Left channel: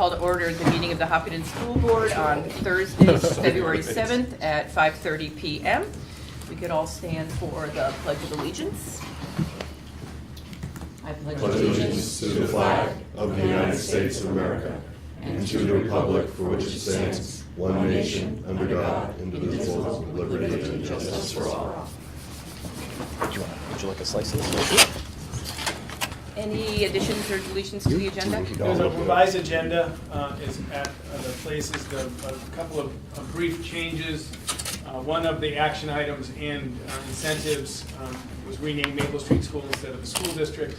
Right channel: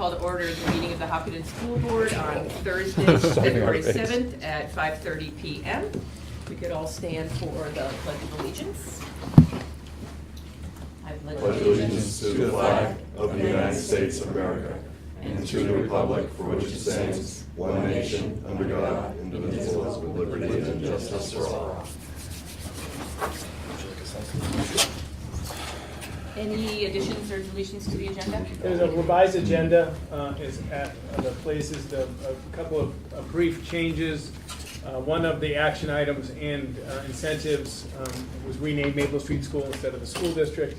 Call to order the meeting of the Hopkinton School Board on Thursday, February 7th at 5:30 p.m. We could all stand for the Pledge of Allegiance. I pledge allegiance to the flag of the United States of America and to the republic for which it stands, one nation, under God, indivisible, with liberty and justice for all. Would you like a slice of this? Any additions or deletions to the agenda? There's a revised agenda, is at the places, a couple of brief changes. One of the action items and incentives was renamed Maple Street School instead of the school district.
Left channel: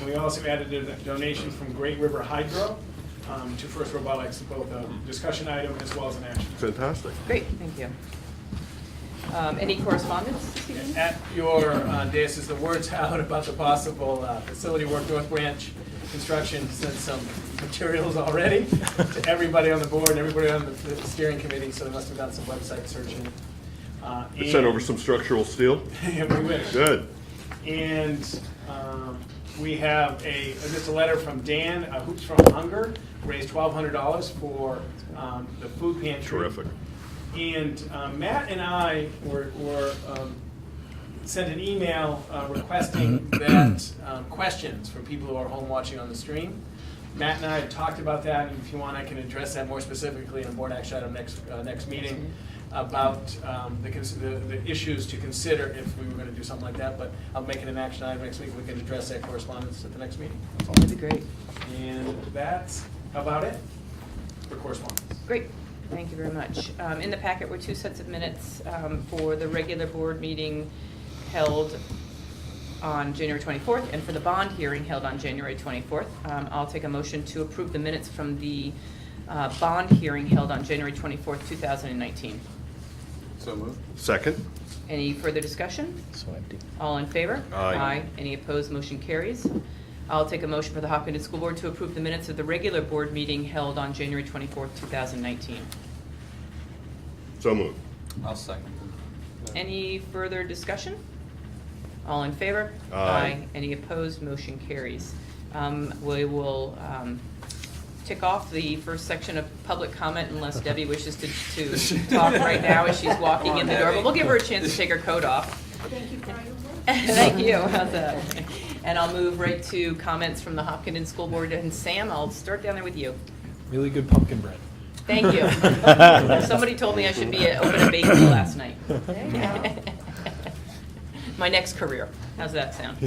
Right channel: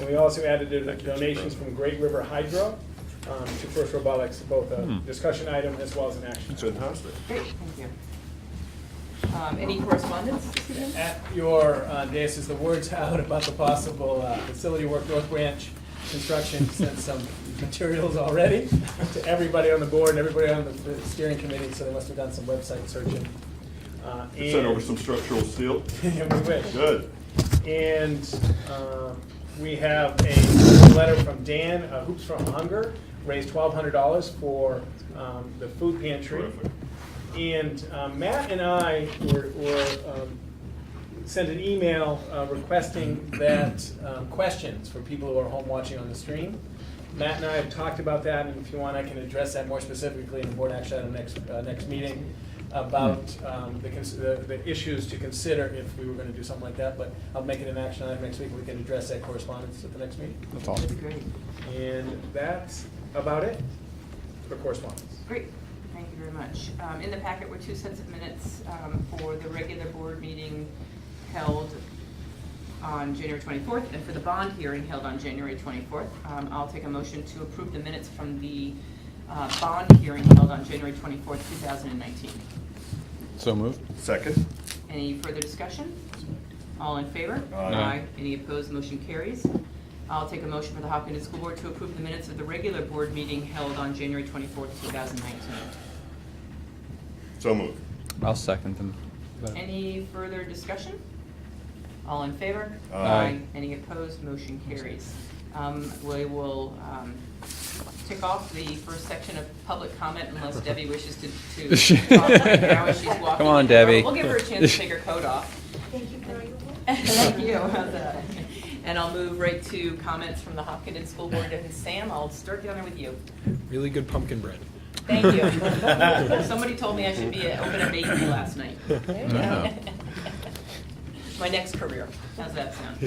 And we also added donations from Great River Hydro to First Robotics, both a discussion item as well as an action. Fantastic. Great, thank you. Any correspondence this evening? At your dais is the words out about the possible facility work. North Branch Construction sent some materials already to everybody on the board, everybody on the steering committee, so they must have done some website searching. They sent over some structural steel? And we wish. Good. And we have a letter from Dan, Hoops from Hunger, raised $1,200 for the food pantry. Terrific. And Matt and I were sent an email requesting that questions from people who are home watching on the stream. Matt and I have talked about that, and if you want, I can address that more specifically in the board action item next meeting about the issues to consider if we were going to do something like that. But I'll make it an action item next week. We can address that correspondence at the next meeting. That's all. That'd be great. And that's about it for correspondence. Great, thank you very much. In the packet were two sets of minutes for the regular board meeting held on January 24th and for the bond hearing held on January 24th. I'll take a motion to approve the minutes from the bond hearing held on January 24th, 2019. So moved. Second? Any further discussion? Swiped. All in favor? Aye. Any opposed? Motion carries. I'll take a motion for the Hopkinton School Board to approve the minutes of the regular board meeting held on January 24th, 2019. So moved. I'll second them. Any further discussion? All in favor? Aye. Any opposed? Motion carries. We will tick off the first section of public comment unless Debbie wishes to talk right now as she's walking Come on, in the door. Debbie. We'll give her a chance to take her coat off. Thank you for your Thank you. How's that? And I'll move right to comments from the Hopkinton School Board. And Sam, I'll start down there with you. Really good pumpkin bread. Thank you. Somebody told me I should be opening a bakery last night. My next career. How's that sound?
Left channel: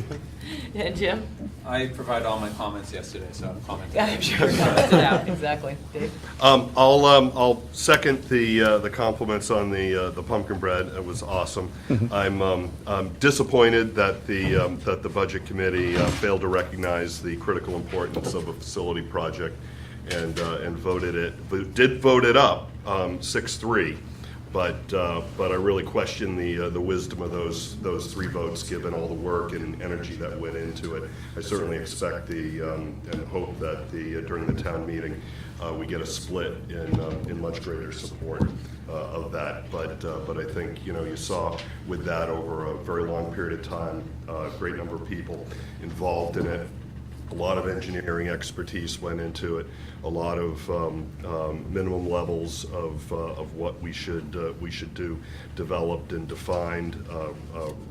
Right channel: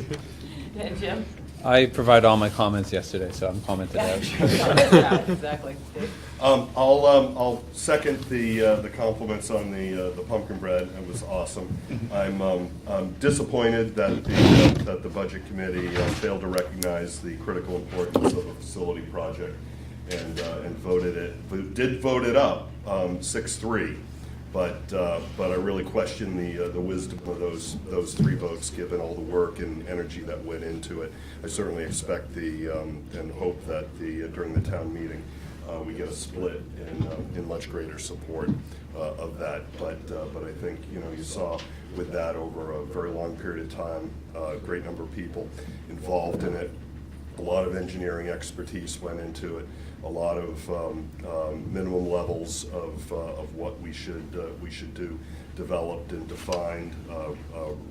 And Jim? I provided all my comments yesterday, so I'm commenting. Yeah, I'm sure you commented out. Exactly. Dave? I'll second the compliments on the pumpkin bread. It was awesome. I'm disappointed that the budget committee failed to recognize the critical importance of a facility project and did vote it up 6-3. But I really question the wisdom of those three votes, given all the work and energy that went into it. I certainly expect and hope that during the town meeting we get a split in much greater support of that. But I think you saw with that over a very long period of time, a great number of people involved in it. A lot of engineering expertise went into it. A lot of minimum levels of what we should do, developed and defined,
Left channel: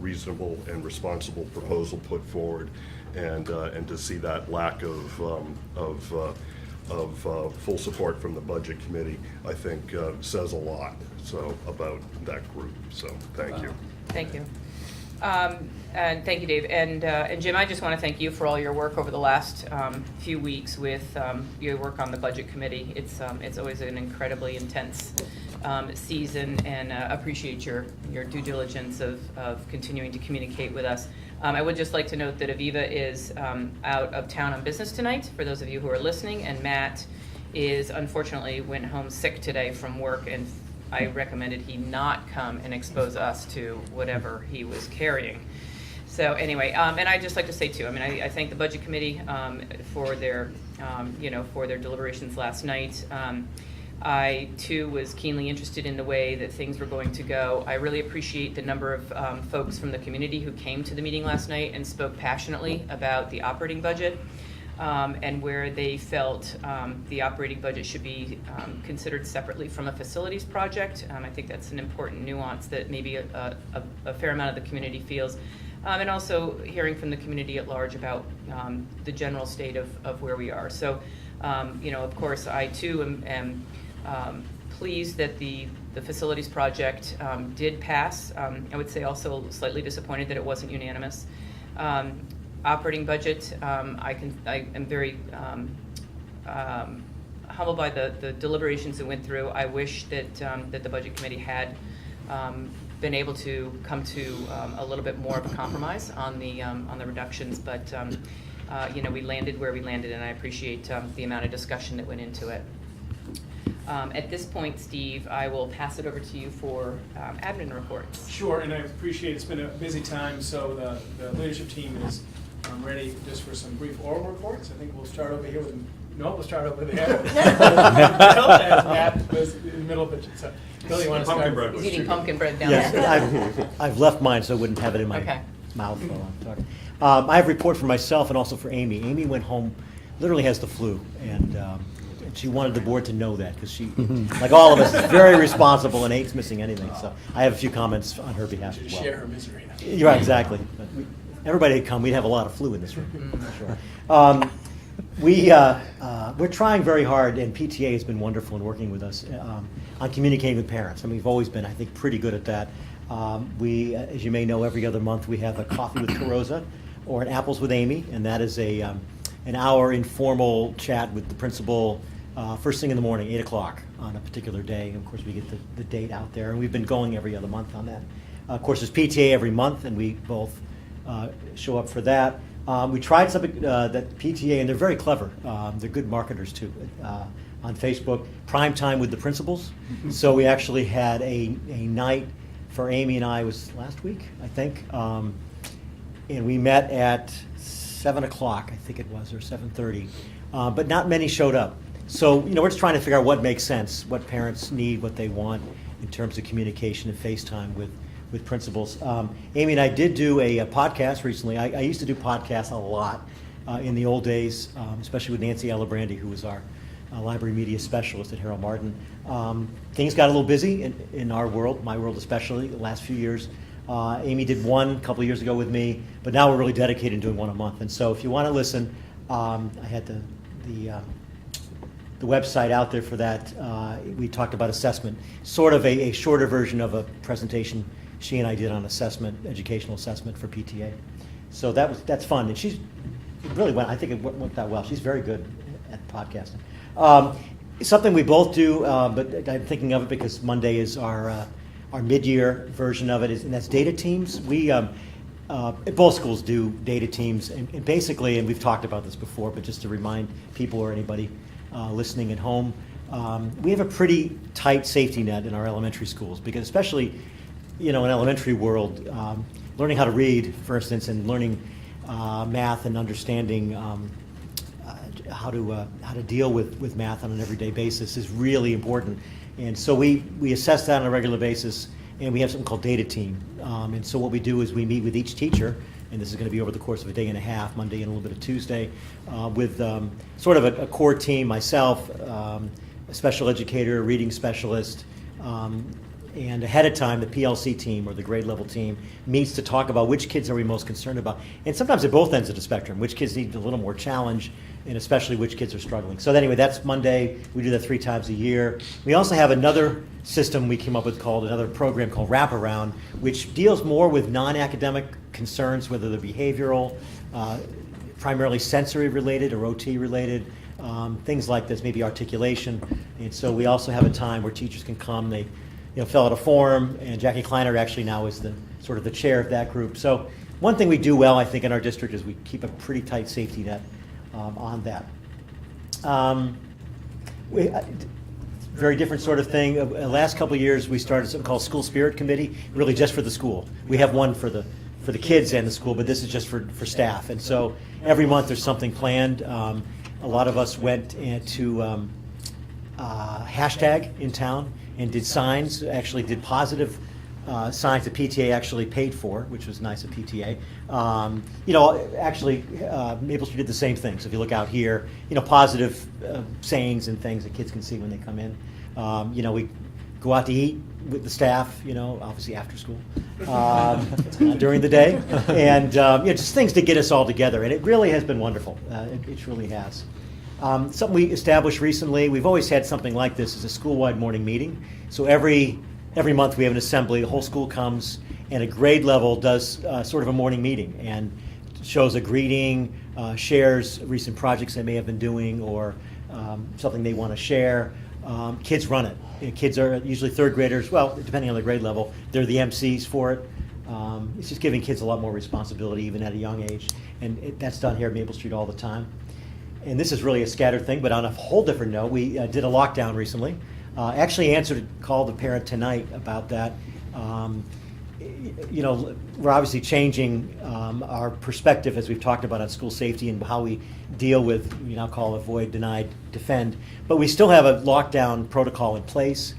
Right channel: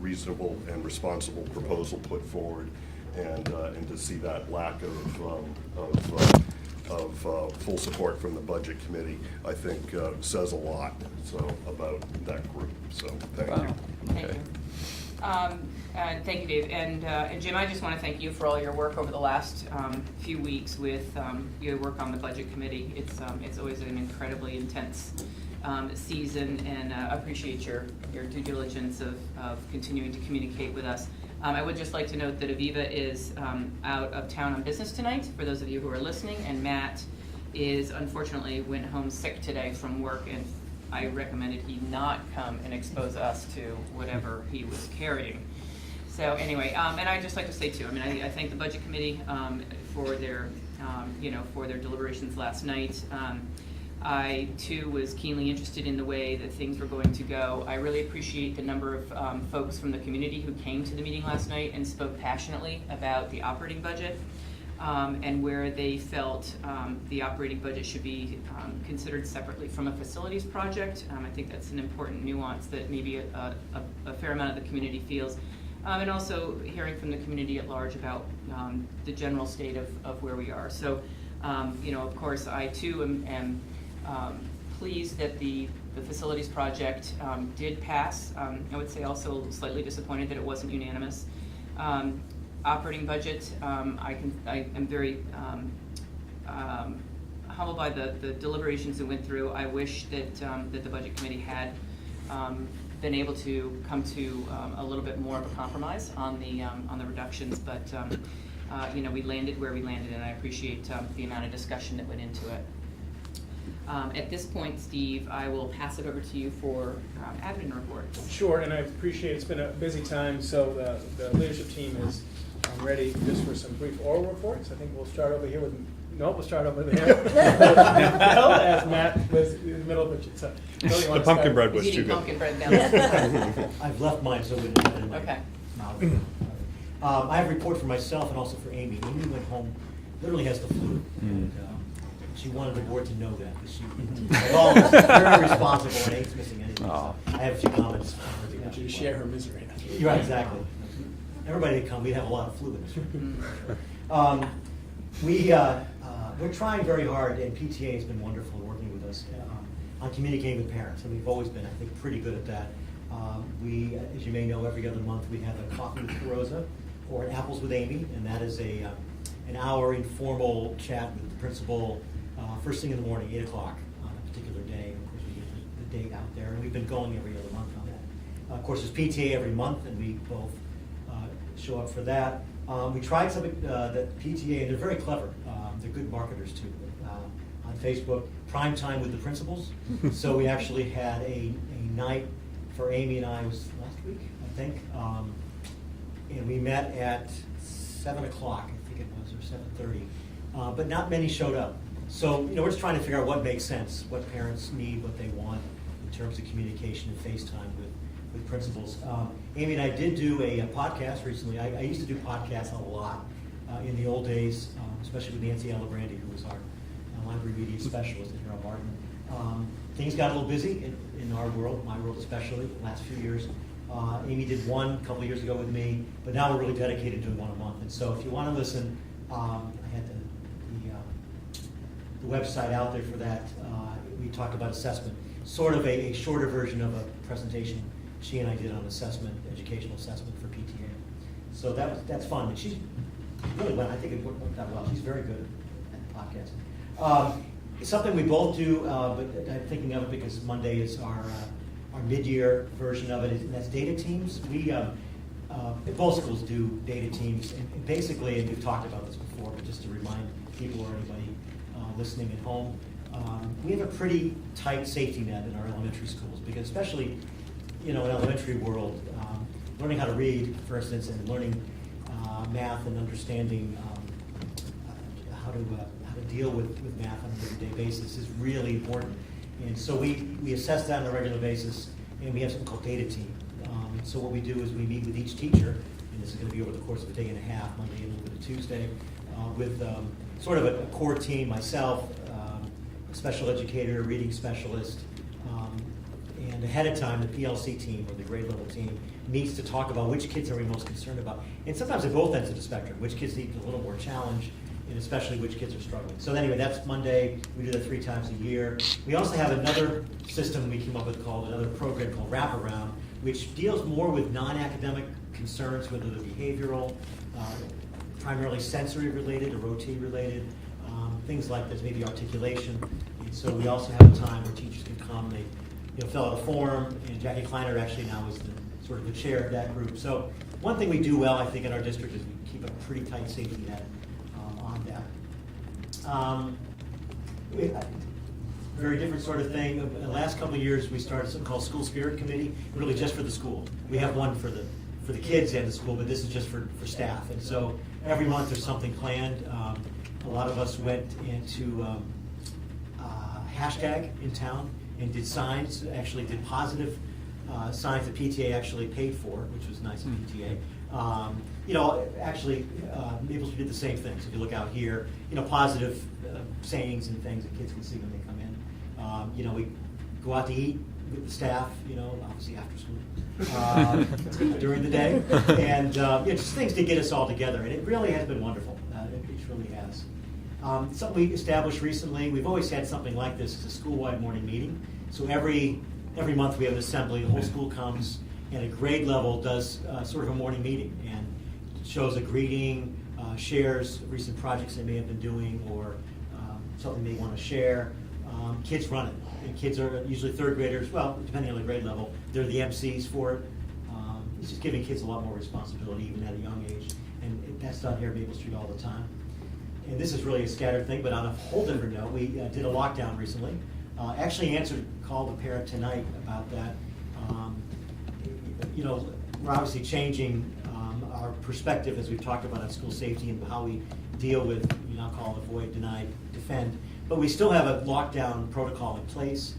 reasonable and responsible proposal put forward, and to see that lack of full support from the budget committee, I think says a lot about that group. So thank you. Thank you. And thank you, Dave. And Jim, I just want to thank you for all your work over the last few weeks with your work on the budget committee. It's always an incredibly intense season, and appreciate your due diligence of continuing to communicate with us. I would just like to note that Aviva is out of town on business tonight, for those of you who are listening, and Matt unfortunately went home sick today from work, and I recommended he not come and expose us to whatever he was carrying. So anyway, and I'd just like to say too, I thank the budget committee for their, for their deliberations last night. I too was keenly interested in the way that things were going to go. I really appreciate the number of folks from the community who came to the meeting last night and spoke passionately about the operating budget. and where they felt the operating budget should be considered separately from a facilities project. I think that's an important nuance that maybe a fair amount of the community feels. And also hearing from the community at large about the general state of where we are. So, of course, I too am pleased that the facilities project did pass. I would say also slightly disappointed that it wasn't unanimous. Operating budget, I am very humbled by the deliberations that went through. I wish that that the budget committee had been able to come to a little bit more of a compromise on the reductions, but we landed where we landed, and I appreciate the amount of discussion that went into it. At this point, Steve, I will pass it over to you for admin reports. Sure, and I appreciate it's been a busy time, so the leadership team is ready just for some brief oral reports. I think we'll start over here with, we'll start over there. Matt was in the middle of it, so Billy, you want to start? The pumpkin bread was He's eating too good. pumpkin bread now. Yes, I've left mine so I wouldn't have it in my Okay. mouth. I have a report for myself and also for Amy. Amy went home, literally has the flu, and she wanted the board to know that, because she, like all of us, is very responsible and hates missing anything. So I have a few comments on her behalf To as well. share her misery. You're right, exactly. Everybody would come, we'd have a lot of flu in this room, for sure. We're trying very hard, and PTA has been wonderful in working with us on communicating with parents. I mean, we've always been, I think, pretty good at that. As you may know, every other month we have a Coffee with Carosa or an Apples with Amy, and that is an hour informal chat with the principal first thing in the morning, 8 o'clock on a particular day. Of course, we get the date out there, and we've been going every other month on that. Of course, there's PTA every month, and we both show up for that. We tried something that PTA, and they're very clever. They're good marketers too. On Facebook, Prime Time with the Principals. So we actually had a night for Amy and I, was last week, I think. And we met at 7 o'clock, I think it was, or 7:30. But not many showed up. So, we're just trying to figure out what makes sense, what parents need, what they want in terms of communication and FaceTime with principals. Amy and I did do a podcast recently. I used to do podcasts a lot in the old days, especially with Nancy Alabrandy, who was our library media specialist at Harold Martin. Things got a little busy in our world, my world especially, the last few years. Amy did one a couple years ago with me, but now we're really dedicated to doing one a month. And so if you want to listen, I had the website out there for that. We talked about assessment, sort of a shorter version of a presentation she and I did on assessment, educational assessment for PTA. So that's fun, and she's really went. I think it went that well. She's very good at podcasting. Something we both do, but I'm thinking of it because Monday is our mid-year version of it, and that's data teams. We both schools do data teams, and basically, and we've talked about this before, but just to remind people or anybody listening at home, we have a pretty tight safety net in our elementary schools, because especially in elementary world, learning how to read, for instance, and learning math and understanding how to deal with math on an everyday basis is really important. And so we assess that on a regular basis, and we have something called data team. And so what we do is we meet with each teacher, and this is going to be over the course of a day and a half, Monday and a little bit of Tuesday, with sort of a core team, myself, a special educator, a reading specialist, and ahead of time, the PLC team, or the grade level team, meets to talk about which kids are we most concerned about. And sometimes at both ends of the spectrum, which kids need a little more challenge, and especially which kids are struggling. So anyway, that's Monday. We do that 3 times a year. We also have another system we came up with another program called Wraparound, which deals more with non-academic concerns, whether they're behavioral, primarily sensory related or OT related, things like this, maybe articulation. And so we also have a time where teachers can come, they fill out a form, and Jackie Kleiner actually now is the chair of that group. So one thing we do well, I think, in our district is we keep a pretty tight safety net on that. Very different sort of thing. The last couple of years, we started something called School Spirit Committee, really just for the school. We have one for the kids and the school, but this is just for staff. And so every month there's something planned. A lot of us went into hashtag in town and did signs, actually did positive signs that PTA actually paid for, which was nice of PTA. Actually, Maple Street did the same thing. So if you look out here, positive sayings and things that kids can see when they come in. We go out to eat with the staff, obviously after school, during the day, and just things to get us all together. And it really has been wonderful. It really has. Something we established recently, we've always had something like this, is a school-wide morning meeting. So every month we have an assembly, the whole school comes, and a grade level does sort of a morning meeting and shows a greeting, shares recent projects they may have been doing, or something they want to share. Kids run it. Kids are usually third graders, well, depending on the grade level, they're the MCs for it. It's just giving kids a lot more responsibility even at a young age, and that's done here at Maple Street all the time. And this is really a scattered thing, but on a whole different note, we did a lockdown recently. Actually answered a call to parent tonight about that. We're obviously changing our perspective, as we've talked about, on school safety and how we deal with, we now call avoid, deny, defend. But we still have a lockdown protocol in place.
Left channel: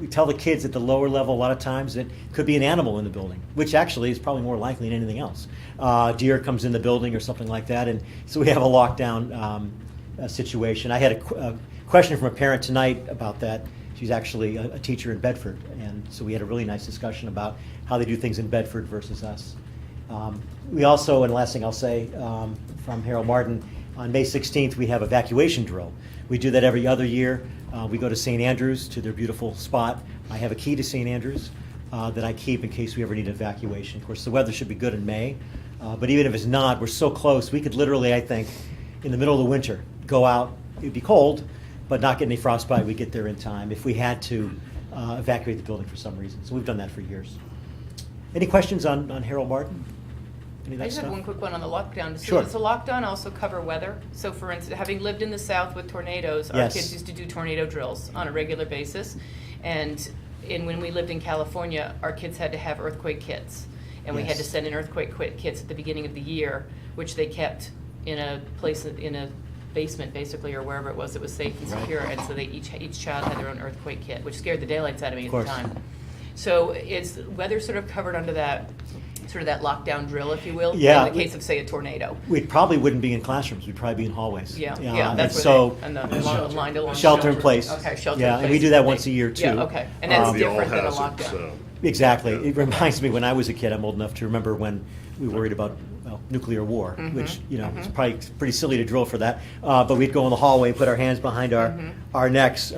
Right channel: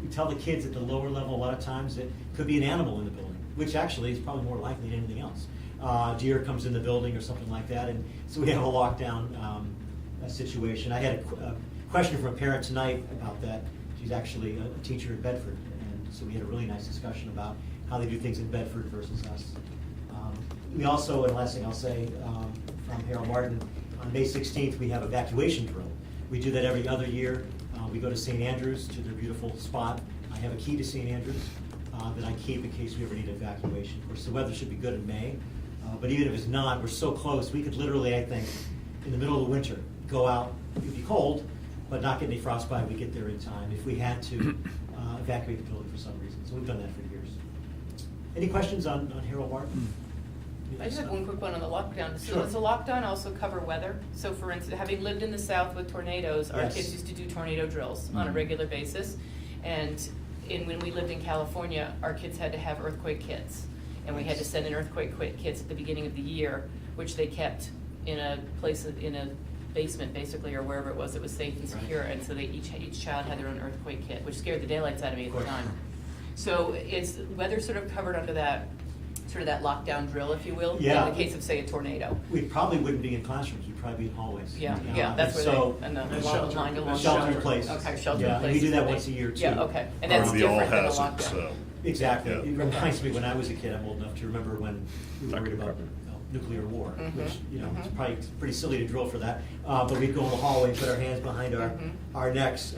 We tell the kids at the lower level a lot of times that could be an animal in the building, which actually is probably more likely than anything else. Deer comes in the building or something like that, and so we have a lockdown situation. I had a question from a parent tonight about that. She's actually a teacher in Bedford, and so we had a really nice discussion about how they do things in Bedford versus us. We also, and last thing I'll say, from Harold Martin, on May 16th we have evacuation drill. We do that every other year. We go to St. Andrews, to their beautiful spot. I have a key to St. Andrews that I keep in case we ever need evacuation. Of course, the weather should be good in May, but even if it's not, we're so close. We could literally, I think, in the middle of the winter, go out. It'd be cold, but not get any frostbite. We get there in time if we had to evacuate the building for some reason. So we've done that for years. Any questions on Harold Martin? Any of that I just had stuff? one quick one on the lockdown. So Sure. does the lockdown also cover weather? So for instance, having lived in the South with tornadoes, our Yes. kids used to do tornado drills on a regular basis. And when we lived in California, our kids had to have earthquake kits. And we had to Yes. send in earthquake kits at the beginning of the year, which they kept in a place, in a basement basically, or wherever it was that was safe and Right. secure. And so they each child had their own earthquake kit, which scared the daylights out of me Of at the course. time. So is weather sort of covered under that, sort of that lockdown drill, if you will? Yeah. In the case of, say, a tornado? We probably wouldn't be in classrooms. We'd probably be in hallways. Yeah, and that's where so they, and the And line along. shelter in place. Okay, shelter in Yeah, and we place do is that the once thing. a year too. Yeah, okay, and that's We all different than a has it, lockdown. so. Exactly. Yeah. It reminds me when I was a kid. I'm old enough to remember when we were worried about nuclear war, which it's probably pretty silly to drill for that. But we'd go in the hallway, put our hands behind our necks.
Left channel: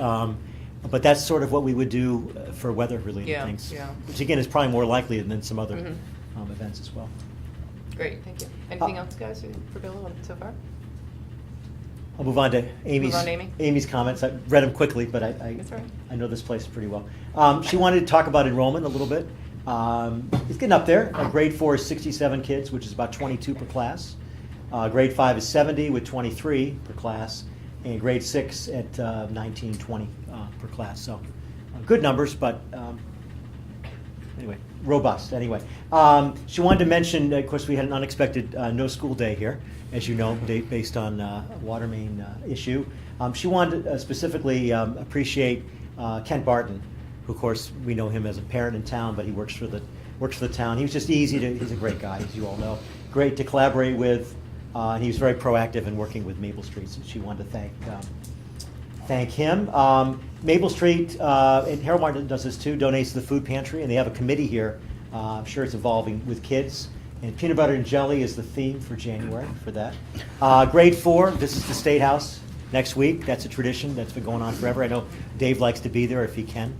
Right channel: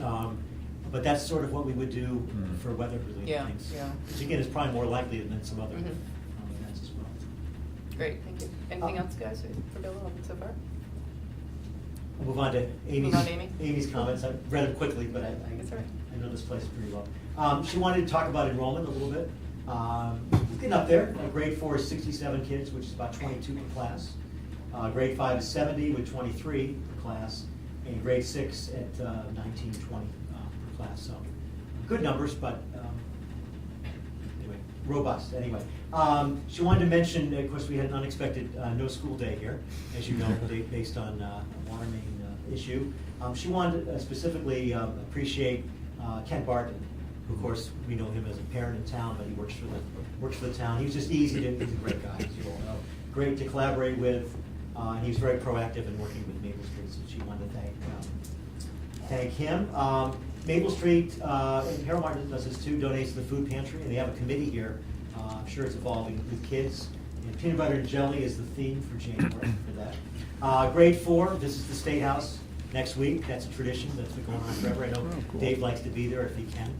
But that's sort of what we would do for weather-related Yeah, things, yeah. which again is probably more likely than some other events as well. Great, thank you. Anything else, guys, for Bill so far? I'll move on to Amy's, Move on to Amy. Amy's comments. I read them quickly, but That's all right. I know this place pretty well. She wanted to talk about enrollment a little bit. It's getting up there. Grade 4 is 67 kids, which is about 22 per class. Grade 5 is 70 with 23 per class. And grade 6 at 19, 20 per class. So good numbers, but anyway, robust anyway. She wanted to mention, of course, we had an unexpected no school day here, as you know, based on a water main issue. She wanted to specifically appreciate Kent Barton, who, of course, we know him as a parent in town, but he works for the town. He was just easy to, he's a great guy, as you all know. Great to collaborate with, and he was very proactive in working with Maple Street, so she wanted to thank him. Maple Street, and Harold Martin does this too, donates to the food pantry, and they have a committee here. I'm sure it's evolving with kids. And peanut butter and jelly is the theme for January for that. Grade 4, this is the State House next week. That's a tradition that's been going on forever. I know Dave likes to be there if he can.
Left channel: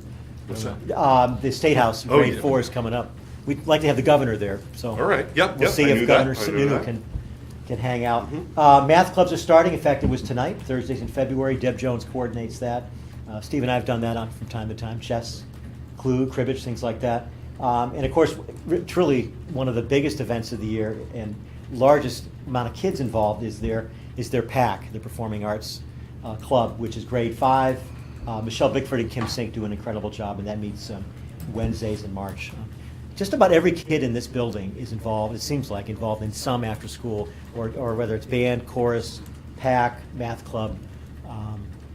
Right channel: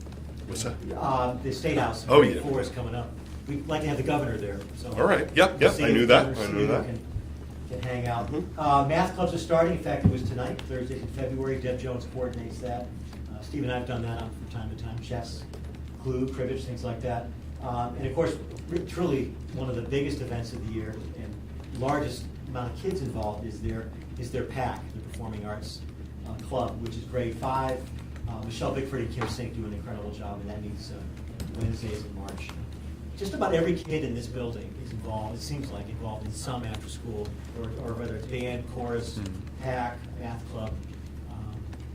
What's that? The State House, Oh, grade yeah. 4 is coming up. We'd like to have the governor there, so. All right. Yep, We'll yep, see I knew if that. Governor I knew Sununu that. can hang out. Math clubs are starting. In fact, it was tonight, Thursdays in February. Deb Jones coordinates that. Steve and I have done that from time to time. Chess, Clue, cribbage, things like that. And of course, truly one of the biggest events of the year and largest amount of kids involved is their PAC, the Performing Arts Club, which is grade 5. Michelle Bickford and Kim Sink do an incredible job, and that meets Wednesdays in March. Just about every kid in this building is involved, it seems like, involved in some after school, or whether it's band, chorus, PAC, math club,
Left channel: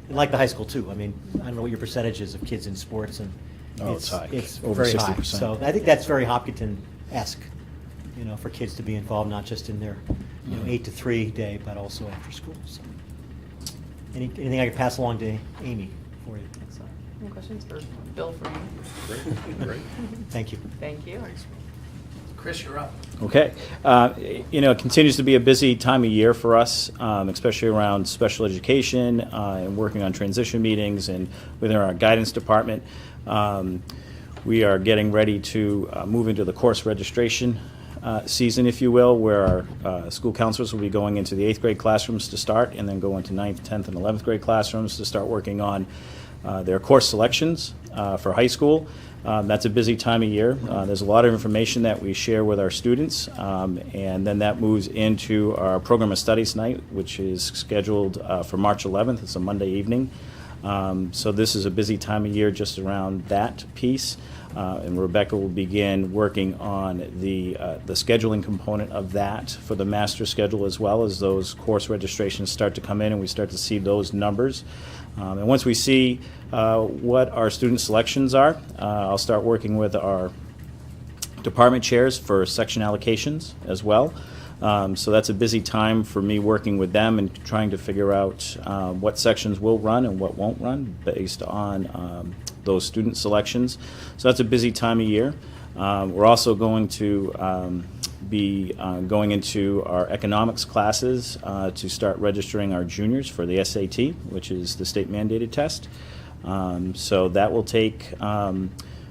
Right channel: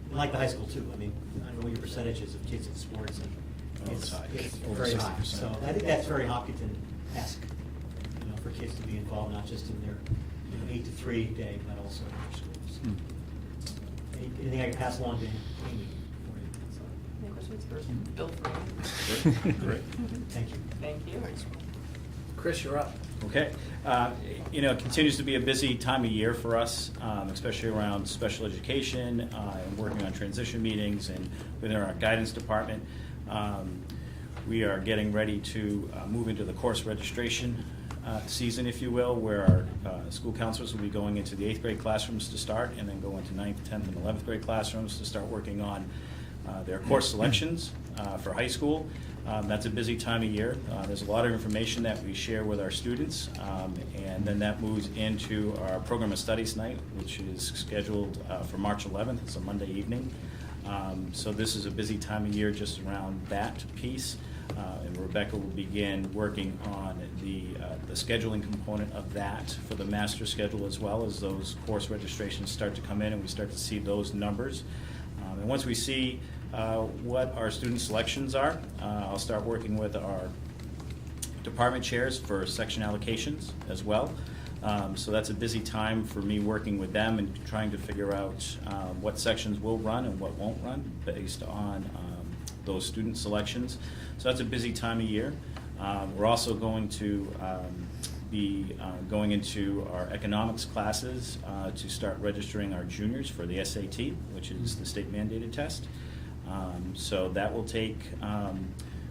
and like the high school too. I mean, I don't know what your percentage is of kids in sports and Oh, it's high. It's Over very high. 60%. So I think that's very Hopkinton-esque, for kids to be involved, not just in their, 8 to 3 day, but also after school. So, anything I can pass along to Amy for you? So, Any questions for Bill for you? Great. thank you. Thank you. Chris, you're up. Okay. It continues to be a busy time of year for us, especially around special education and working on transition meetings and within our guidance department. We are getting ready to move into the course registration season, if you will, where our school counselors will be going into the 8th grade classrooms to start and then go into 9th, 10th, and 11th grade classrooms to start working on their course selections for high school. That's a busy time of year. There's a lot of information that we share with our students, and then that moves into our program of studies night, which is scheduled for March 11th. It's a Monday evening. So this is a busy time of year just around that piece. And Rebecca will begin working on the scheduling component of that for the master schedule, as well as those course registrations start to come in and we start to see those numbers. And once we see what our student selections are, I'll start working with our department chairs for section allocations as well. So that's a busy time for me working with them and trying to figure out what sections will run and what won't run based on those student selections. So that's a busy time of year. We're also going to be going into our economics classes to start registering our juniors for the SAT, which is the state mandated test. So that will take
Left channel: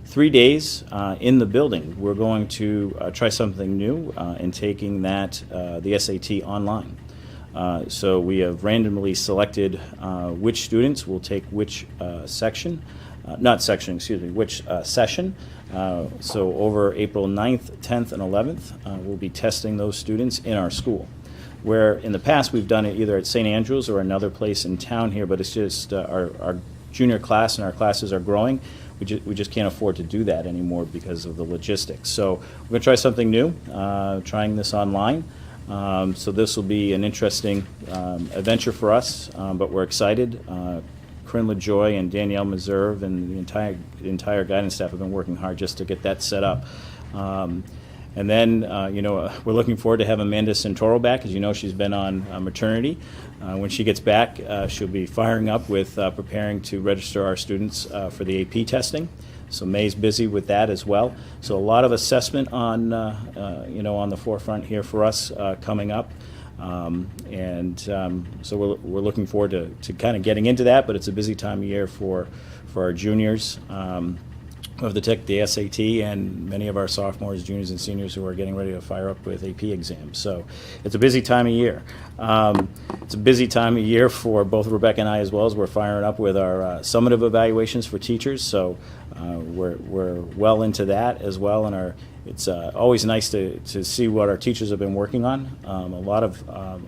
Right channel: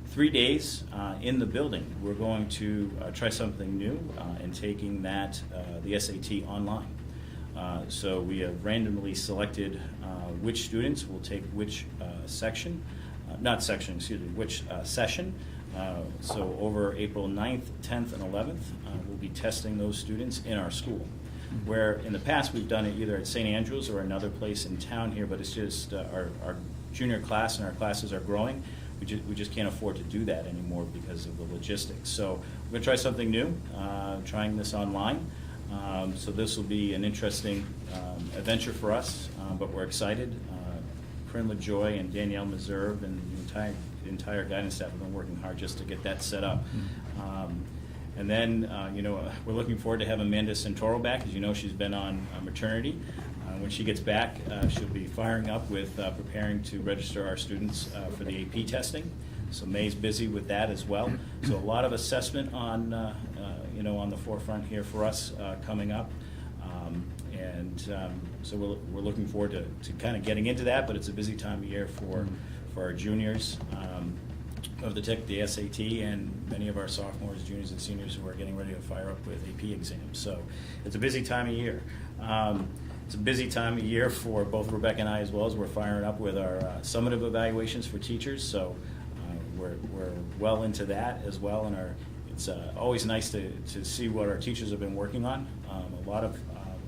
3 days in the building. We're going to try something new in taking that, the SAT online. So we have randomly selected which students will take which section, which session. So over April 9th, 10th, and 11th, we'll be testing those students in our school. Where in the past we've done it either at St. Andrews or another place in town here, but it's just our junior class and our classes are growing. We just can't afford to do that anymore because of the logistics. So we're going to try something new, trying this online. So this will be an interesting adventure for us, but we're excited. Corinne LaJoy and Danielle Meserve and the entire guidance staff have been working hard just to get that set up. And then, we're looking forward to have Amanda Santoro back. As you know, she's been on maternity. When she gets back, she'll be firing up with preparing to register our students for the AP testing. So May's busy with that as well. So a lot of assessment on, on the forefront here for us coming up. So we're looking forward to kind of getting into that, but it's a busy time of year for our juniors of the SAT, and many of our sophomores, juniors, and seniors who are getting ready to fire up with AP exams. So it's a busy time of year. It's a busy time of year for both Rebecca and I, as well as we're firing up with our summative evaluations for teachers. So we're well into that as well, and it's always nice to see what our teachers have been working on. A lot of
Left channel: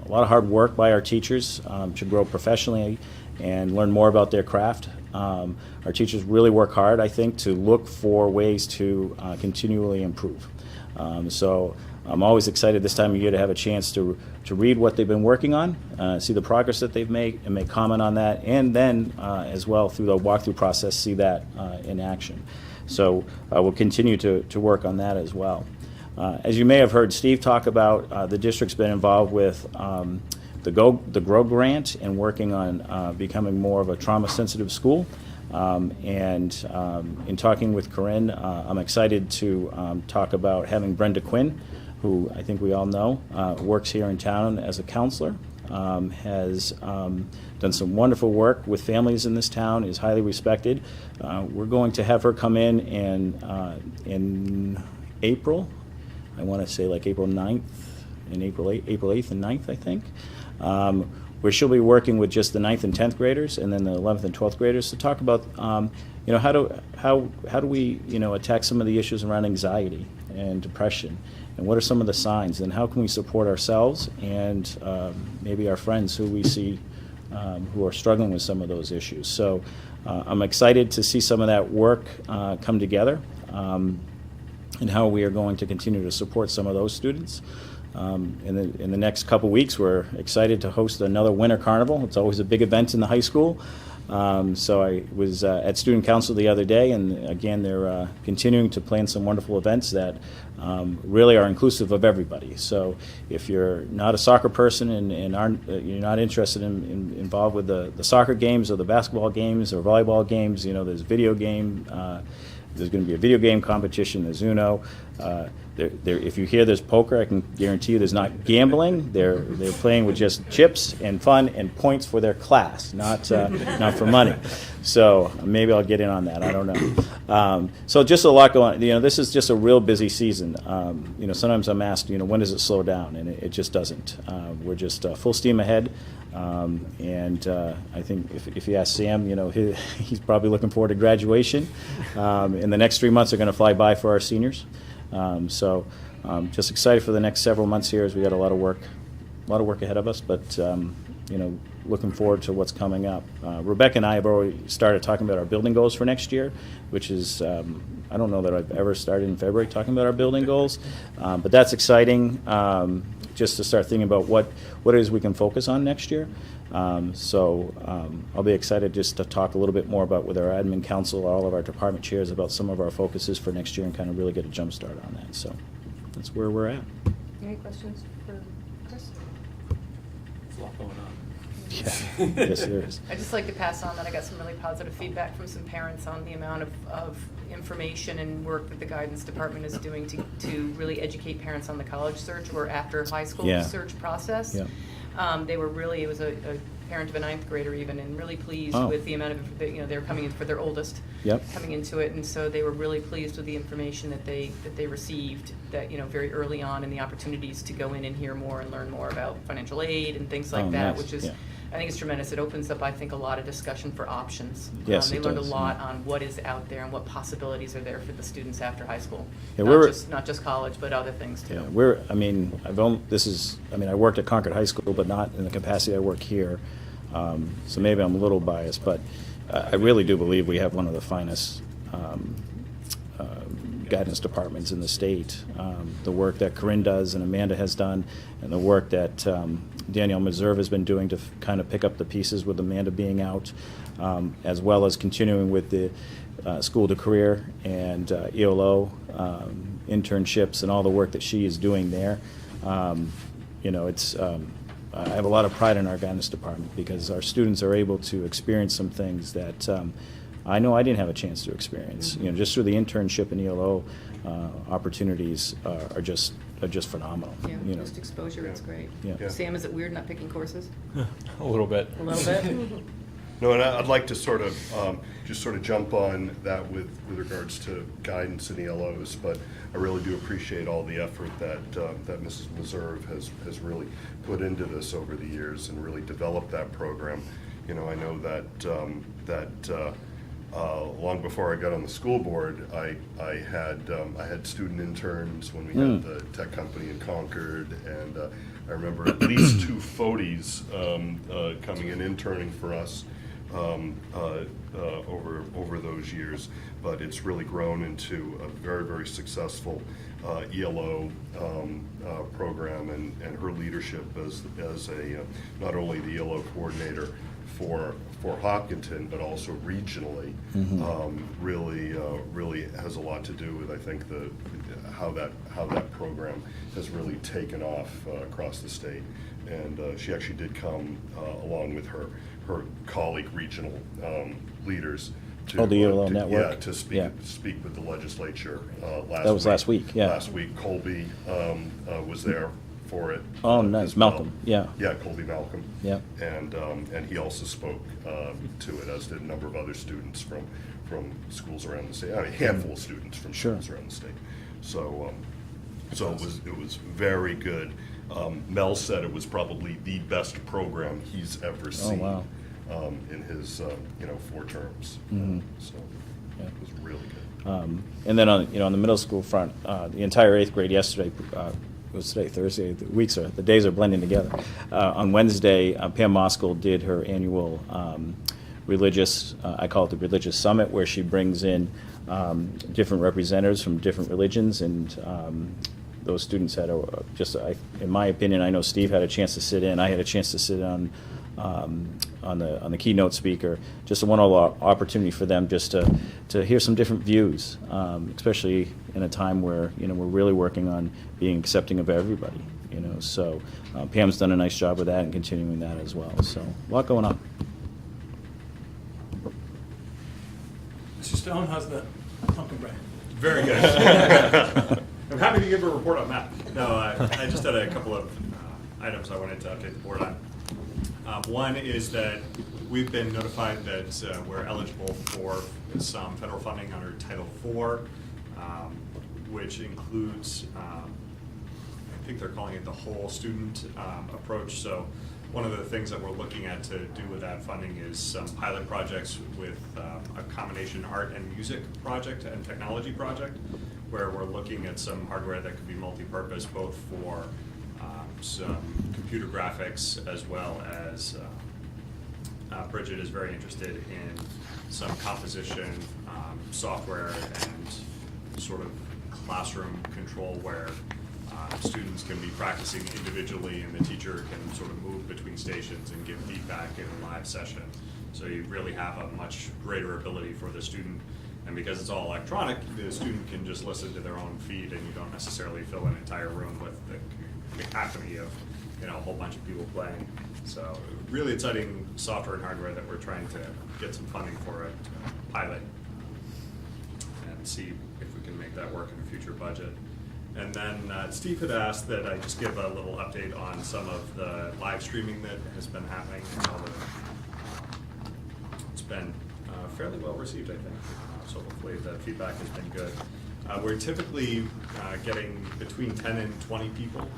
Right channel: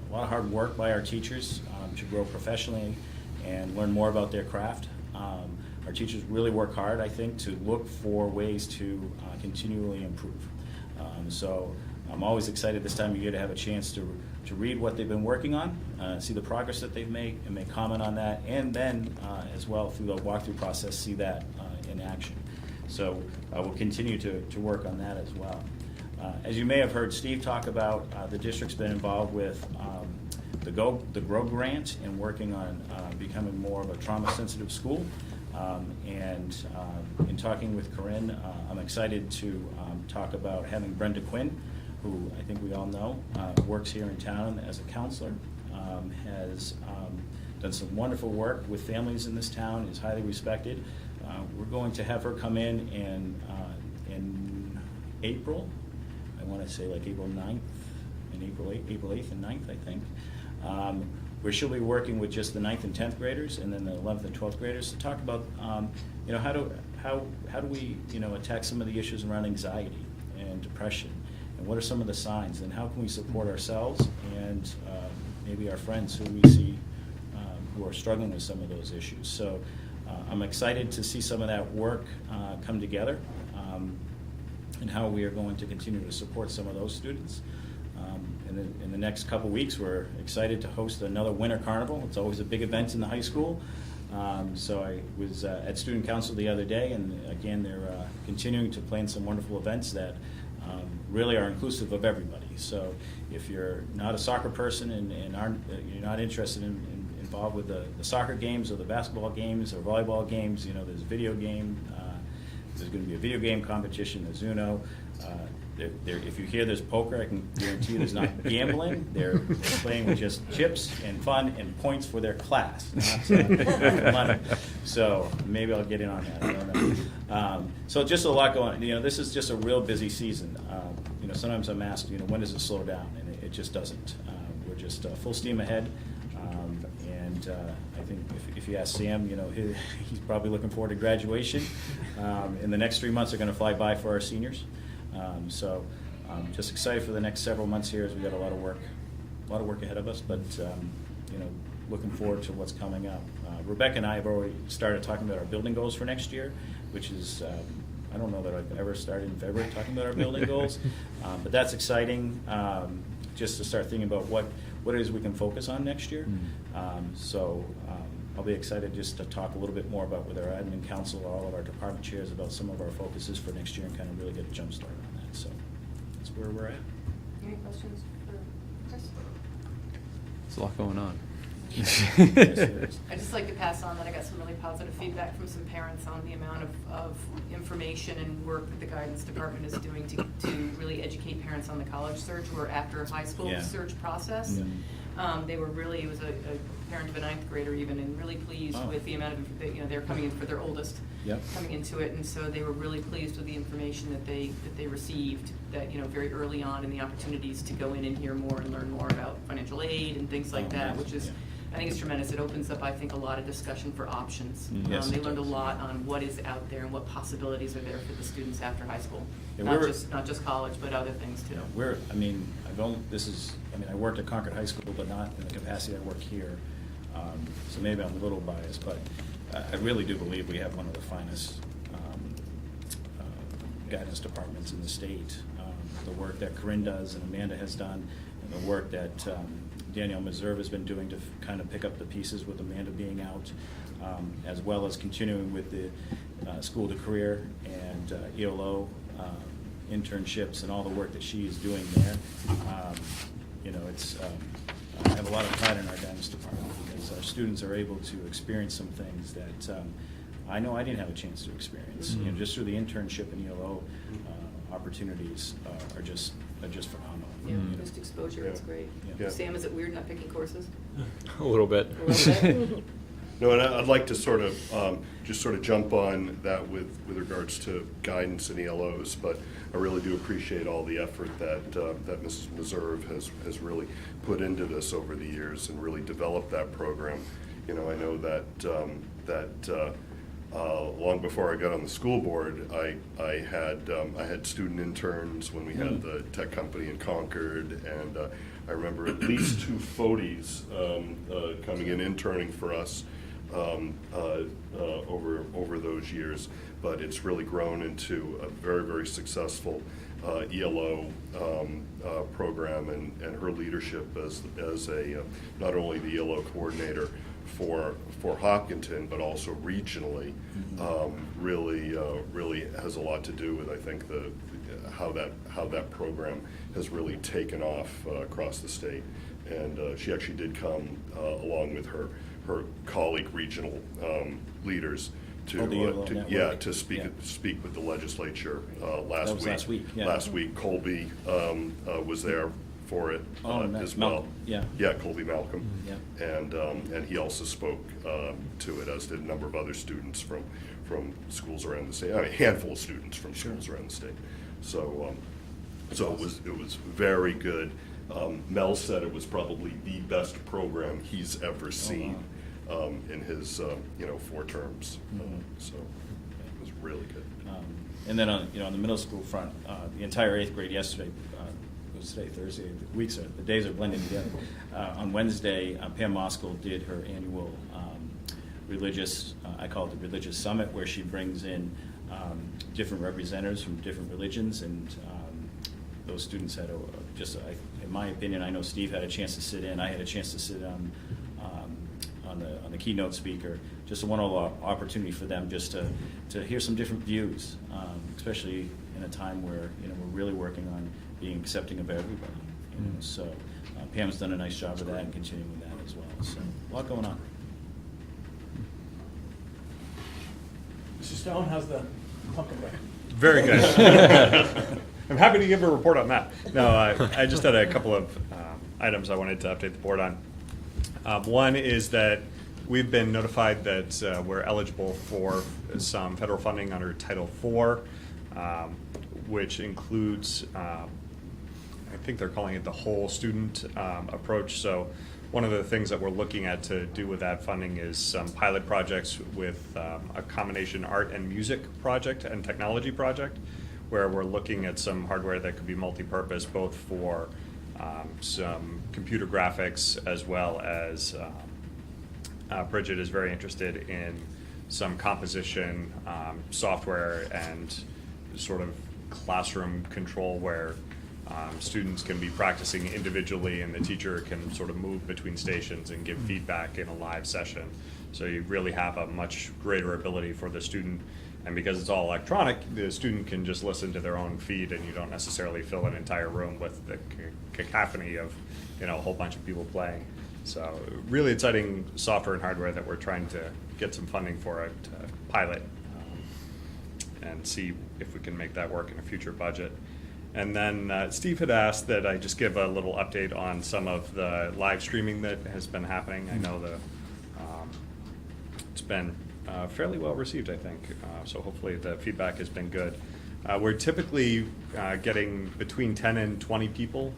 hard work by our teachers to grow professionally and learn more about their craft. Our teachers really work hard, I think, to look for ways to continually improve. So I'm always excited this time of year to have a chance to read what they've been working on, see the progress that they've made, and make comment on that, and then as well through the walkthrough process see that in action. So we'll continue to work on that as well. As you may have heard Steve talk about, the district's been involved with the GROW grant and working on becoming more of a trauma-sensitive school. In talking with Corinne, I'm excited to talk about having Brenda Quinn, who I think we all know works here in town as a counselor, has done some wonderful work with families in this town, is highly respected. We're going to have her come in April, I want to say like April 9th and April 8th and 9th, I think. Where she'll be working with just the 9th and 10th graders and then the 11th and 12th graders to talk about, how do we, attack some of the issues around anxiety and depression, and what are some of the signs, and how can we support ourselves and maybe our friends who we see who are struggling with some of those issues. So I'm excited to see some of that work come together and how we are going to continue to support some of those students. In the next couple weeks, we're excited to host another Winter Carnival. It's always a big event in the high school. So I was at Student Council the other day, and again, they're continuing to plan some wonderful events that really are inclusive of everybody. So if you're not a soccer person and aren't, you're not interested involved with the soccer games or the basketball games or volleyball games, there's video game. There's going to be a video game competition. There's Uno. If you hear there's poker, I can guarantee you there's not gambling. They're playing with just chips and fun and points for their class, not for money. So maybe I'll get in on that. I don't know. So just a lot going on. This is just a real busy season. Sometimes I'm asked, when does it slow down? And it just doesn't. We're just full steam ahead. I think if you ask Sam, he's probably looking forward to graduation. And the next 3 months are going to fly by for our seniors. Just excited for the next several months here as we got a lot of work ahead of us, but looking forward to what's coming up. Rebecca and I have already started talking about our building goals for next year, which is, I don't know that I've ever started in February talking about our building goals, but that's exciting, just to start thinking about what it is we can focus on next year. I'll be excited just to talk a little bit more about with our admin council, all of our department chairs, about some of our focuses for next year and kind of really get a jump start on that. So that's where we're at. Any questions for Chris? There's a lot going on. Yes, there is. I'd just like to pass on that I got some really positive feedback from some parents on the amount of information and work that the guidance department is doing to really educate parents on the college search or after high school Yeah. search process. Yeah. They were really, it was a parent of a 9th grader even, and really pleased Oh. with the amount of, they were coming in for their oldest. Yep. Coming into it, and so they were really pleased with the information that they received, that, very early on, and the opportunities to go in and hear more and learn more about financial aid and things like Oh, that, nice. which is, Yeah. I think it's tremendous. It opens up, I think, a lot of discussion for options. Yes, They it learned a does, lot yeah. on what is out there and what possibilities are there for the students after high school. Yeah, Not just college, but other things too. I worked at Concord High School, but not in the capacity I work here. So maybe I'm a little biased, but I really do believe we have one of the finest guidance departments in the state. The work that Corinne does and Amanda has done, and the work that Danielle Meserve has been doing to kind of pick up the pieces with Amanda being out, as well as continuing with the school to career and ELO internships and all the work that she is doing there. I have a lot of pride in our guidance department because our students are able to experience some things that I know I didn't have a chance to experience. Mm-hmm. Just through the internship and ELO opportunities are just phenomenal. Yeah, just exposure, it's great. Yeah. Sam, is it weird not picking courses? A little bit. A little bit? No, and I'd like to sort of just sort of jump on that with regards to guidance and ELOs, but I really do appreciate all the effort that Mrs. Meserve has really put into this over the years and really developed that program. I know that long before I got on the school board, I had student interns when we had the tech company in Concord, and I remember at least 2 Foties coming in interning for us over those years. But it's really grown into a very, very successful ELO program, and her leadership as a not only the ELO coordinator for Hopkinton, but also regionally, really has a lot to do with, I think, how that program has really taken off across the state. And she actually did come along with her colleague regional leaders to the ELO network. to speak with the legislature last week. That was last week, yeah. Last week, Colby was there for it. Oh, nice. as well. Malcolm, yeah. Yeah, Colby Malcolm. Yeah. And he also spoke to it, as did a number of other students from schools around the state. I mean, a handful of students from Sure. schools around the state. So it was very good. Mel said it was probably the best program he's ever seen. wow. In his 4 terms. So it was really good. And then on the middle school front, the entire 8th grade yesterday, was today, Thursday, the days are blending together. On Wednesday, Pam Moskal did her annual religious, I call it the Religious Summit, where she brings in different representatives from different religions, and those students had in my opinion, I know Steve had a chance to sit in, I had a chance to sit on on the keynote speaker. Just a wonderful opportunity for them just to hear some different views, especially in a time where we're really working on being accepting of everybody. So Pam's done a nice job with that and continuing that as well. So a lot going on. Mr. Stone, how's the pumpkin bread? Very good. I'm happy to give a report on that. No, I just had a couple of items I wanted to update the board on. One is that we've been notified that we're eligible for some federal funding under Title IV, which includes, I think they're calling it the whole student approach. So one of the things that we're looking at to do with that funding is some pilot projects with a combination art and music project and technology project, where we're looking at some hardware that could be multi-purpose, both for some computer graphics, as well as Bridget is very interested in some composition software and sort of classroom control where students can be practicing individually and the teacher can sort of move between stations and give feedback in a live session. So you really have a much greater ability for the student. And because it's all electronic, the student can just listen to their own feed and you don't necessarily fill an entire room with the cacophony of a whole bunch of people playing. So really exciting software and hardware that we're trying to get some funding for at pilot and see if we can make that work in a future budget. And then Steve had asked that I just give a little update on some of the live streaming that has been happening. I know it's been fairly well received, I think. So hopefully the feedback has been good. We're typically getting between 10 and 20 people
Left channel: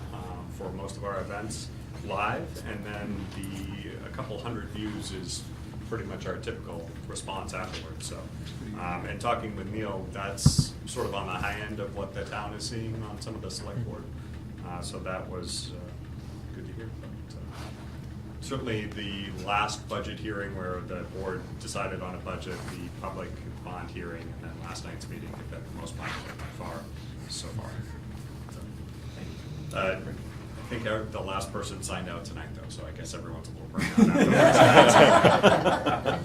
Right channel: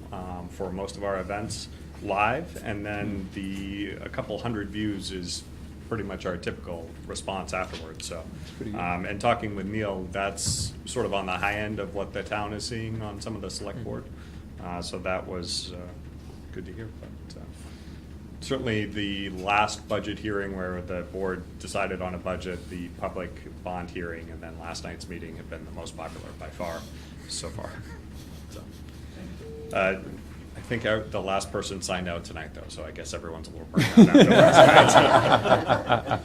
for most of our events live, and then a couple hundred views is pretty much our typical response afterwards. So, and talking with Neil, that's sort of on the high end of what the town is seeing on some of the select board. So that was good to hear. But, certainly the last budget hearing where the board decided on a budget, the public bond hearing, and then last night's meeting have been the most popular by far so far. So, I think the last person signed out tonight, though, so I guess everyone's a little burned out.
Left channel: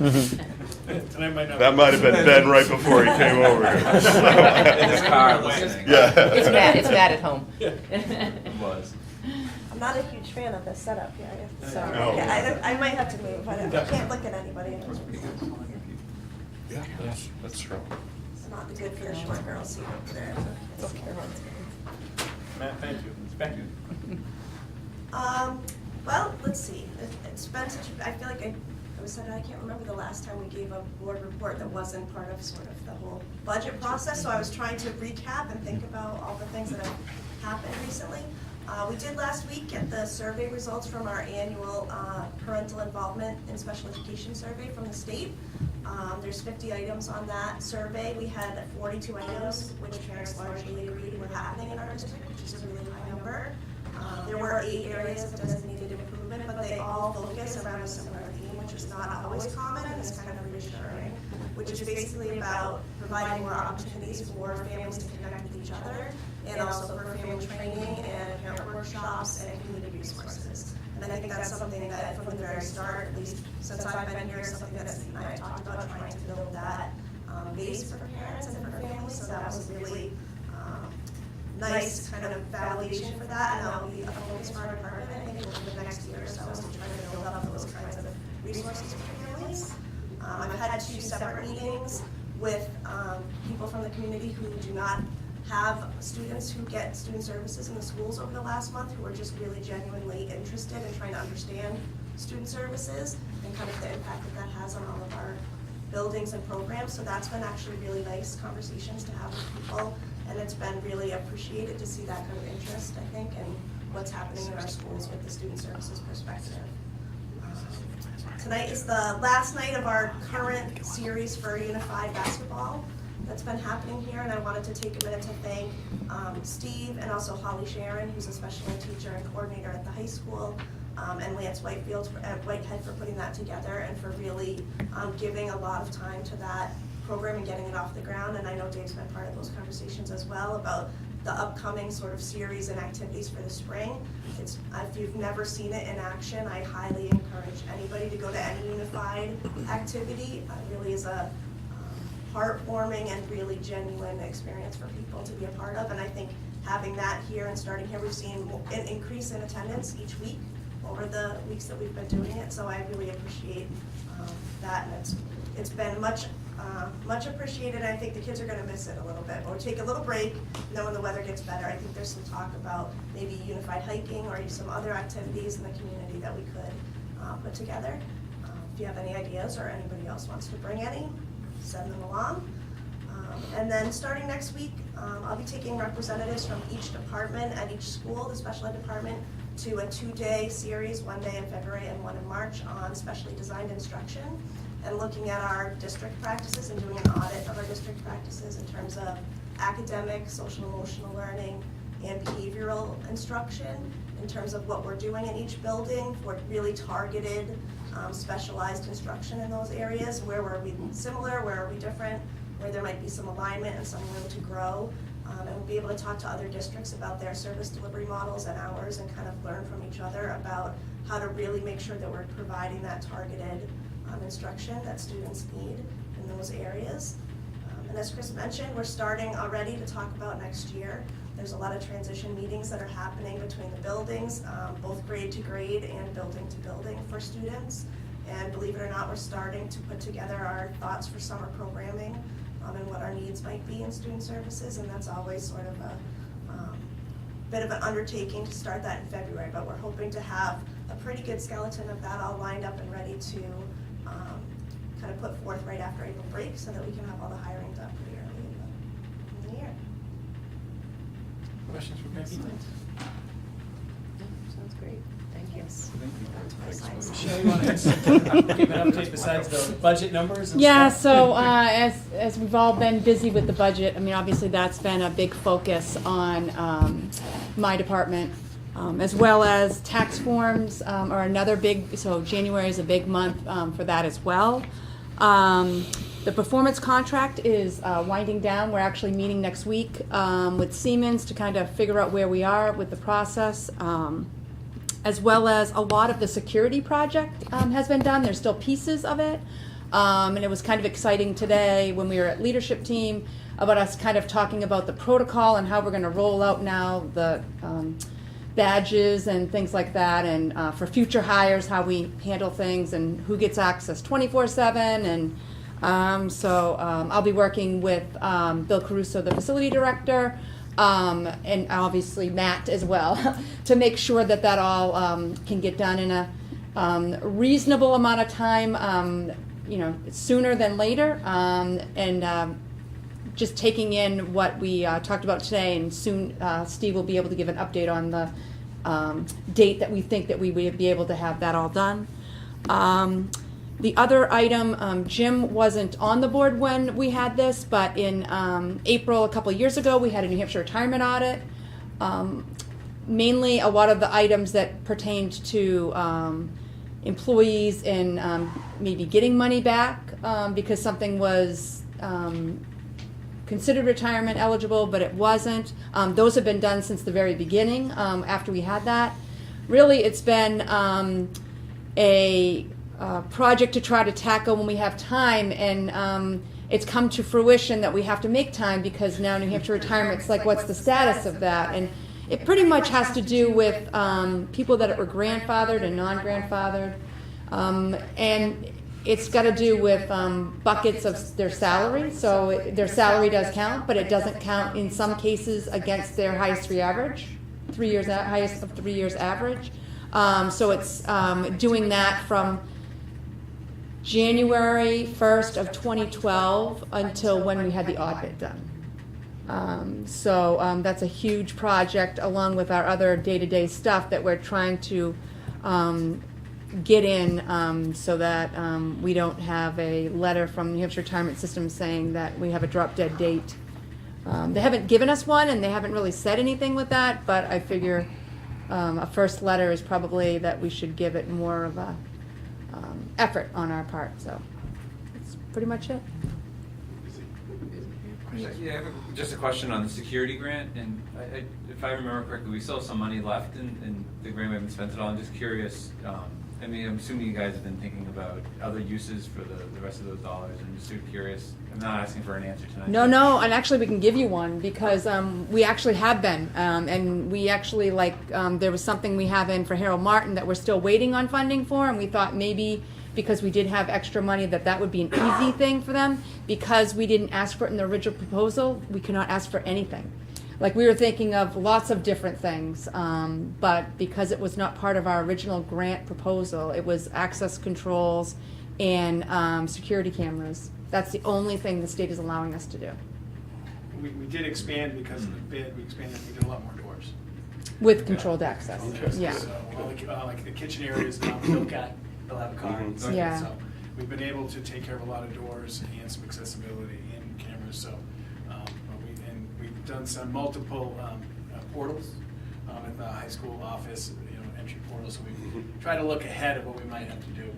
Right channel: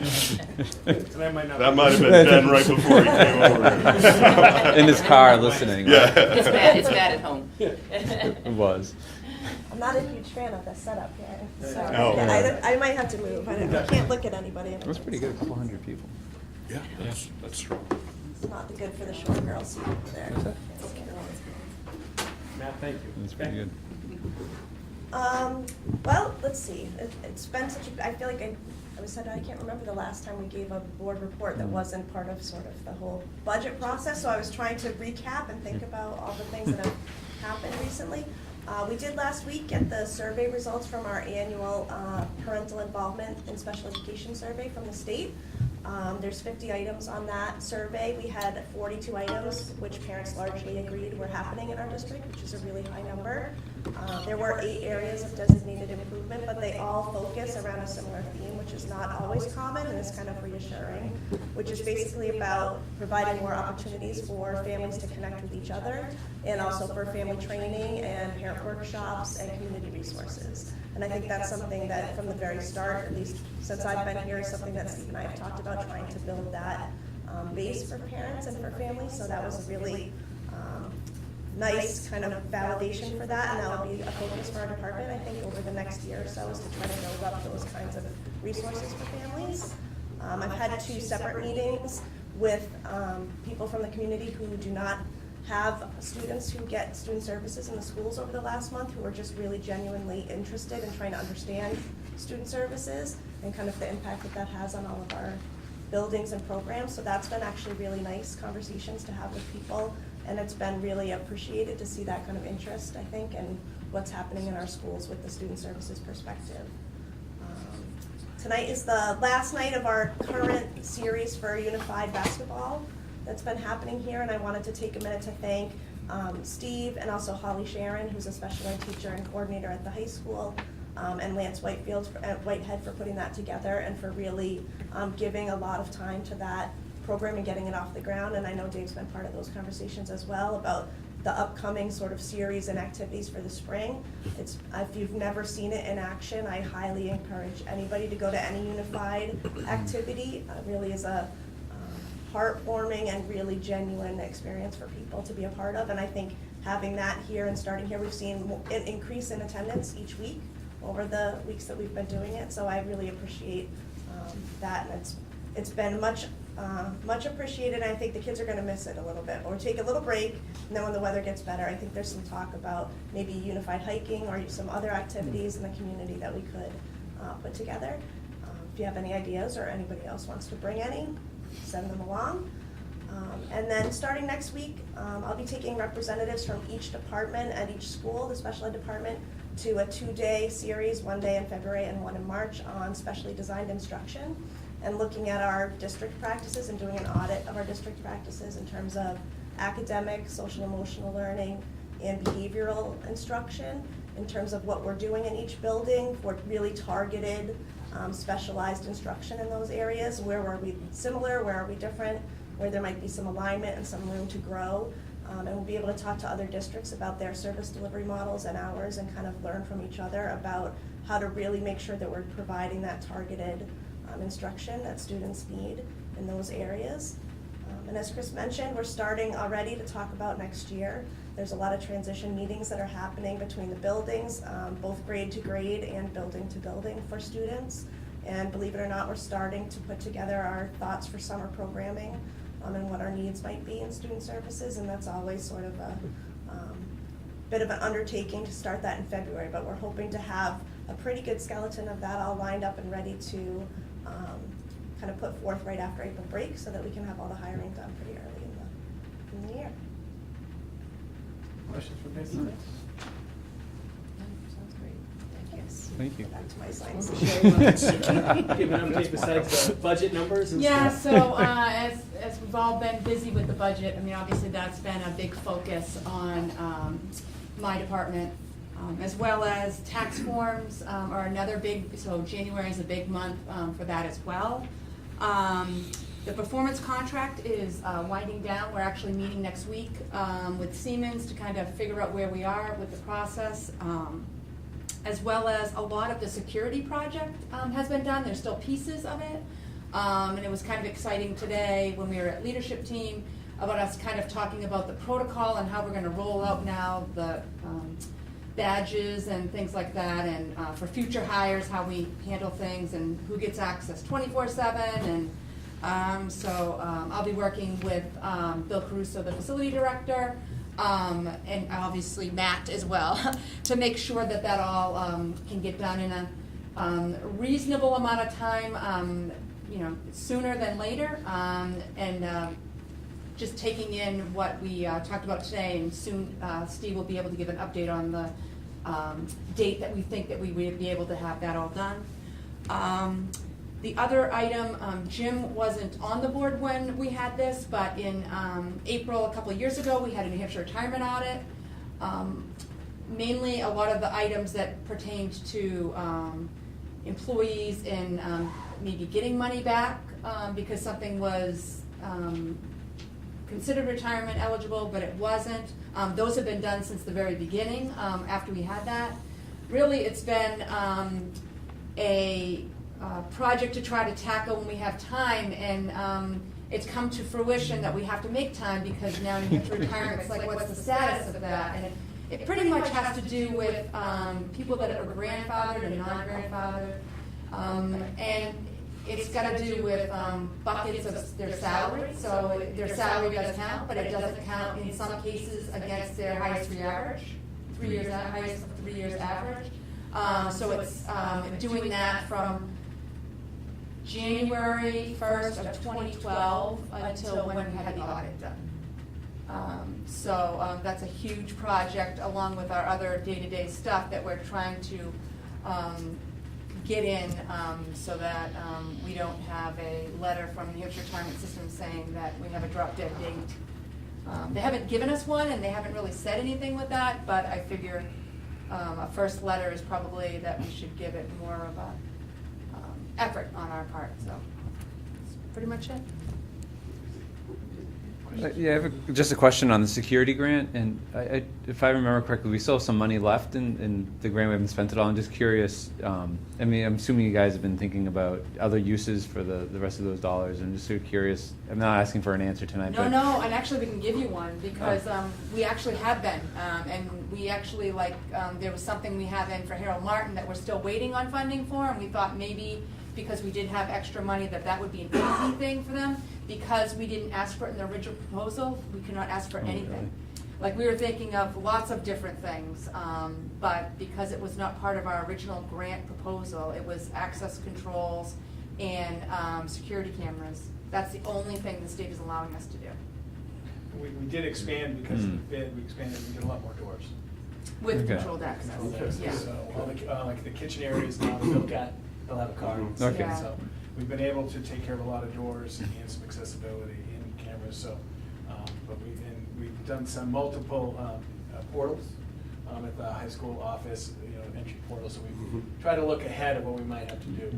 That might have been Ben right before he came over. In his car listening. Yeah. It's Matt at home. It was. I'm not a huge fan of the setup here. Sorry. Oh. I might have to move. I can't look at anybody. That was pretty good, 400 people. Yeah, that's true. It's not good for the short girls seat over there. It's okay. Matt, thank you. That's pretty good. Well, let's see. It's been such I feel like I can't remember the last time we gave a board report that wasn't part of sort of the whole budget process. So I was trying to recap and think about all the things that have happened recently. We did last week get the survey results from our annual parental involvement in special education survey from the state. There's 50 items on that survey. We had 42 items, which parents largely agreed were happening in our district, which is a really high number. There were 8 areas of designated improvement, but they all focus around a similar theme, which is not always common and is kind of reassuring, which is basically about providing more opportunities for families to connect with each other, and also for family training and parent workshops and community resources. And I think that's something that from the very start, at least since I've been here, is something that Steve and I have talked about, trying to build that base for parents and for families. So that was a really nice kind of validation for that, and that'll be a focus for our department, I think, over the next year or so, is to try to build up those kinds of resources for families. I've had 2 separate meetings with people from the community who do not have students who get student services in the schools over the last month, who are just really genuinely interested in trying to understand student services and kind of the impact that that has on all of our buildings and programs. So that's been actually really nice conversations to have with people, and it's been really appreciated to see that kind of interest, I think, in what's happening in our schools with the student services perspective. Tonight is the last night of our current series for Unified Basketball that's been happening here, and I wanted to take a minute to thank Steve and also Holly Sharon, who's a special ed teacher and coordinator at the high school, and Lance Whitehead for putting that together and for really giving a lot of time to that program and getting it off the ground. And I know Dave's been part of those conversations as well about the upcoming sort of series and activities for the spring. It's, if you've never seen it in action, I highly encourage anybody to go to any unified activity. It really is a heartwarming and really genuine experience for people to be a part of. And I think having that here and starting here, we've seen an increase in attendance each week over the weeks that we've been doing it. So I really appreciate that, and it's been much appreciated, and I think the kids are gonna miss it a little bit. Or take a little break, and then when the weather gets better, I think there's some talk about maybe unified hiking or some other activities in the community that we could put together. If you have any ideas or anybody else wants to bring any, send them along. And then starting next week, I'll be taking representatives from each department at each school, the special ed department, to a 2-day series, 1 day in February and 1 in March, on specially designed instruction, and looking at our district practices and doing an audit of our district practices in terms of academic, social emotional learning, and behavioral instruction, in terms of what we're doing in each building for really targeted, specialized instruction in those areas. Where are we similar, where are we different, where there might be some alignment and some room to grow. And we'll be able to talk to other districts about their service delivery models and ours, and kind of learn from each other about how to really make sure that we're providing that targeted instruction that students need in those areas. And as Chris mentioned, we're starting already to talk about next year. There's a lot of transition meetings that are happening between the buildings, both grade to grade and building to building for students. And believe it or not, we're starting to put together our thoughts for summer programming and what our needs might be in student services. And that's always sort of a bit of an undertaking to start that in February, but we're hoping to have a pretty good skeleton of that all lined up and ready to kind of put forth right after April break, so that we can have all the hiring done pretty early in the year. Questions for Chris? Sounds great, thank you. Thank you. That's my science. Michelle, you want to give an update besides the budget numbers and Yeah, stuff? so as we've all been busy with the budget, I mean, obviously that's been a big focus on my department, as well as tax forms are another big, so January is a big month for that as well. The performance contract is winding down. We're actually meeting next week with Siemens to kind of figure out where we are with the process. As well as a lot of the security project has been done. There's still pieces of it. And it was kind of exciting today when we were at leadership team about us kind of talking about the protocol and how we're gonna roll out now the badges and things like that, and for future hires, how we handle things and who gets access 24/7. And so I'll be working with Bill Caruso, the facility director, and obviously Matt as well, to make sure that that all can get done in a reasonable amount of time, you know, sooner than later, and just taking in what we talked about today, and soon Steve will be able to give an update on the date that we think that we would be able to have that all done. The other item, Jim wasn't on the board when we had this, but in April, a couple of years ago, we had a New Hampshire retirement audit. Mainly a lot of the items that pertained to employees and maybe getting money back because something was considered retirement eligible, but it wasn't. Those have been done since the very beginning, after we had that. Really, it's been a project to try to tackle when we have time, and it's come to fruition that we have to make time, because now New Hampshire retirement's like, what's the status of that? And it pretty much has to do with people that are grandfathered and non-grandfathered, and it's got to do with buckets of their salary. So their salary does count, but it doesn't count in some cases against their highest 3 average, 3 years, highest of 3 years average. So it's doing that from January 1st of 2012 until when we had the audit done. So that's a huge project, along with our other day-to-day stuff that we're trying to get in, so that we don't have a letter from the New Hampshire Retirement System saying that we have a drop-dead date. They haven't given us one, and they haven't really said anything with that, but I figure a first letter is probably that we should give it more of a effort on our part, so that's pretty much it. questions. Yeah, I have just a question on the security grant, and if I remember correctly, we still have some money left in the grant. We haven't spent it all. I'm just curious. I mean, I'm assuming you guys have been thinking about other uses for the rest of those dollars. I'm just sort of curious. I'm not asking for an answer tonight. No, but- no, and actually we can give you one because we actually have been, and we actually there was something we have in for Harold Martin that we're still waiting on funding for, and we thought maybe because we did have extra money that would be an easy thing for them. Because we didn't ask for it in the original proposal, we could not ask for anything. Like we were thinking of lots of different things, but because it was not part of our original grant proposal, it was access controls and security cameras. That's the only thing the state is allowing us to do. We did expand because of the bid, we did a lot more doors. With Okay. controlled access, yeah. So, like the kitchen areas, now they'll have a car. Mhm. Okay. Yeah. So we've been able to take care of a lot of doors and some accessibility and cameras, so, but we've done some multiple portals at the high school office, entry portals, so we try to look ahead of what we might have to do.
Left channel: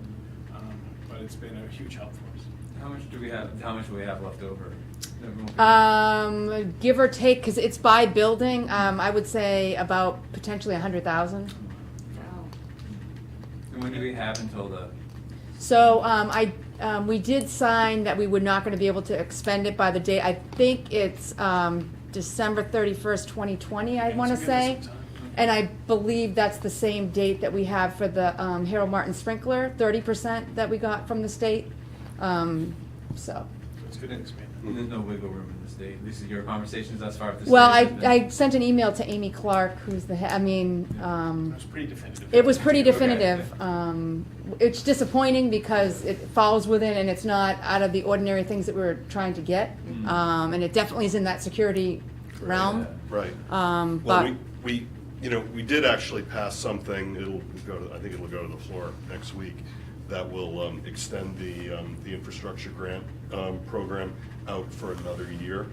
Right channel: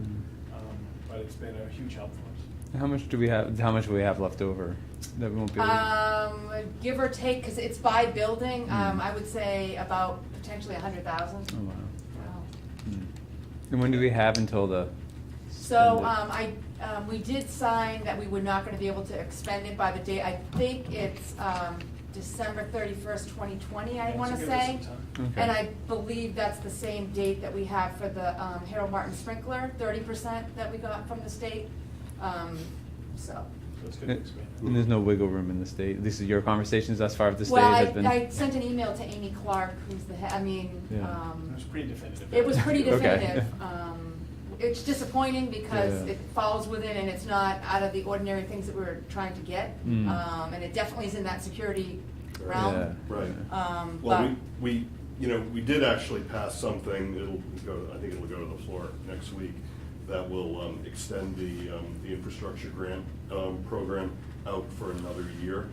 But it's been a huge help for us. How much do we have? How much will we have left over? That won't be. Give or take, because it's by building, I would say about potentially 100,000. Oh, wow. And when do we have until the? So, we did sign that we were not gonna be able to expend it by the day, I think it's, December 31st, 2020, I Yeah, wanna so we have say. some time. And I believe that's the same date that we have for the, Harold Martin sprinkler, 30% that we got from the state, so. So it's good to expand. There's no wiggle room in the state. This is your conversations thus far with the state. Well, has been- I sent an email to Amy Clark, who's the head, Yeah. It was pretty definitive. it was pretty Okay. definitive. It's disappointing because Yeah. it falls within and it's not out of the ordinary things that we were trying to get. Mm. And it definitely is in that security realm. Yeah. Right. But, Well, we did actually pass something, I think it'll go to the floor next week, that will extend the infrastructure grant program out for another year,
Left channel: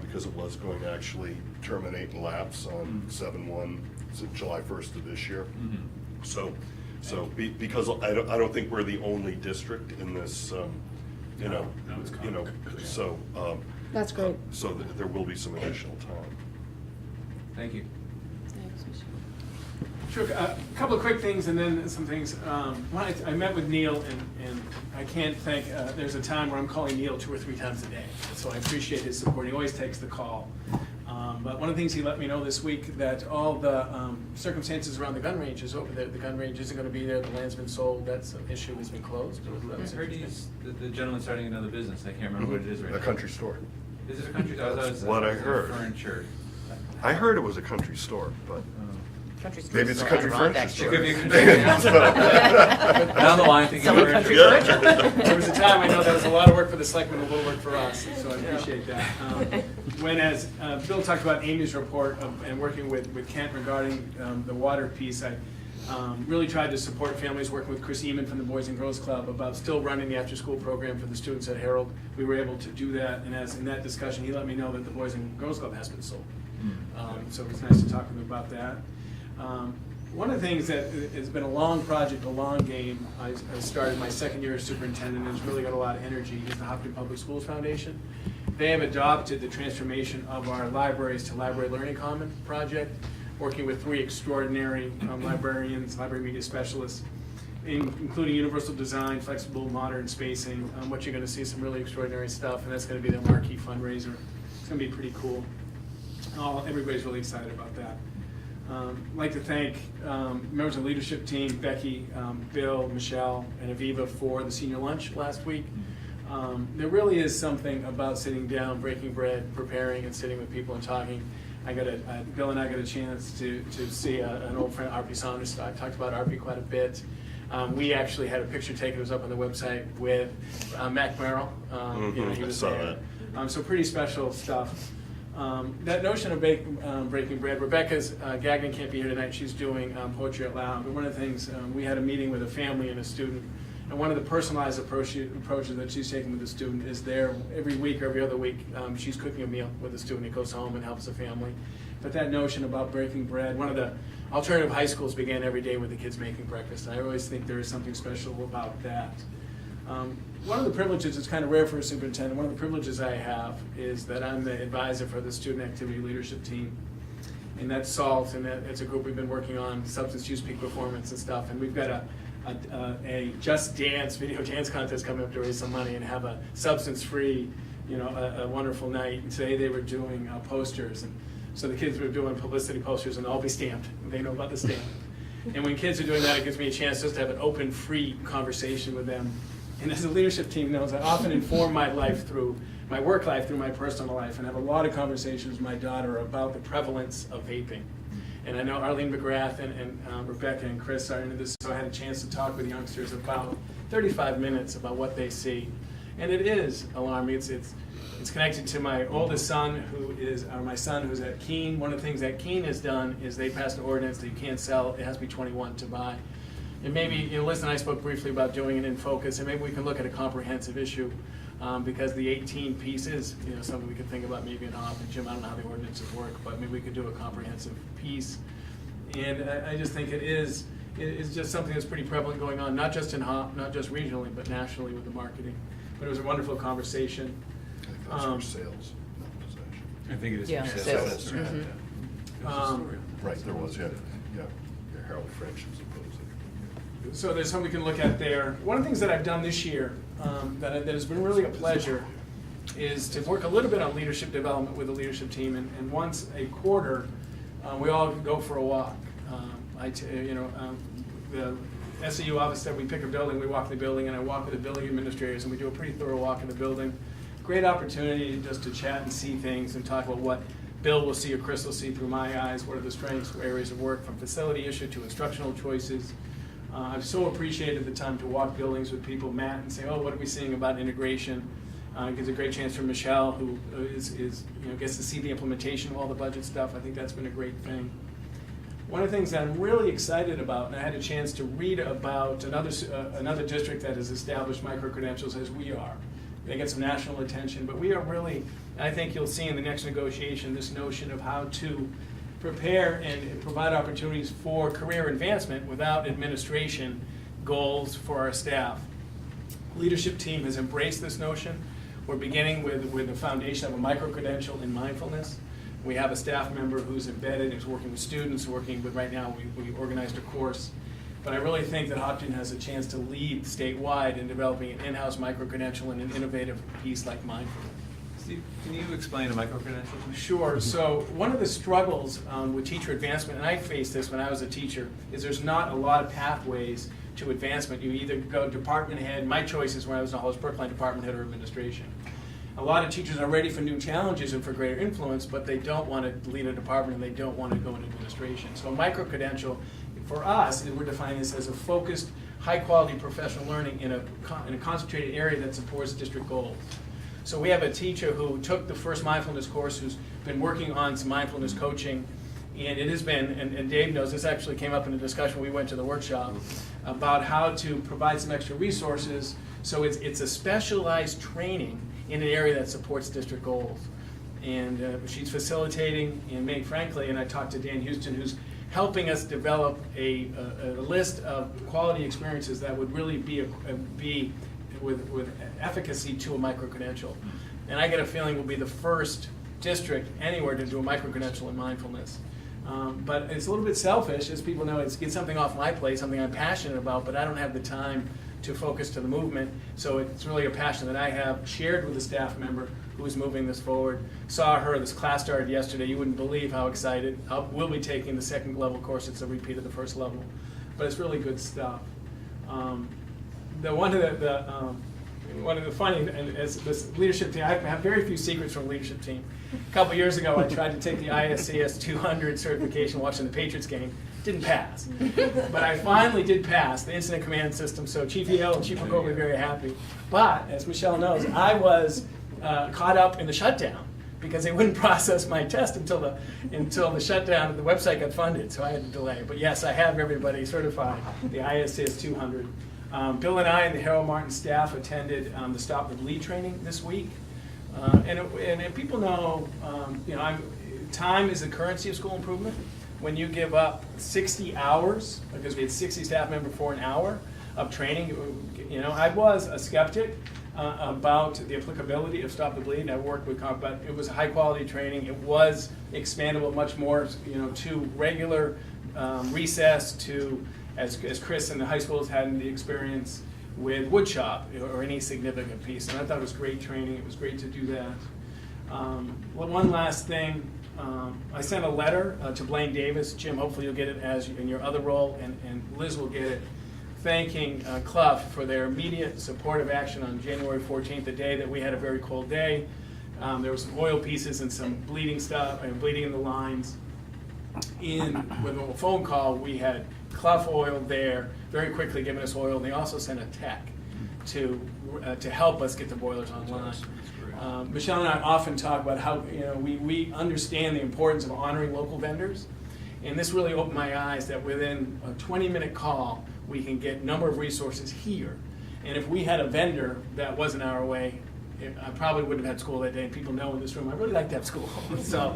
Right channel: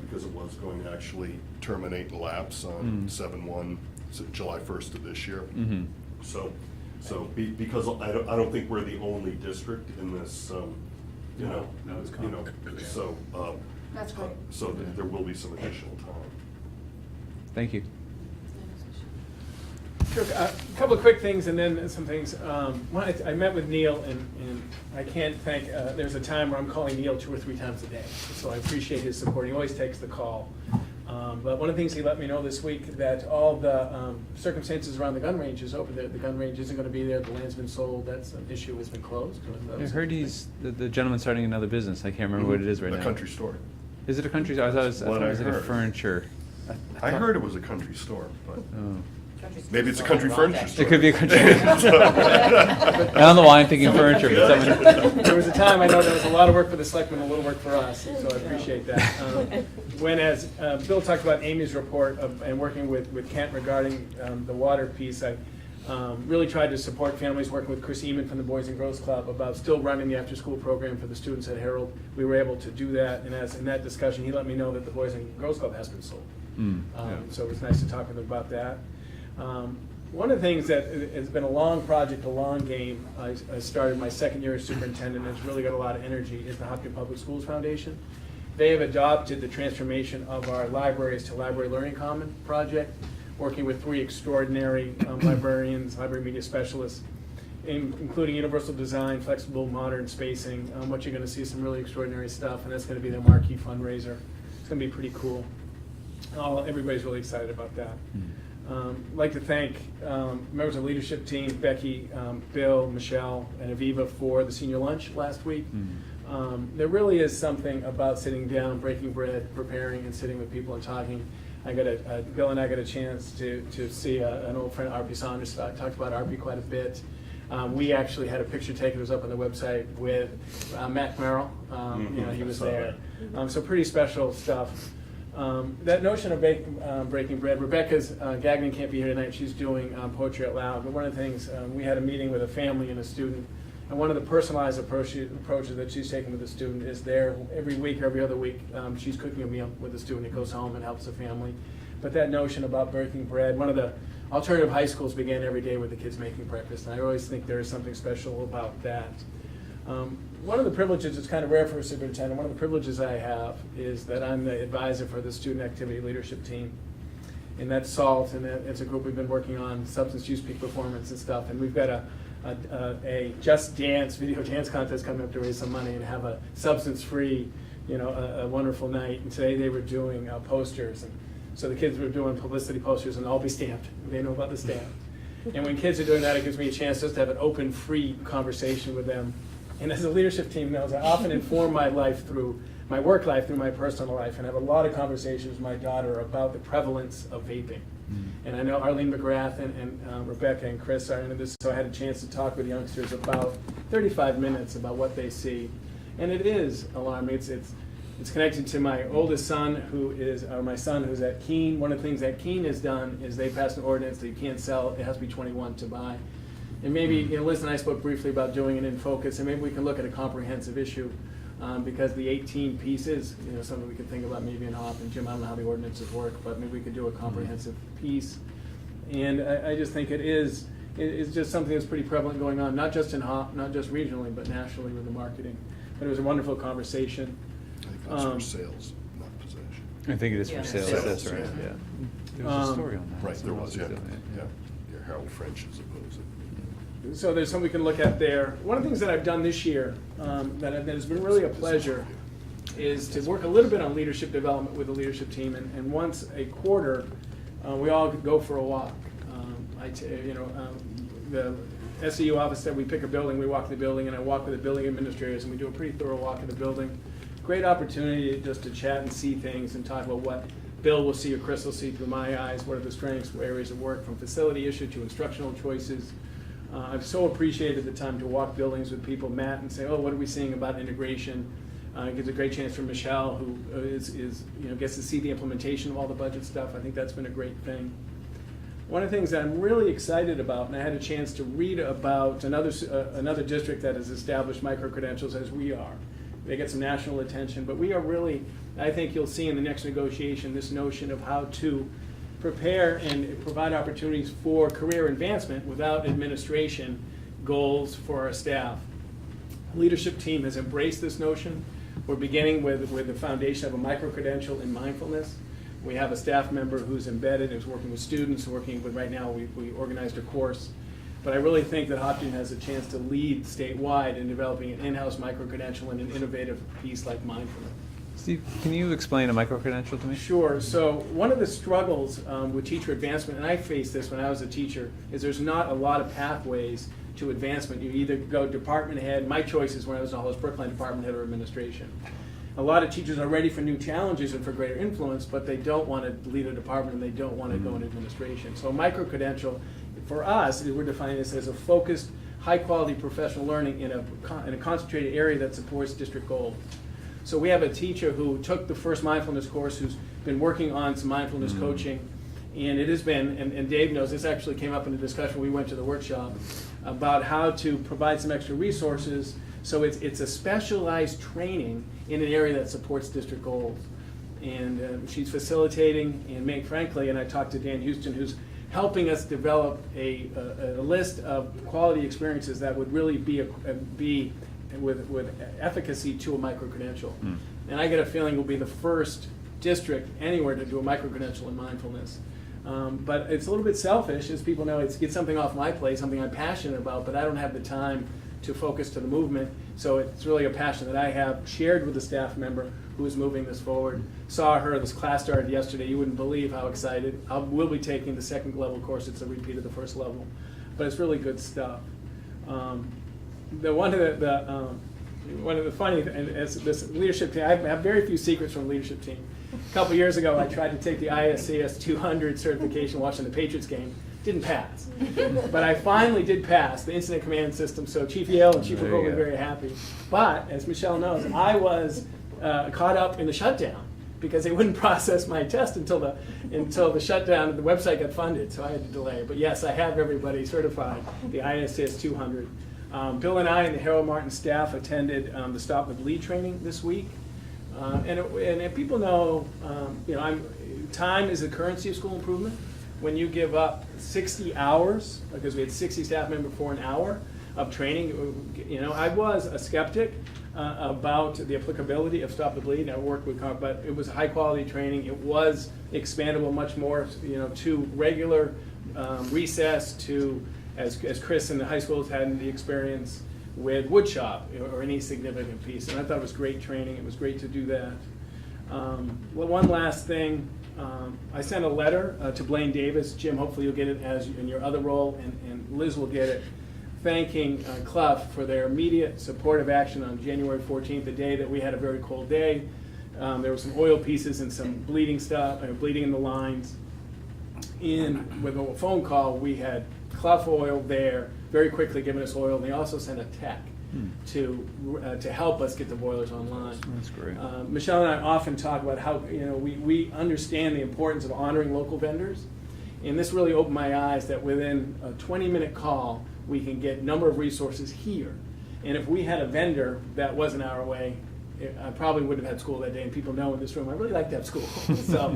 because it was going to actually terminate and lapse on 7/1, so July 1st of this year. Mhm. Because I don't think we're the only district in this, No, it's common. so. That's great. So there will be some additional time. Thank you. Sure, a couple of quick things and then some things. One, I met with Neil and I can't thank, there's a time where I'm calling Neil 2 or 3 times a day. So I appreciate his support. He always takes the call. But one of the things he let me know this week, that all the circumstances around the gun range is over. The gun range isn't gonna be there, the land's been sold, that's an issue, has been closed. I heard the gentleman's starting another business. I can't remember what it is right now. A country store. Is it a country? I thought it was, That's what I it was heard. furniture. I heard it was a country store, but Oh. maybe it's a country furniture store. It could be a country. I don't know why I'm thinking furniture. but- There was a time, I know there was a lot of work for the selectmen, a little work for us, so I appreciate that. When, as Bill talked about Amy's report and working with Kent regarding the water piece, I really tried to support families, working with Chris Eman from the Boys and Girls Club about still running the after-school program for the students at Harold. We were able to do that, and as in that discussion, he let me know that the Boys and Girls Club has been sold. Mm. So it was nice to talk with him about that. One of the things that has been a long project, a long game, I started my second year as superintendent, and it's really got a lot of energy, is the Hopkinton Public Schools Foundation. They have adopted the transformation of our libraries to Library Learning Common project, working with 3 extraordinary librarians, library media specialists, including universal design, flexible modern spacing. What you're gonna see is some really extraordinary stuff, and that's gonna be the marquee fundraiser. It's gonna be pretty cool. Everybody's really excited about that. I'd like to thank members of the leadership team, Becky, Bill, Michelle, and Aviva for the senior lunch last week. There really is something about sitting down, breaking bread, preparing, and sitting with people and talking. Bill and I got a chance to see an old friend, R.P. Saunders. I talked about R.P. quite a bit. We actually had a picture taken, it was up on the website, with Mac Merrill. He I was saw there. So pretty special stuff. That notion of breaking bread, Rebecca's Gagnon can't be here tonight, she's doing Poetry Out Loud, but one of the things, we had a meeting with a family and a student, and one of the personalized approaches that she's taking with the student is there every week or every other week, she's cooking a meal with the student, he goes home and helps the family. But that notion about breaking bread, one of the alternative high schools began every day with the kids making breakfast, and I always think there's something special about that. One of the privileges, it's kind of rare for a superintendent, one of the privileges I have is that I'm the advisor for the student activity leadership team. And that's SALT, and it's a group we've been working on substance use peak performance and stuff. And we've got a Just Dance video dance contest coming up to raise some money and have a substance-free, a wonderful night. And today they were doing posters. And so the kids were doing publicity posters and all be stamped. They know about the stamp. And when kids are doing that, it gives me a chance just to have an open, free conversation with them. And as a leadership team knows, I often inform my life through my work life, through my personal life, and have a lot of conversations with my daughter about the prevalence of vaping. And I know Arlene McGrath and Rebecca and Chris are into this, so I had a chance to talk with youngsters about 35 minutes about what they see. And it is alarming. It's connected to my oldest son, my son who's at Keene. One of the things that Keene has done is they passed an ordinance that you can't sell, it has to be 21 to buy. And maybe, Liz and I spoke briefly about doing it in focus, and maybe we can look at a comprehensive issue, because the 18 piece is, something we could think about maybe in Hop. And Jim, I don't know how the ordinances work, but maybe we could do a comprehensive piece. And I just think it's just something that's pretty prevalent going on, not just in Hop, not just regionally, but nationally with the marketing. But it was a wonderful conversation. I think it's for sales, not possession. I think it is Yeah, for sales. sales. That's right, Mhm. yeah. There was a story on that. Right, there was, yeah. Harold French is opposed. So there's something we can look at there. One of the things that I've done this year that has been really a pleasure is to work a little bit on leadership development with the leadership team. And once a quarter, we all go for a walk. The SEU office said we pick a building, we walk the building, and I walk with the building administrators, and we do a pretty thorough walk of the building. Great opportunity just to chat and see things and talk about what Bill will see or Chris will see through my eyes, what are the strengths, areas of work, from facility issue to instructional choices. I've so appreciated the time to walk buildings with people, Matt, and say, what are we seeing about integration? It gives a great chance for Michelle, who gets to see the implementation of all the budget stuff. I think that's been a great thing. One of the things that I'm really excited about, and I had a chance to read about another district that has established micro-credentials as we are. They get some national attention, but we are really, I think you'll see in the next negotiation, this notion of how to prepare and provide opportunities for career advancement without administration goals for our staff. Leadership team has embraced this notion. We're beginning with the foundation of a micro-credential in mindfulness. We have a staff member who's embedded, who's working with students, right now, we organized a course. But I really think that Hopkinton has a chance to lead statewide in developing an in-house micro-credential and an innovative piece like mindfulness. Steve, can you explain a micro-credential to me? Sure. So one of the struggles with teacher advancement, and I faced this when I was a teacher, is there's not a lot of pathways to advancement. You either go department head. My choices when I was in Hollis Brookline, department head or administration. A lot of teachers are ready for new challenges and for greater influence, but they don't want to lead a department and they don't want to go into administration. So a micro-credential, for us, we're defining this as a focused, high-quality professional learning in a concentrated area that supports district goals. So we have a teacher who took the first mindfulness course, who's been working on some mindfulness coaching, and it has been, and Dave knows, this actually came up in a discussion we went to the workshop, about how to provide some extra resources. So it's a specialized training in an area that supports district goals. And she's facilitating, and frankly, and I talked to Dan Houston, who's helping us develop a list of quality experiences that would really be with efficacy to a micro-credential. And I get a feeling we'll be the first district anywhere to do a micro-credential in mindfulness. But it's a little bit selfish, as people know, it's something off my plate, something I'm passionate about, but I don't have the time to focus to the movement. So it's really a passion that I have shared with a staff member who is moving this forward. Saw her, this class started yesterday. You wouldn't believe how excited. We'll be taking the second level course. It's a repeat of the first level. But it's really good stuff. One of the funny, and this leadership team, I have very few secrets from the leadership team. A couple years ago, I tried to take the ISCS 200 certification watching the Patriots game. Didn't pass. But I finally did pass the incident command system, so Chief Yale and Chief McCoy were very happy. But, as Michelle knows, I was caught up in the shutdown because they wouldn't process my test until the shutdown of the website got funded, so I had to delay. But yes, I have everybody certified, the ISCS 200. Bill and I and the Harold Martin staff attended the Stop with Lead training this week. And people know, time is the currency of school improvement. When you give up 60 hours, because we had 60 staff members for an hour, of training. You know, I was a skeptic about the applicability of Stop the Bleed. I worked with, but it was high quality training. It was expandable much more, you know, to regular recess, to as Chris in the high schools had the experience with woodshop or any significant piece. And I thought it was great training. It was great to do that. One last thing. I sent a letter to Blaine Davis. Jim, hopefully you'll get it as in your other role, and Liz will get it, thanking Clough for their immediate supportive action on January 14th, the day that we had a very cold day. There were some oil pieces and some bleeding stuff, bleeding in the lines. With a phone call, we had Clough Oil there, very quickly giving us oil, and they also sent a tech to help us get the boilers online. That's great. Michelle and I often talk about how, you know, we understand the importance of honoring local vendors, and this really opened my eyes that within a 20-minute call, we can get a number of resources here. And if we had a vendor that wasn't our way, I probably wouldn't have had school that day, and people know in this room I really like to have school. So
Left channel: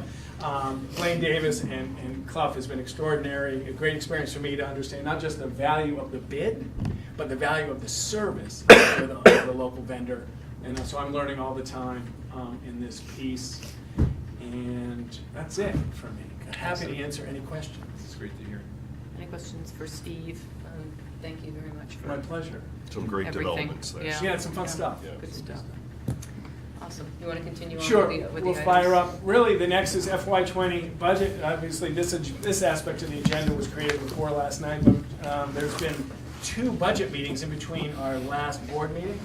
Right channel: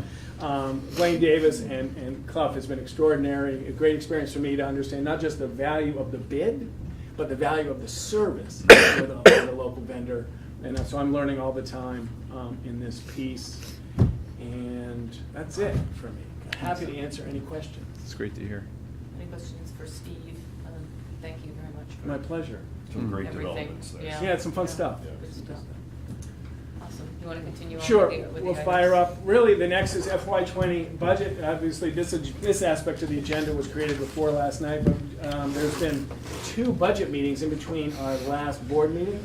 Blaine Davis and Clough has been extraordinary, a great experience for me to understand not just the value of the bid, but the value of the service for the local vendor. And so I'm learning all the time in this piece. And that's it for me. Happy to answer any questions. It's great to hear. Any questions for Steve? Thank you very much for My pleasure. Some great everything. developments there. Yeah. Yeah, it's some fun stuff. Yeah. Good stuff. Awesome. You want to continue on Sure, with the we'll items? fire up. Really, the next is FY20 budget. Obviously, this aspect of the agenda was created before last night, but there's been 2 budget meetings in between our last board meeting.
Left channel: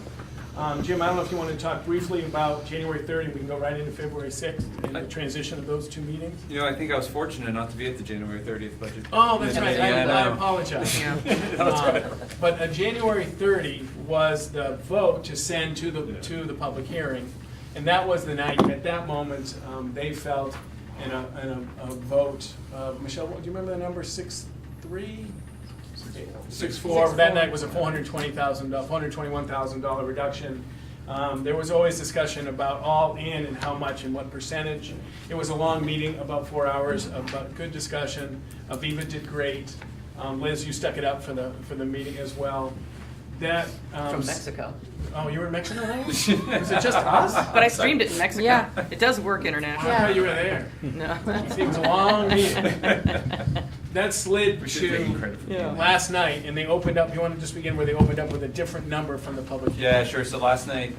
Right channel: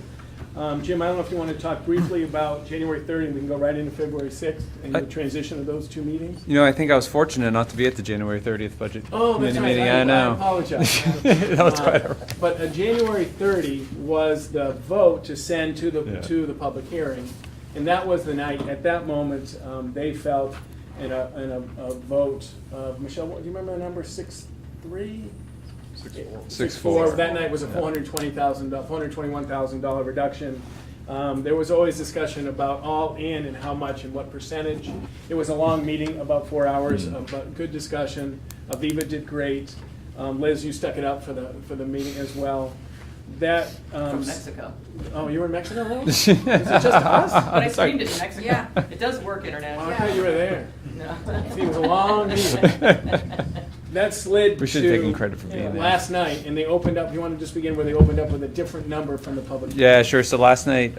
Jim, I don't know if you want to talk briefly about January 3rd, and we can go right into February 6th and the transition of those 2 meetings. You know, I think I was fortunate not to be at the January 30th budget. Oh, that's right. meeting. I know. apologize. No, it's quite all right. But January 30 was the vote to send to the Yeah. to the public hearing, and that was the night. At that moment, they felt in a vote. Michelle, do you remember the number? 6-3. 6-4. That night was a $421,000 reduction. There was always discussion about all in and how much and what percentage. It was a long meeting, about 4 hours of good discussion. Aviva did great. Liz, you stuck it up for the meeting as well. That From Mexico. Oh, you were in Mexico, right? Was it just us? But I streamed it in Mexico. Yeah. It does work internationally. I thought you were there. No. It was a long meeting. That slid We should have taken to credit for being there. last night, and they opened up. You want to just begin where they opened up with a different number from the public? Yeah, sure. So last night,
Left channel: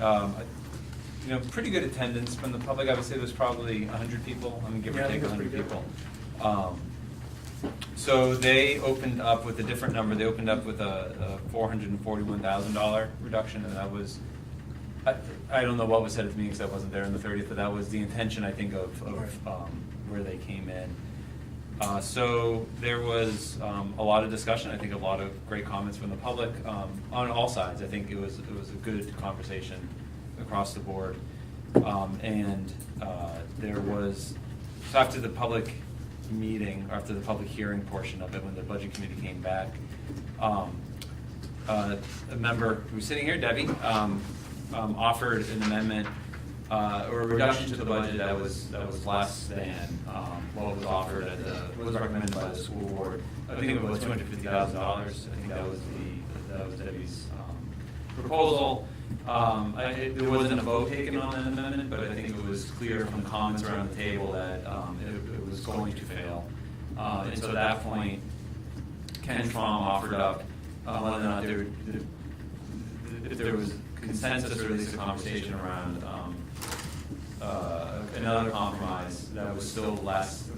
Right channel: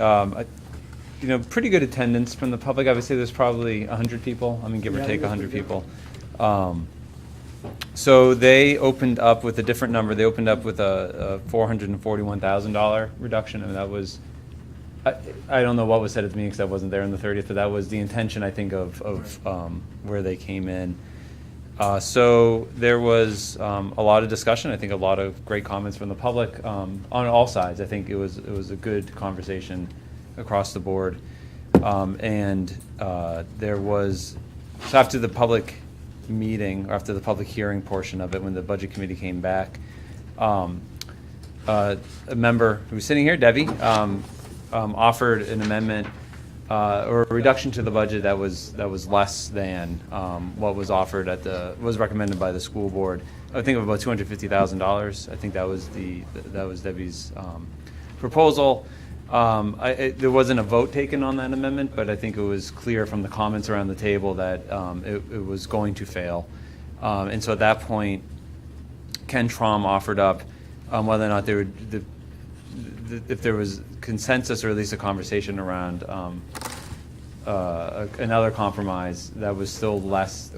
pretty good attendance from the public. I would say there's probably 100 people. I mean, give or Yeah, take that's 100 pretty people. So they opened up with a different number. They opened up with a $441,000 reduction, and that was, I don't know what was said at the meeting because I wasn't there on the 30th, but that was the intention, I think, of where they came in. So there was a lot of discussion. I think a lot of great comments from the public on all sides. I think it was a good conversation across the board. There was, so after the public meeting, or after the public hearing portion of it, when the budget committee came back, a member who was sitting here, Debbie, offered an amendment or a reduction to the budget that was less than what was offered was recommended by the school board. I think of about $250,000. I think that was Debbie's proposal. There wasn't a vote taken on that amendment, but I think it was clear from the comments around the table that it was going to fail. And so at that point, Ken Traum offered up whether or not if there was consensus or at least a conversation around another compromise that was still less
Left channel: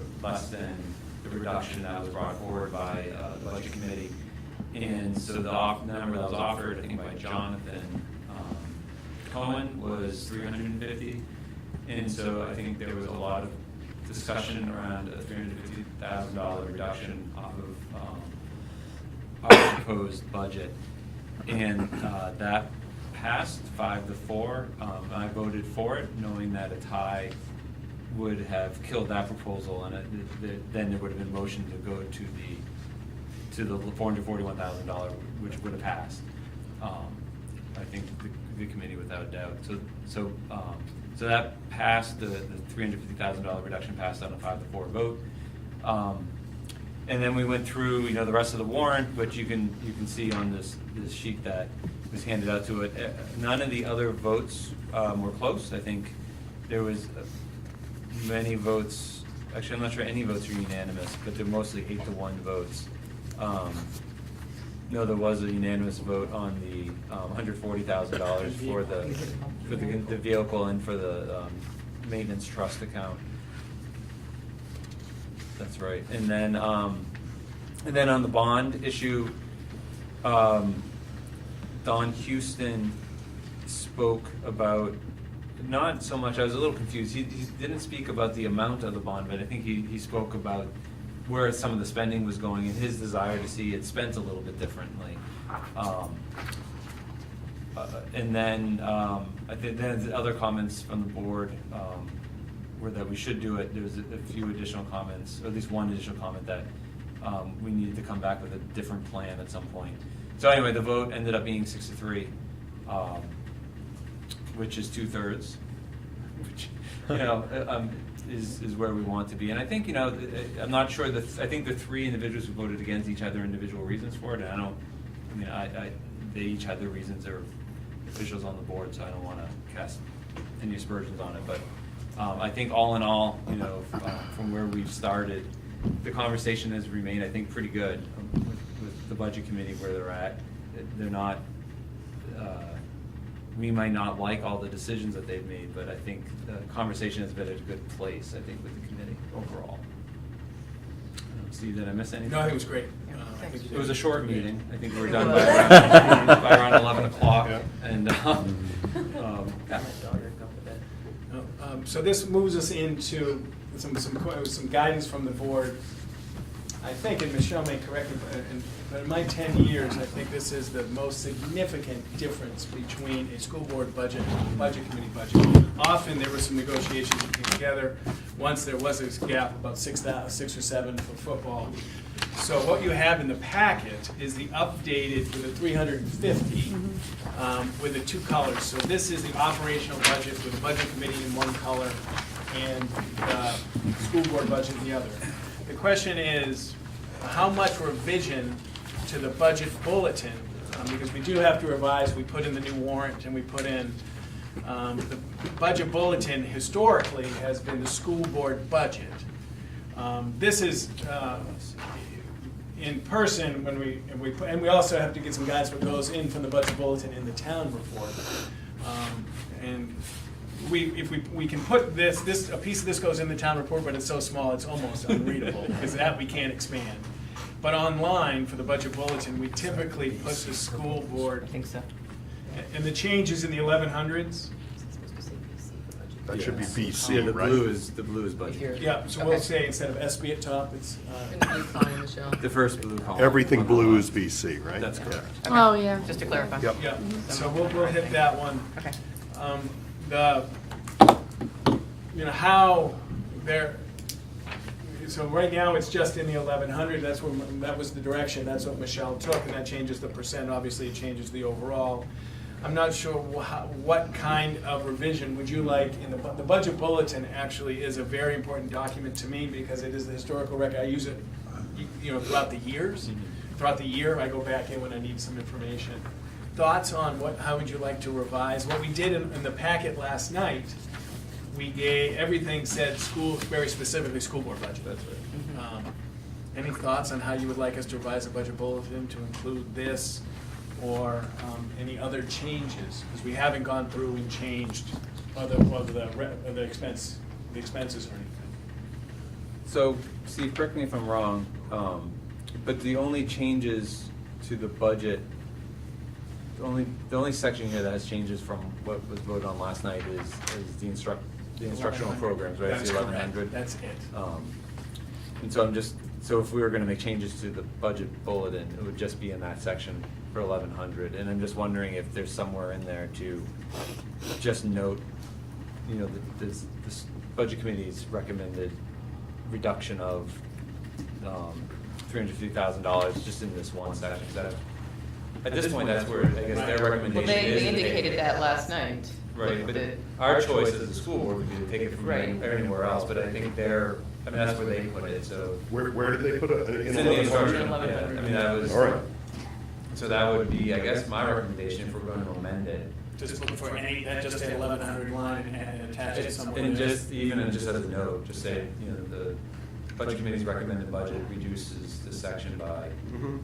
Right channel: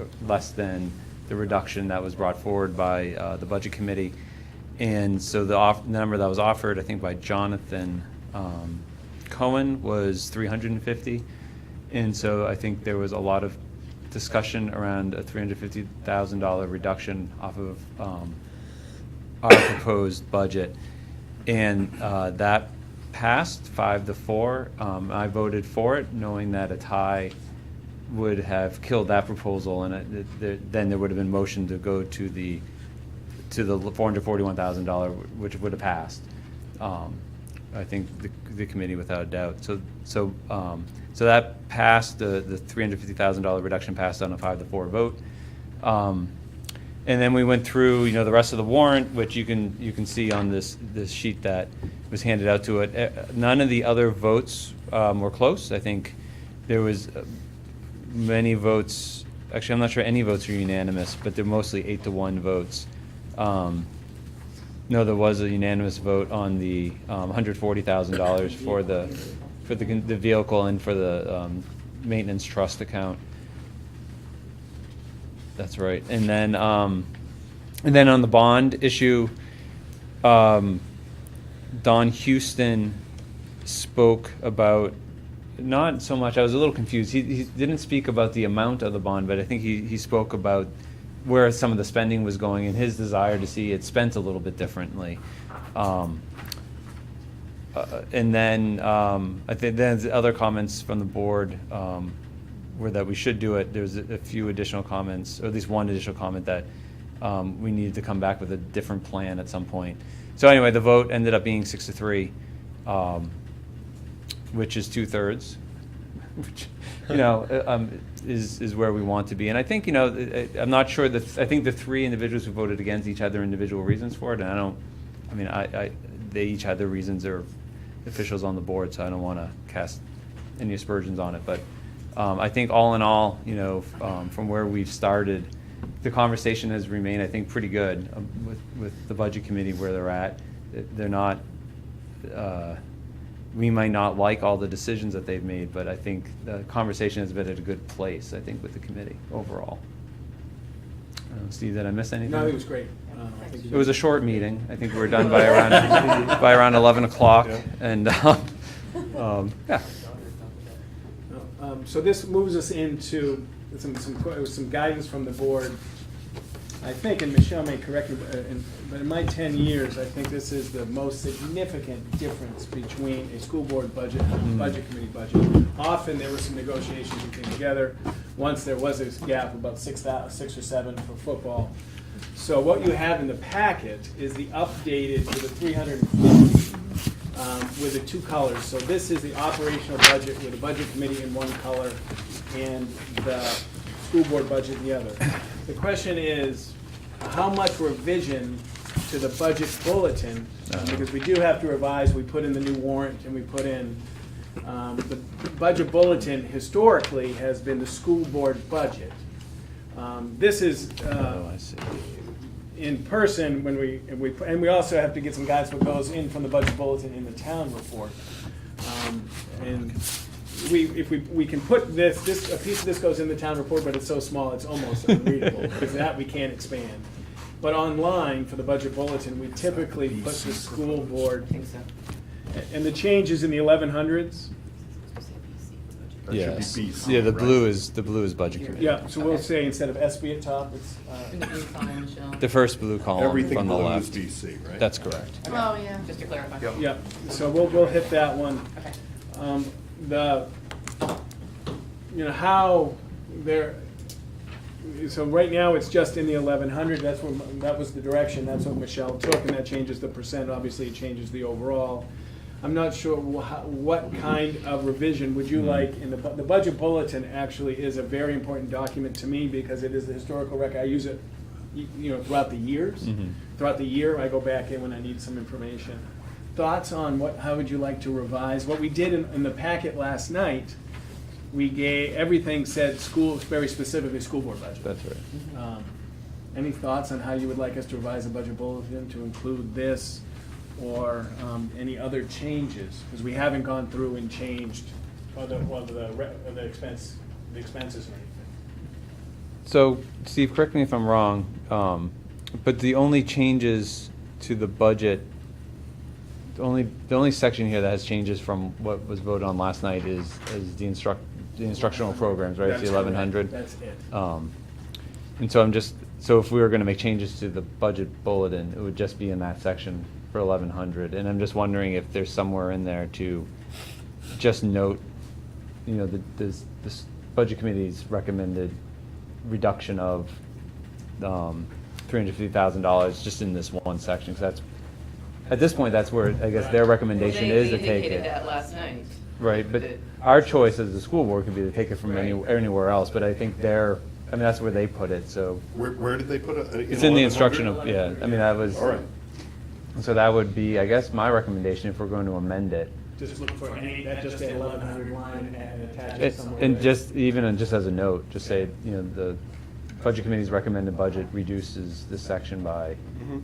than the reduction that was brought forward by the budget committee. And so the number that was offered, I think by Jonathan Cohen, was $350,000, and so I think there was a lot of discussion around a $350,000 reduction off of our proposed budget, and that passed 5-4. I voted for it, knowing that a tie would have killed that proposal, and then there would have been motion to go to the $441,000, which would have passed. I think the committee without a doubt. So that passed. The $350,000 reduction passed on a 5-4 vote. And then we went through, you know, the rest of the warrant, which you can see on this sheet that was handed out to it. None of the other votes were close. I think there was many votes, actually, I'm not sure any votes were unanimous, but they're mostly 8-1 votes. No, there was a unanimous vote on the $140,000 for the vehicle and for the maintenance trust account. That's right. And then on the bond issue, Don Houston spoke about, not so much, I was a little confused. He didn't speak about the amount of the bond, but I think he spoke about where some of the spending was going and his desire to see it spent a little bit differently. And then I think then the other comments from the board were that we should do it. There's a few additional comments, or at least one additional comment that we needed to come back with a different plan at some point. So anyway, the vote ended up being 6-3, which is 2/3, which, you know, is where we want to be. And I think, you know, I'm not sure that, I think the three individuals who voted against each had their individual reasons for it, and they each had their reasons. They're officials on the board, so I don't want to cast any aspersions on it. But I think all in all, you know, from where we've started, the conversation has remained, I think, pretty good with the budget committee where they're at. They're not, we might not like all the decisions that they've made, but I think the conversation has been at a good place, I think, with the committee overall. Steve, did I miss anything? No, I think it was great. I think you It was a did. short meeting. I think we were done by around 11 o'clock. Yeah. And, yeah. So this moves us into some guidance from the board. I think, and Michelle may correct me, but in my 10 years, I think this is the most significant difference between a school board budget and a budget committee budget. Often there were some negotiations that came together. Once there was a gap, about 6 or 7 for football. So what you have in the packet is the updated for the 350 with the 2 colors. So this is the operational budget with the budget committee in one color and the school board budget in the other. The question is, how much revision to the budget bulletin, because we do have to revise, we put in the new warrant and we put in, the budget bulletin historically has been the school board budget. This is, in person, when and we also have to get some guidance what goes in from the budget bulletin in the town report. And if we can put a piece of this goes in the town report, but it's so small it's almost unreadable because that we can't expand. But online for the budget bulletin, we typically put the school board, I think so. and the changes in the 1100s. That should be Yes. BC, Yeah, the right? blue is budget. Yeah, so we'll Okay. say instead of SB at top, it's In the blue column, Michelle. The first blue column. Everything on the blue left. is BC, right? That's correct. Okay. Oh, yeah. Just to clarify. Yep. yeah. So we'll hit that one. Okay. How they're, so right now it's just in the 1100, that was the direction, that's what Michelle took, and that changes the percent, obviously it changes the overall. I'm not sure what kind of revision would you like, and the budget bulletin actually is a very important document to me because it is the historical record. I use it, throughout the years. Mhm. Throughout the year, I go back in when I need some information. Thoughts on how would you like to revise? What we did in the packet last night, everything said very specifically school board budget. That's right. Any thoughts on how you would like us to revise the budget bulletin to include this or any other changes? Because we haven't gone through and changed the expenses or anything. So, Steve, correct me if I'm wrong, but the only changes to the budget, the only section here that has changes from what was voted on last night is the instructional programs, right? It's That's the 1100. correct. That's it. And so if we were gonna make changes to the budget bulletin, it would just be in that section for 1100. And I'm just wondering if there's somewhere in there to just note, this budget committee's recommended reduction of $350,000 just in this one section. 'Cause at this point, that's where I guess their Well, recommendation they is to indicated take. that last night. Right, but our choice as a school board can be to take it from Right. anywhere else, but I think I mean, that's where they put it, so. Where did they put it? It's in the instructional, yeah, I mean, that was, All right. so that would be, I guess, my recommendation if we're going to amend it. Just look for any, that just say 1100 line and attach it It's, somewhere. and just, even just as a note, just say, you know, the budget committee's recommended budget reduces this section by, Mhm.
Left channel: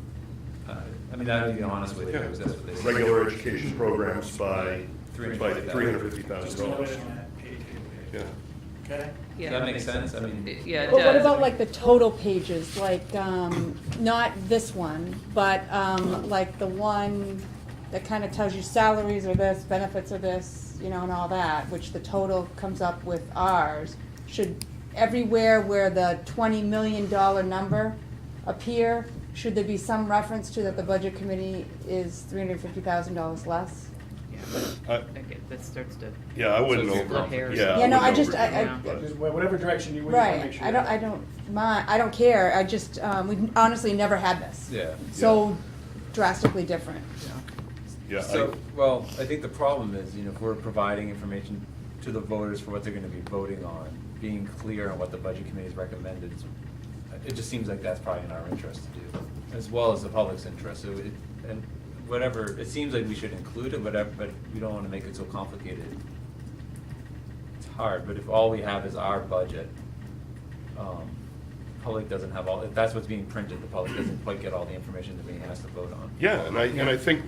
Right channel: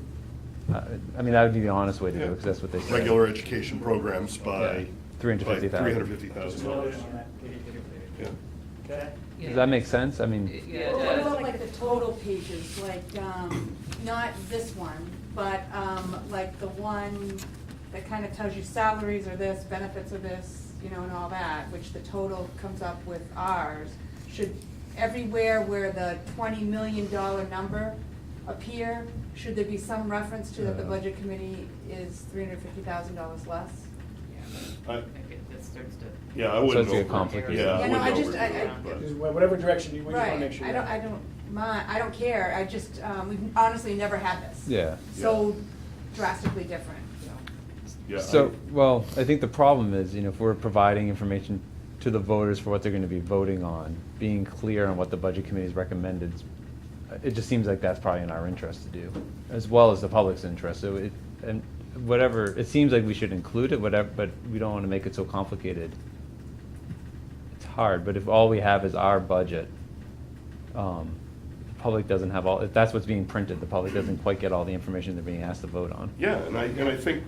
I mean, that would be the honest way to do it, that's what they say. Regular education programs by $350,000. Television, $350,000. pay. Yeah. Okay? Yeah. Does that make sense? I mean, Yeah, it But what does. about like the total pages, like, not this one, but, like the one that kind of tells you salaries are this, benefits are this, you know, and all that, which the total comes up with ours, should everywhere where the $20 million number appear, should there be some reference to that the budget committee is $350,000 less? Yeah, I- I think that starts to. Yeah, I wouldn't So it's over, complicated. yeah. Yeah, no, I wouldn't just- overdo I- it, I- but- Just whatever direction you want to make Right, sure. I don't mind, I don't care, I just, we've honestly never had this. yeah. So drastically different. Yeah, So, well, I think the problem is, you know, if we're providing information to the voters for what they're gonna be voting on, being clear on what the budget committee's recommended, it just seems like that's probably in our interest to do, as well as the public's interest, so and whatever, it seems like we should include it, whatever, but we don't wanna make it so complicated. It's hard, but if all we have is our budget, public doesn't have all, if that's what's being printed, the public doesn't quite get all the information they're being asked to vote on. Yeah, and I think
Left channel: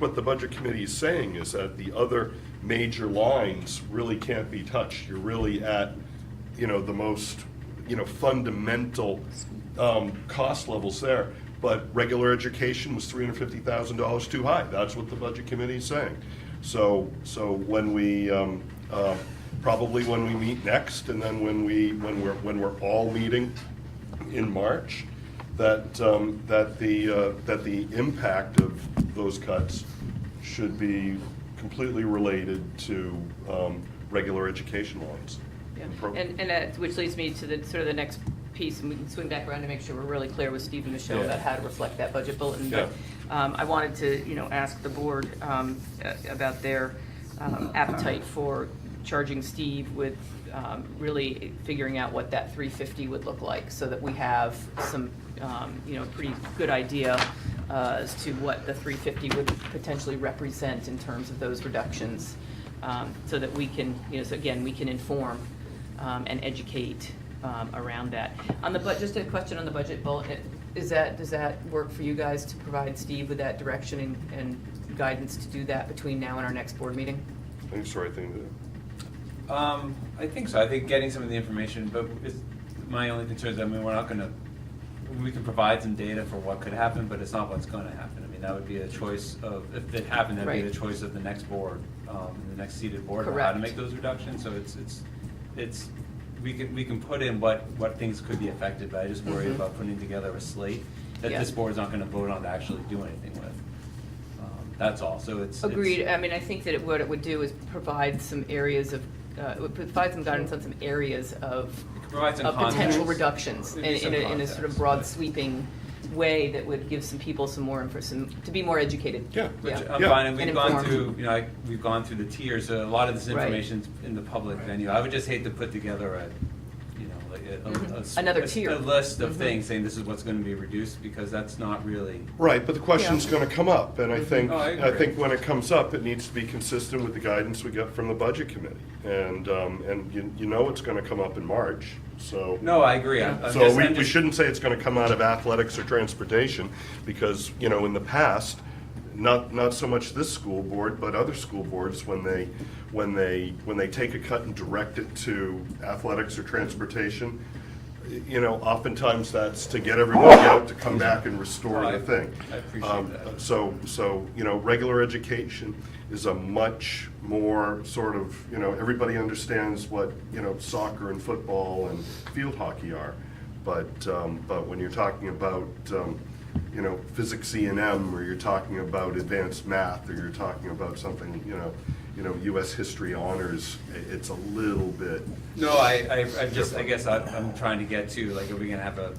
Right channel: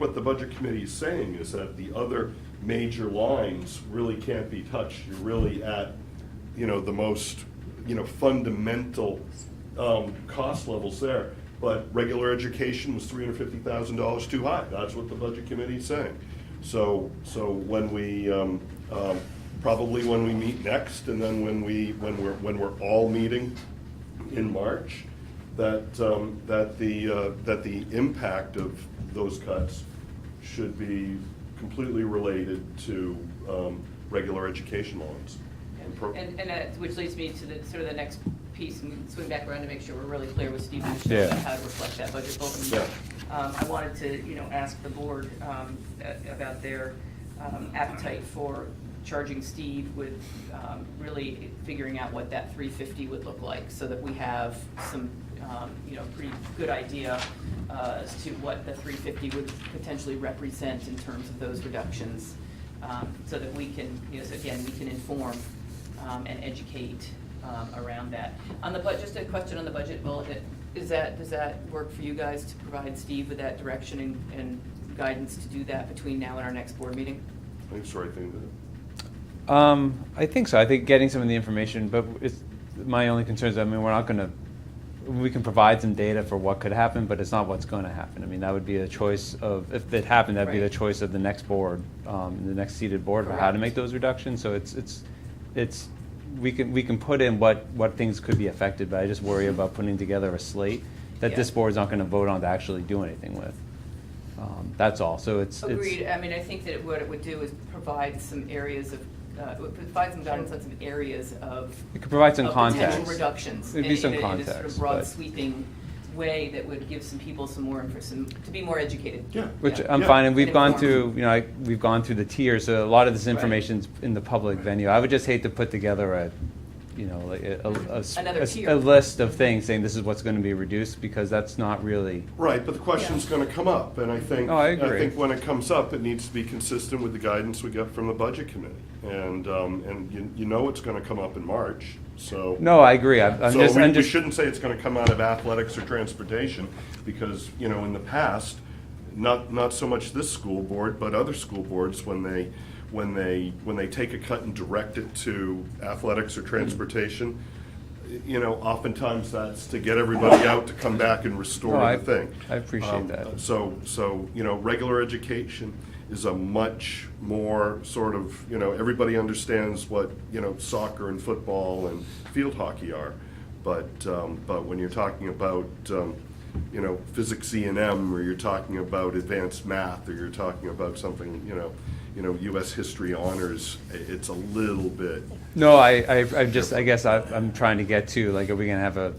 what the budget committee is saying is that the other major lines really can't be touched. You're really at, you know, the most, you know, fundamental, cost levels there. But regular education was $350,000 too high. That's what the budget committee is saying. So when we, probably when we meet next, and then when we're all meeting in March, that the impact of those cuts should be completely related to regular education lines. Yeah. And which leads me to the sort of the next piece, and we can swing back around to make sure we're really clear with Steve and Michelle Yeah. about how to reflect that budget bulletin. Yeah. I wanted to, you know, ask the board about their appetite for charging Steve with really figuring out what that 350 would look like, so that we have some, you know, pretty good idea as to what the 350 would potentially represent in terms of those reductions, so that we can, you know, so again, we can inform and educate around that. On the just a question on the budget bulletin, does that work for you guys to provide Steve with that direction and guidance to do that between now and our next board meeting? I think it's the right thing to do. I think so. I think getting some of the information, but my only concern is, I mean, we're not gonna, we can provide some data for what could happen, but it's not what's gonna happen. I mean, that would be a choice of, if it happened, that'd be the Right. choice of the next board, the next seated board, of how to Correct. make those reductions. So we can put in what things could be affected, but I just worry Mhm. about putting together a slate that Yeah. this board's not gonna vote on to actually do anything with. That's all. So it's. Agreed. I mean, I think that what it would do is provide some areas of, it would provide some guidance on some areas of. It could provide some of context. potential reductions, It'd be in some a sort of context, broad but- sweeping way that would give some people some more, to be more educated. Yeah. Which Yeah. I'm Yeah. fine, and we've And gone informed. through, you know, we've gone through the tiers, so a lot of this Right. information's in the public venue. I would just hate to put together a, you know, like Another a tier. list of Mhm. things saying this is what's gonna be reduced, because that's not really, Right, but the question's gonna come up, and I think, No, I agree. think when it comes up, it needs to be consistent with the guidance we got from the budget committee. And you know it's gonna come up in March, so. no, I agree. I'm So just, we I'm we just, shouldn't say it's gonna come out of athletics or transportation, because, you know, in the past, not so much this school board, but other school boards, when they take a cut and direct it to athletics or transportation, you know, oftentimes that's to get everybody out to come back and restore No, the thing. I appreciate that. So, you know, regular education is a much more sort of, you know, everybody understands what, you know, soccer and football and field hockey are. But when you're talking about, you know, physics E&M, or you're talking about advanced math, or you're talking about something, you know, US history honors, it's a little bit. no, I just, I guess I'm trying to get to, like, are we gonna have a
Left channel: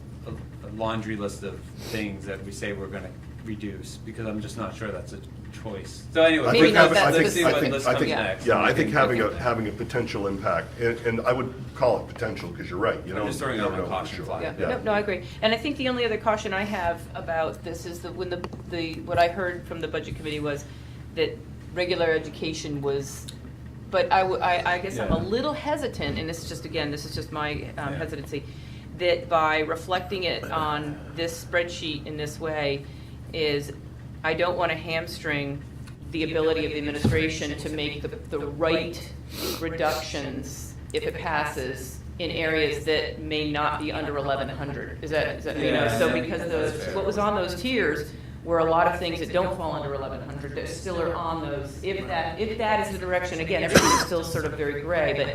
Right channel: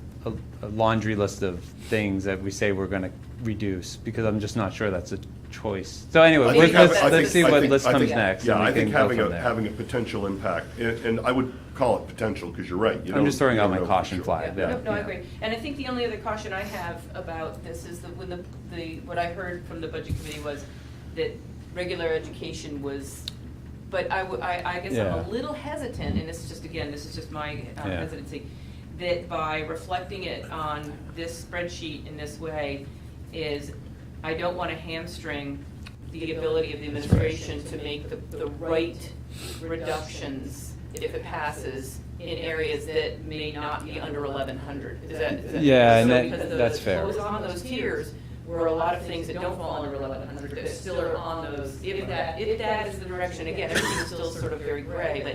laundry list of things that we say we're gonna reduce? Because I'm just not sure that's choice. So anyway, Maybe let's, that's- let's see what I list think- comes yeah. next. Yeah, and I we think can go having from a, there. having a potential impact, and I would call it potential, because you're right. You I'm just throwing don't out my know for caution sure. flag. Yeah, no, I agree. And I think the only other caution I have about this is that when what I heard from the budget committee was that regular education was, but I guess I'm a Yeah. little hesitant, and this is just, again, this is just my Yeah. hesitancy, that by reflecting it on this spreadsheet in this way is, I don't want to hamstring the ability of the administration to make the right reductions if it passes in areas that may not be under 1,100. Is that? Yeah, So that- because that's fair. what was on those tiers were a lot of things that don't fall under 1,100 that still are on those. If that is the direction, again, everything's still sort of very gray, but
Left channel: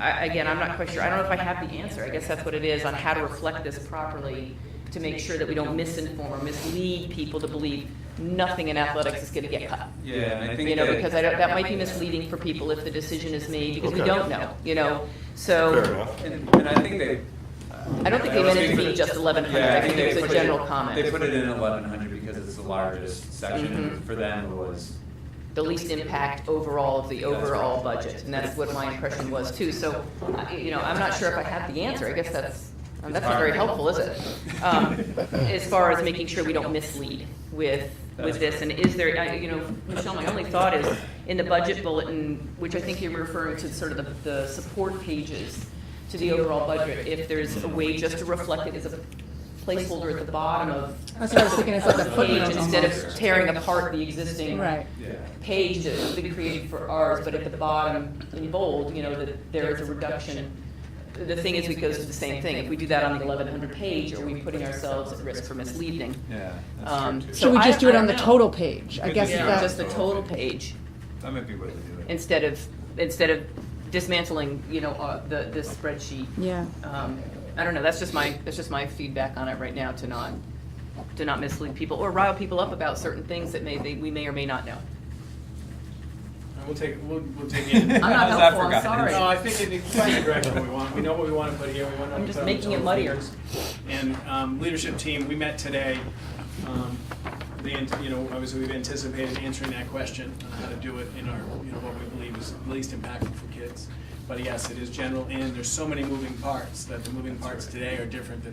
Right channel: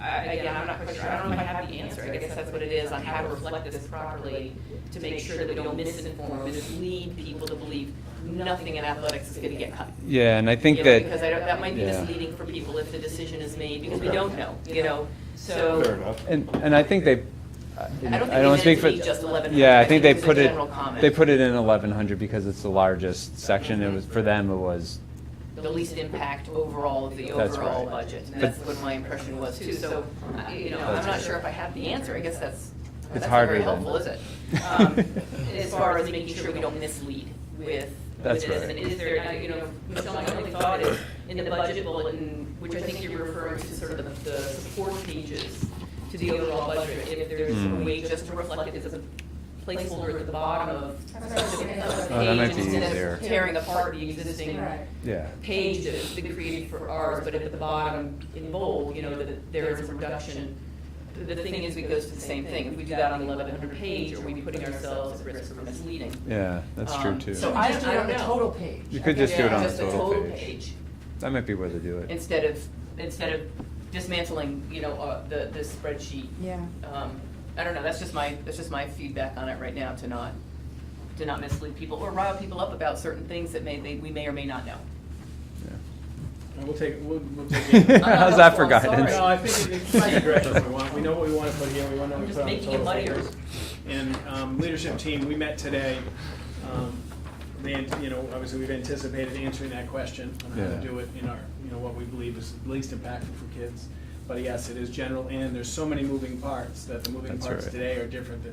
again, I'm not quite sure. I don't know if I have the answer. I guess that's what it is on how to reflect this properly to make sure that we don't misinform or mislead people to believe nothing in athletics is going to get cut. Yeah, and I think Because that, that might be misleading for people if the decision is made, because we Okay. don't know, Fair So, enough. and I think they. I don't think I don't they think need that- just 1,100. Yeah, I think they it's a put it, general comment. they put it in 1,100 because it's the largest section. It was, for them, it was, The least impact overall of the overall right. budget, and that's what my impression was too. So, I'm not sure if I have the answer. I guess that's not very helpful, is it? As far as making sure we don't mislead with That's this, right. and is there, Michelle, my only thought is, in the budget bulletin, which I think you're referring to sort of the support pages to the overall budget, if there's a way just to reflect it as a placeholder at the bottom of That's what I was thinking, it's like a the page page, instead there. of tearing apart the existing Right. yeah. page that's been created for ours, but at the bottom in bold, that there is a reduction. The thing is, it goes to the same thing. If we do that on the 1,100 page, are we putting ourselves at risk for misleading? Yeah, that's true too. Should we just do it I on the don't know. total page? You I could guess just do it Yeah, on just the the total total page. page, That might be where to do it. instead of dismantling, the spreadsheet. Yeah. I don't know, that's just my feedback on it right now, to not mislead people or rile people up about certain things that we may or may not know. We'll take it. I'm not How's that for helpful, I'm guidance? sorry. No, I think it's the direction we want. We know what we want, but yeah, we want to. I'm just making it muddier. And leadership team, we met today. Obviously we've anticipated answering that question on how to Yeah. do it in our, what we believe is least impactful for kids. But yes, it is general, and there's so many moving parts that the moving That's parts right. today are different than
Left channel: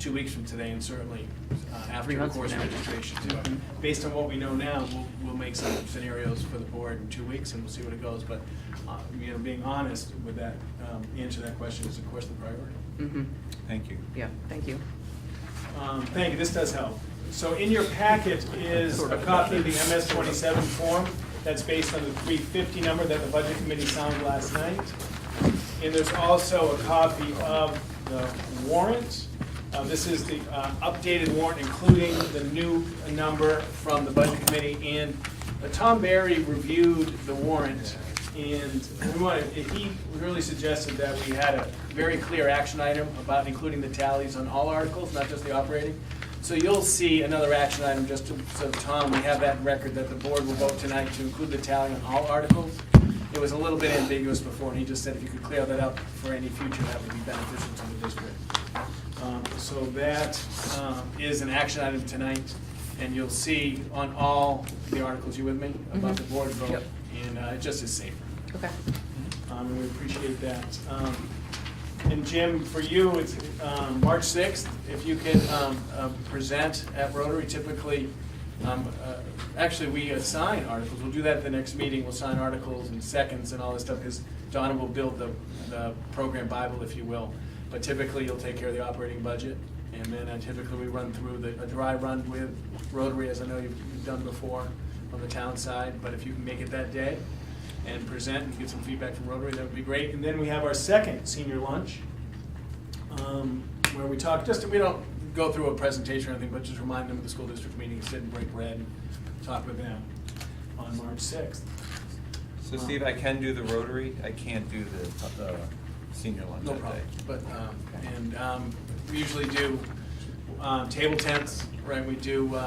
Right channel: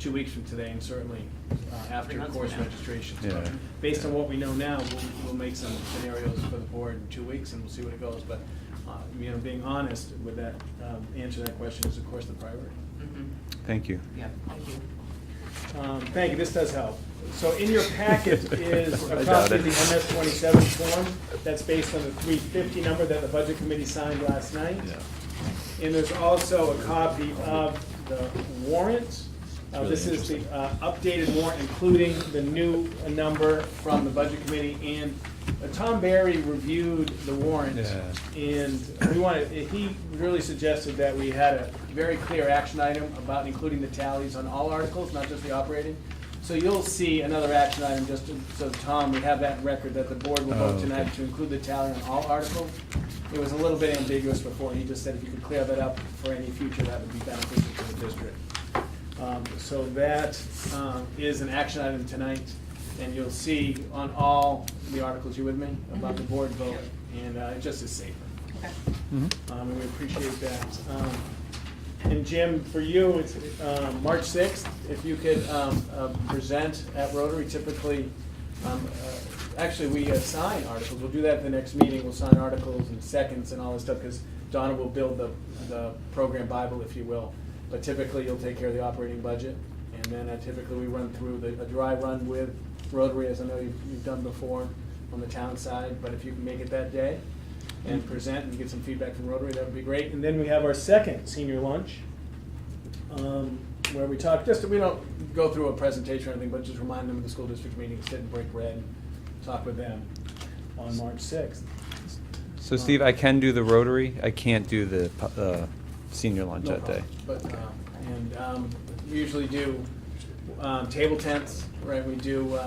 2 weeks from today, and certainly after 3 the months from course now. registration. So Yeah. based on what we know now, we'll make some scenarios for the board in 2 weeks, and we'll see what it goes. But being honest with that, answer that question is of course the priority. Mm-hmm, Thank you. yeah, thank you. Thank you, this does help. So in your packet is a I got copy of it. the MS-27 form that's based on the 350 number that the budget committee signed last night. And there's also a copy of the warrant. This is the updated warrant, including the new number from the budget committee. And Tom Barry reviewed the warrant, and he really suggested that we had a very clear action item about including the tallies on all articles, not just the operating. So you'll see another action item, just so Tom, we have that record that the board will vote tonight to include the tally on all articles. It was a little bit ambiguous before, and he just said if you could clear that up for any future, that would be beneficial to the district. So that is an action item tonight, and you'll see on all the articles, you with me, about the board vote, and it just is safer. Okay. And we appreciate that. And Jim, for you, it's March 6th, if you could present at Rotary, typically, actually, we assign articles, we'll do that at the next meeting, we'll sign articles and seconds and all this stuff, because Donna will build the program Bible, if you will. But typically, you'll take care of the operating budget, and then typically we run through a dry run with Rotary, as I know you've done before on the town side, but if you can make it that day and present and get some feedback from Rotary, that would be great. And then we have our second senior lunch, where we talk, we don't go through a presentation or anything, but just remind them of the school district meeting, sit and break bread, and talk with them on March 6th. So Steve, I can do the Rotary, I can't do the senior lunch No that day. problem. But, we usually do table tents, right? We do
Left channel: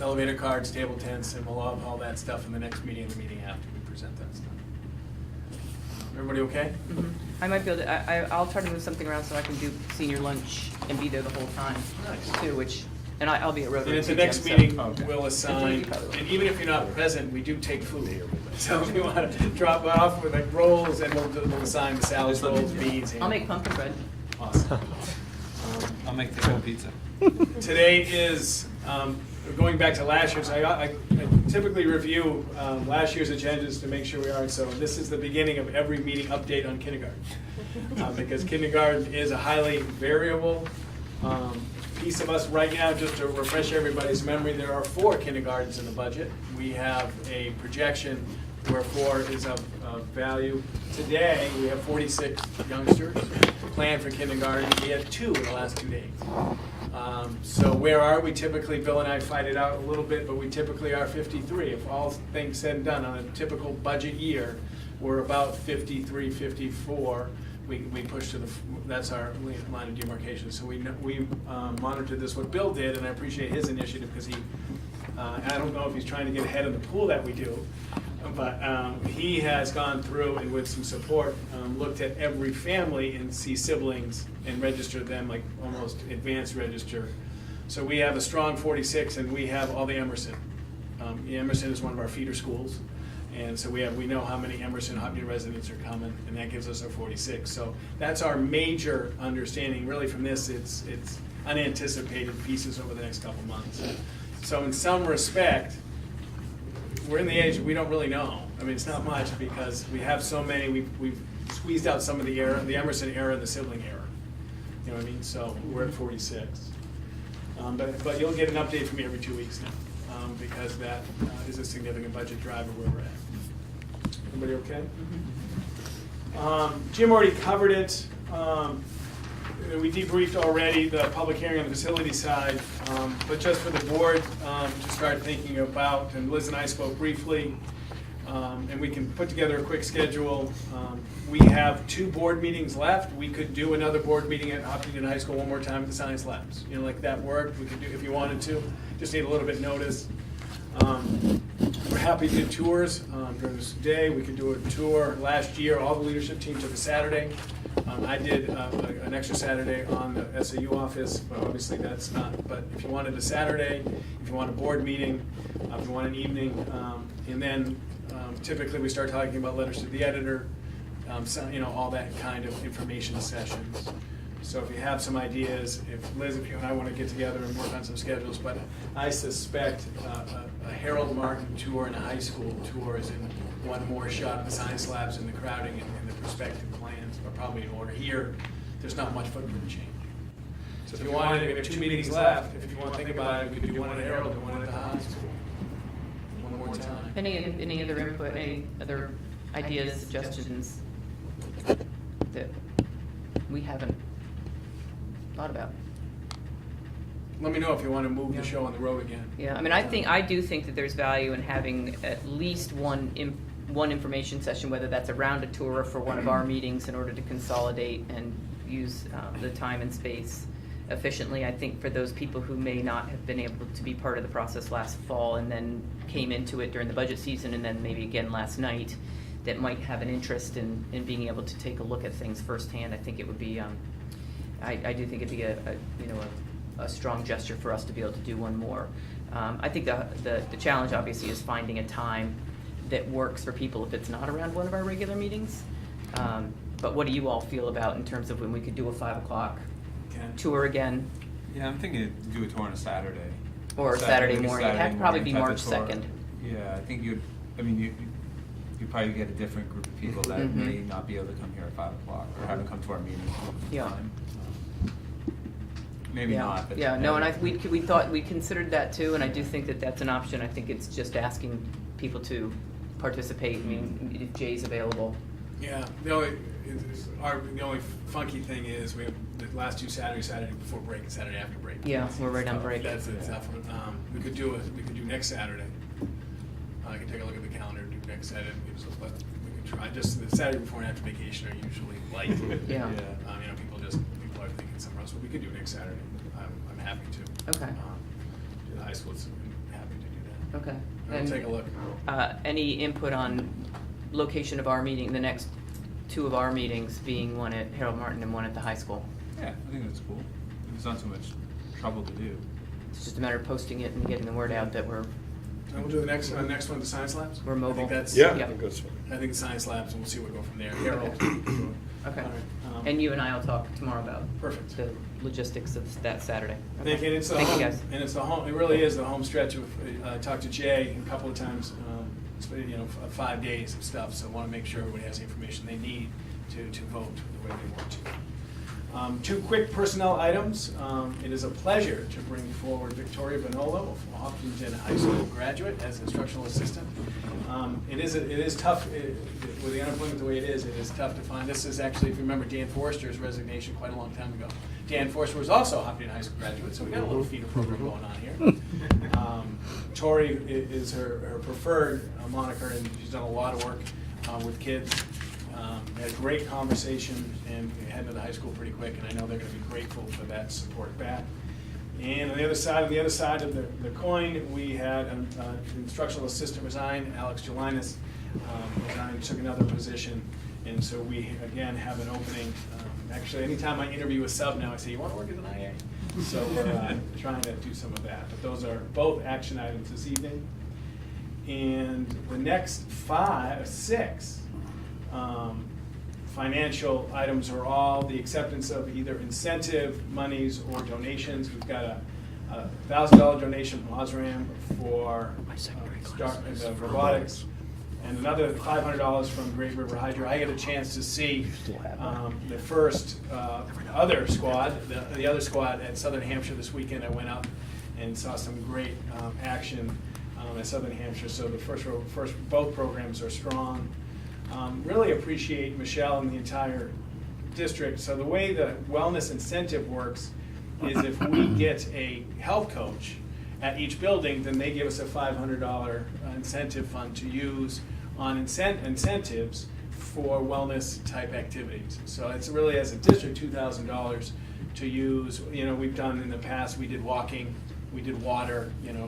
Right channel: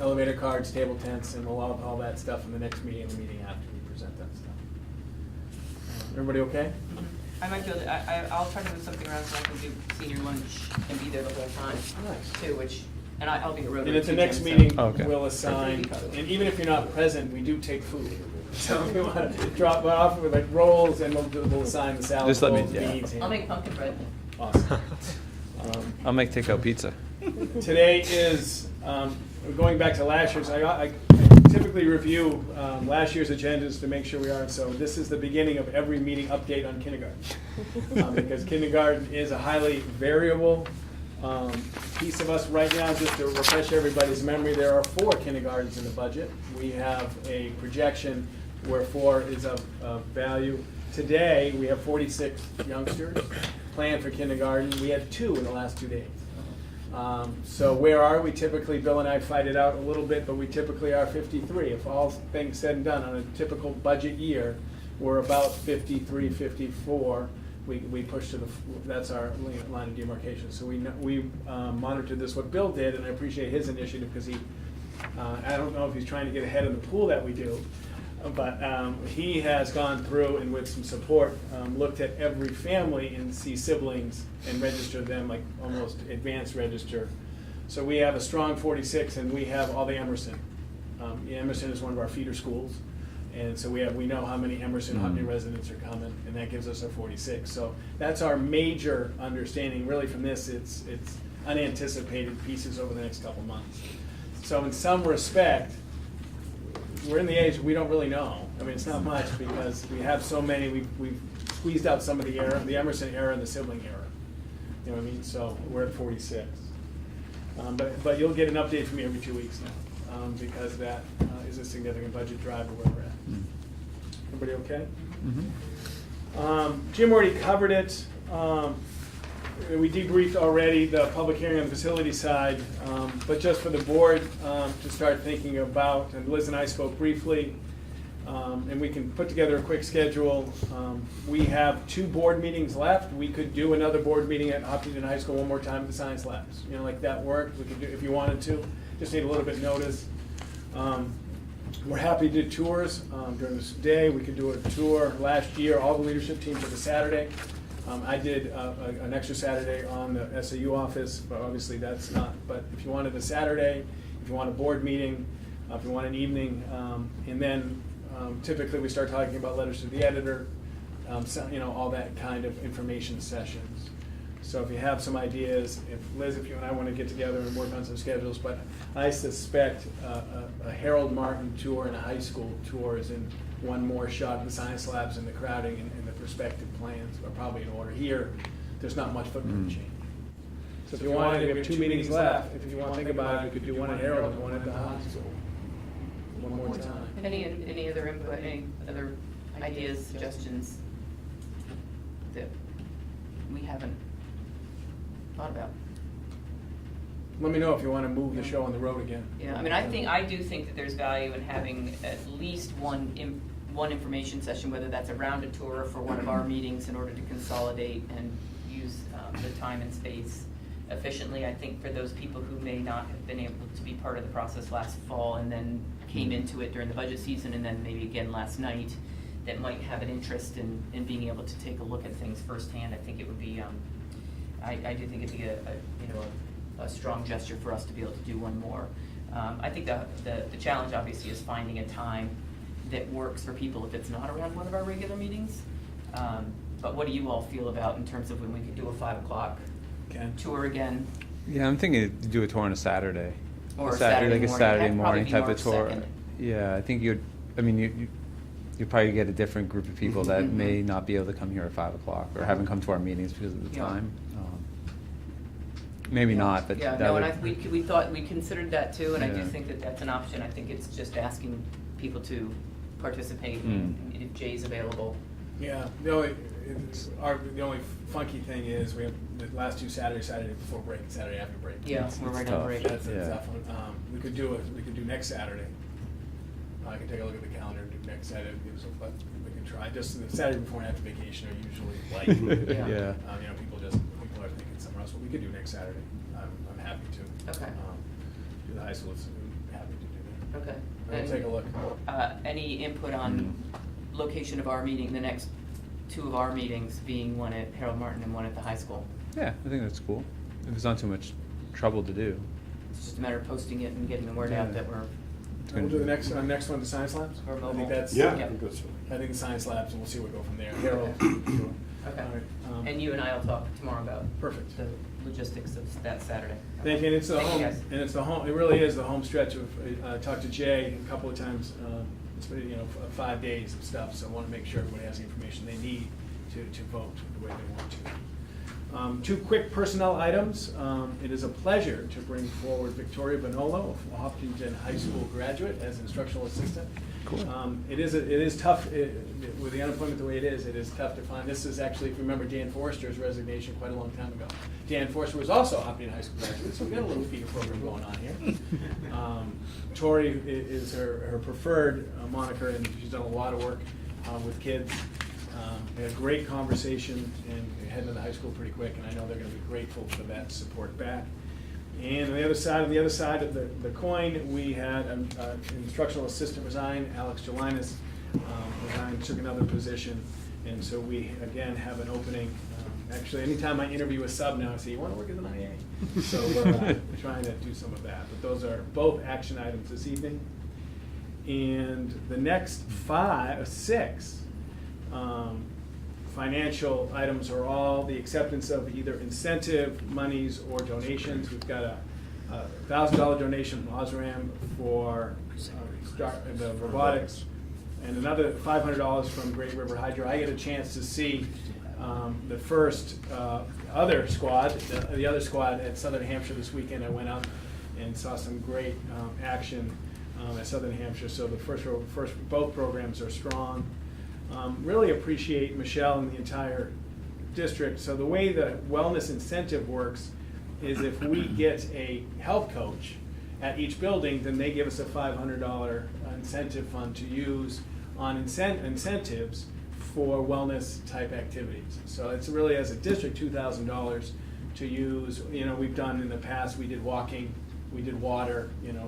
elevator cards, table tents, and we'll have all that stuff in the next meeting and the meeting after we present that stuff. Everybody okay? Mhm. I might be able to, I'll try to move something around so I can do senior lunch and be there the whole time Nice. too, which And I'll be at Rotary. And at the too, next Jim, so- meeting, Okay. we'll assign, and even if you're not present, we do take food. So if you want to drop off with like rolls, and we'll assign the salad, Just let me- rolls, yeah. beans. I'll make pumpkin bread. Awesome. I'll make takeout pizza. Today is, going back to last year's, I typically review last year's agendas to make sure we are, so this is the beginning of every meeting update on kindergarten. Because kindergarten is a highly variable piece of us right now. Just to refresh everybody's memory, there are 4 kindergartens in the budget. We have a projection where 4 is a value. Today, we have 46 youngsters planned for kindergarten. We had 2 in the last 2 days. So where are we? Typically, Bill and I fight it out a little bit, but we typically are 53. If all things said and done on a typical budget year, we're about 53, 54. We push to that's our line of demarcation. So we monitor this. What Bill did, and I appreciate his initiative because I don't know if he's trying to get ahead of the pool that we do, but he has gone through and with some support, looked at every family and see siblings and register them, like almost advanced register. So we have a strong 46, and we have all the Emerson. Emerson is one of our feeder schools, and so we know how many Emerson Hopkinton residents are coming, and that gives us our 46. So that's our major understanding. Really, from this, it's unanticipated pieces over the next couple months. So in some respect, we're in the age we don't really know. I mean, it's not much because we have so many. We've squeezed out some of the era, the Emerson era and the sibling era. You know what I mean? So we're at 46. But you'll get an update from me every 2 weeks now because that is a significant budget driver where we're at. Everybody okay? Jim already covered it. We debriefed already the public hearing on the facility side, but just for the board to start thinking about, and Liz and I spoke briefly, and we can put together a quick schedule. We have 2 board meetings left. We could do another board meeting at Hopkinton High School one more time at the science labs. You know, like that worked. We could do if you wanted to. Just need a little bit notice. We're happy to do tours during this day. We could do a tour last year. All the leadership teams took a Saturday. I did an extra Saturday on the SAU office, but obviously that's not. But if you wanted a Saturday, if you want a board meeting, if you want an evening, and then typically we start talking about letters to the editor, you know, all that kind of information sessions. So if you have some ideas, if Liz, if you and I want to get together and work on some schedules, but I suspect a Harold Martin tour and a high school tour is in one more shot in the science labs and the crowding and the perspective plans are probably in order. Here, there's not much footprint change. So if you want, we have 2 meetings left. If you want to think about it, we could do one at Harold and one at the high school. One more time. Any other input, any other ideas, suggestions that we haven't thought about? Let me know if you want to move the show on the road again. Yeah, I mean, I do think that there's value in having at least one information session, whether that's around a tour or for one of our meetings, in order to consolidate and use the time and space efficiently. I think for those people who may not have been able to be part of the process last fall and then came into it during the budget season and then maybe again last night, that might have an interest in being able to take a look at things firsthand, I think it would be, I do think it'd be a strong gesture for us to be able to do one more. I think the challenge obviously is finding a time that works for people if it's not around one of our regular meetings. But what do you all feel about in terms of when we could do a 5 o'clock tour again? Yeah, I'm thinking to do a tour on a Saturday. Or a Saturday like a morning. Saturday That'd probably morning be type of March tour. 2nd. Yeah, I think you'd probably get a different group of people that Mhm. may not be able to come here at 5 o'clock or haven't come to our meetings because of the Yeah. time. Maybe Yeah. not, but. Yeah, that no, would- and we thought, we considered that too, and I do Yeah. think that that's an option. I think it's just asking people to participate. I mean, if Jay's available. Yeah, the only funky thing is we have the last 2 Saturday before break and Saturday after break. Yeah, we're right on tough. break. That's a Yeah. tough one. We could do next Saturday. I can take a look at the calendar, do next Saturday, but we can try. Just the Saturday before and after vacation are usually light. Yeah. Yeah. You know, people are thinking somewhere else, but we could do next Saturday. I'm happy to. Okay. The high school's happy to do that. Okay. We'll And, take a look. Any input on location of our meeting, the next 2 of our meetings being one at Harold Martin and one at the high school? Yeah, I think that's cool. If it's not too much trouble to do. it's just a matter of posting it and getting the word out that we're We'll do the next one, the science labs. We're mobile. I think that's, Yeah. Yeah. I think that's- I think the science labs, and we'll see where we go from there. They're all. Okay. All right, And you and I will talk tomorrow about Perfect. the logistics of that Saturday. Thank you, and it's the Thank you, home, guys. and it's the home, it really is the home stretch of, I talked to Jay a couple of times, it's been, 5 days of stuff, so I want to make sure everybody has the information they need to vote the way they want to. 2 quick personnel items. It is a pleasure to bring forward Victoria Bonolo, a Hopkinton High School graduate, as instructional assistant. It is tough, with the unemployment the way it is tough to find. This is actually, if you remember, Dan Forrester's resignation quite a long time ago. Dan Forrester was also a Hopkinton High School graduate, so we got a little feeder program going on here. Tori is her preferred moniker, and she's done a lot of work with kids. We had a great conversation and heading to the high school pretty quick, and I know they're going to be grateful for that support back. And on the other side of the coin, we had an instructional assistant resign, Alex Jelinas, resigned, took another position, and so we again have an opening. Actually, anytime I interview a sub now, I say, "You want to work as an IA?" So we're trying to do some of that. But those are both action items this evening. And the next 6 financial items are all the acceptance of either incentive monies or donations. We've got a $1,000 donation from Osram for the robotics, and another $500 from Great River Hydro. I get a chance to see the first other squad, the other squad at Southern Hampshire this weekend. I went out and saw some great action at Southern Hampshire. So the first both programs are strong. Really appreciate Michelle and the entire district. So the way the wellness incentive works is if we get a health coach at each building, then they give us a $500 incentive fund to use on incentives for wellness type activities. So it's really, as a district, $2,000 to use. We've done in the past, we did walking, we did water, and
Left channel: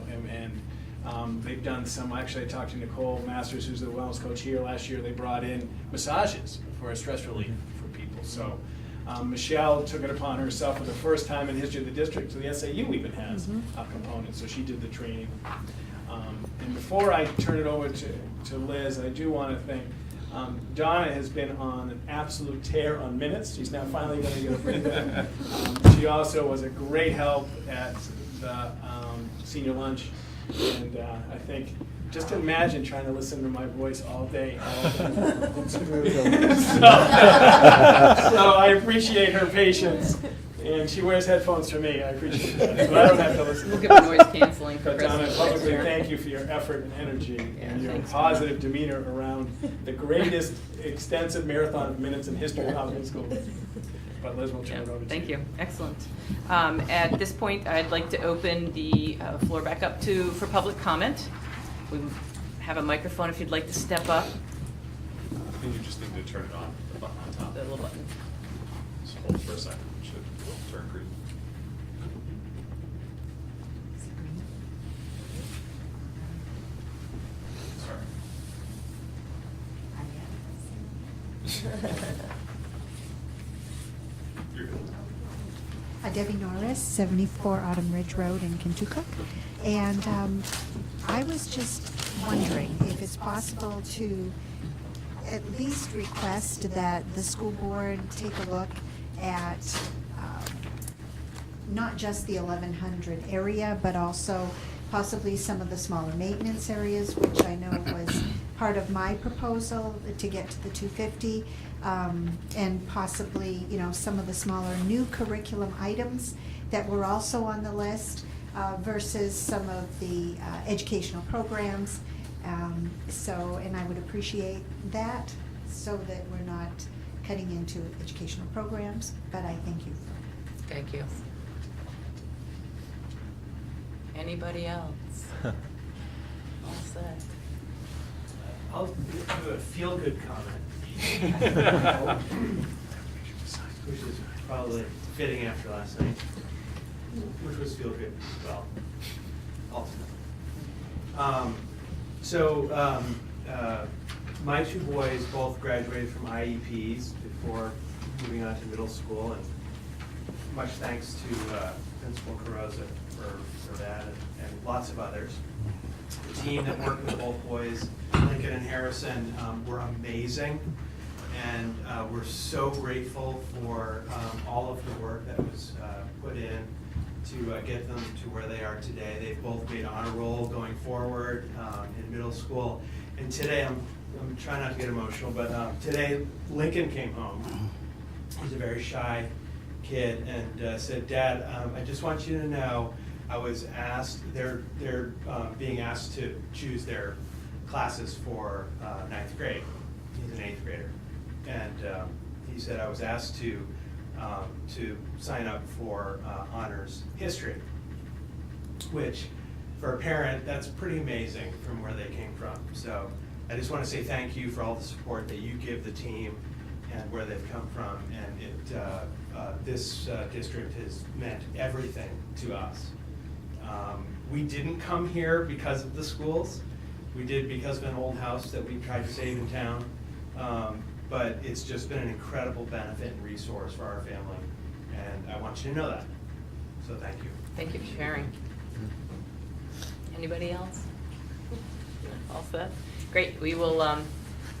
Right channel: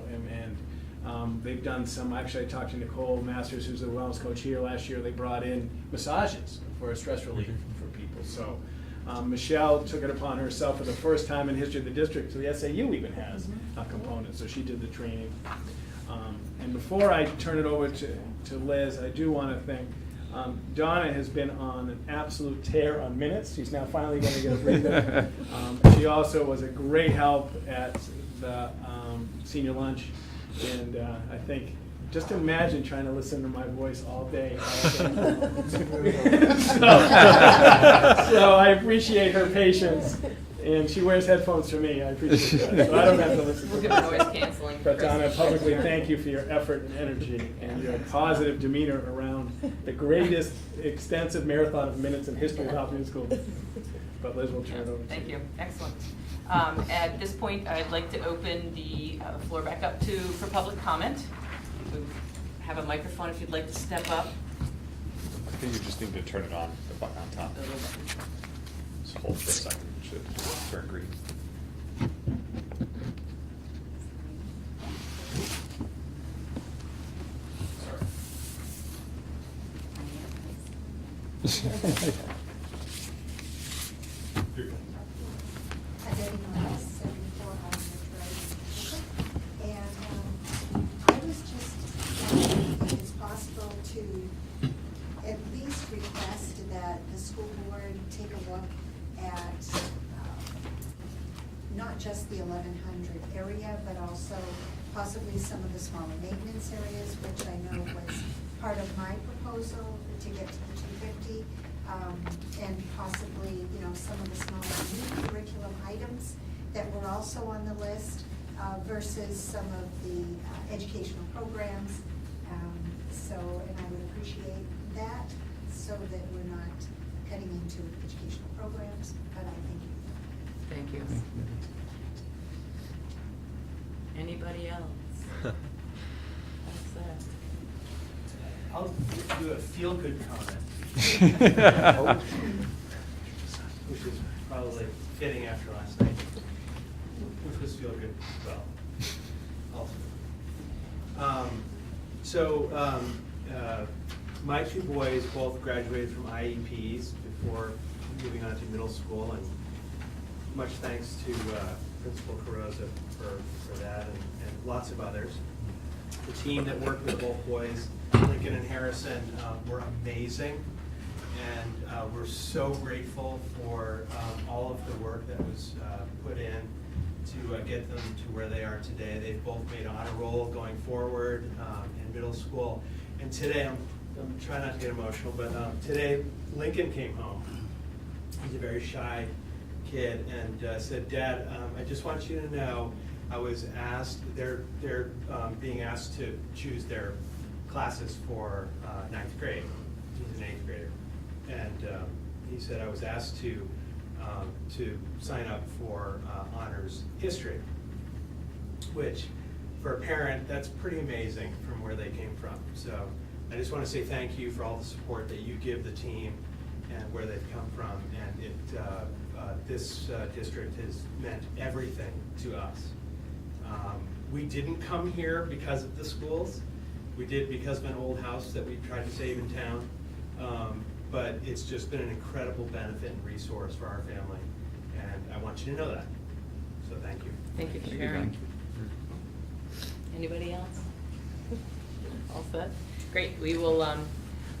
they've done some. Actually, I talked to Nicole Masters, who's the wellness coach here last year. They brought in massages for stress relief for people. So Michelle took it upon herself for the first time in history of the district. So the SAU even has a component. So she did the training. And before I turn it over to Liz, I do want to thank Donna. Has been on an absolute tear on minutes. She's now finally going to get a breather. She also was a great help at the senior lunch. And I think, just imagine trying to listen to my voice all day. So I appreciate her patience, and she wears headphones for me. I appreciate that. So I don't have to listen. We'll give a noise canceling. But Donna, publicly thank you for your effort and energy and your thanks. positive demeanor around the greatest extensive marathon of minutes in history of Hopkins School. But Liz will turn it over to Thank you. Excellent. At this point, I'd like to open the floor back up for public comment. We have a microphone if you'd like to step up. I think you just need to turn it on, the button on top. The little button. Just hold for a second, it should turn green. You're good. Debbie Norris, 74 Autumn Ridge Road in Kentucky. And I was just wondering if it's possible to at least request that the school board take a look at not just the 1100 area, but also possibly some of the smaller maintenance areas, which I know was part of my proposal to get to the 250. And possibly, some of the smaller new curriculum items that were also on the list versus some of the educational programs. And I would appreciate that so that we're not cutting into educational programs, but I thank you. Thank you. Anybody else? What's that? I'll do a feel-good comment. Which is probably fitting after last night, which was feel-good as well. Also. My 2 boys both graduated from IEPs before moving on to middle school, and much thanks to Principal Carosa for that, and lots of others. The team that worked with both boys, Lincoln and Harrison, were amazing. And we're so grateful for all of the work that was put in to get them to where they are today. They've both made honor roll going forward in middle school. And today, I'm trying not to get emotional, but today Lincoln came home. He's a very shy kid and said, "Dad, I just want you to know I was asked, they're being asked to choose their classes for 9th grade. He's an 8th grader. And he said, I was asked to sign up for honors history, which for a parent, that's pretty amazing from where they came from. So I just want to say thank you for all the support that you give the team and where they've come from. And this district has meant everything to us. We didn't come here because of the schools. We did because of an old house that we tried to save in town. But it's just been an incredible benefit and resource for our family, and I want you to know that. So thank you. Thank you for sharing. Anybody else? All set? Great. We will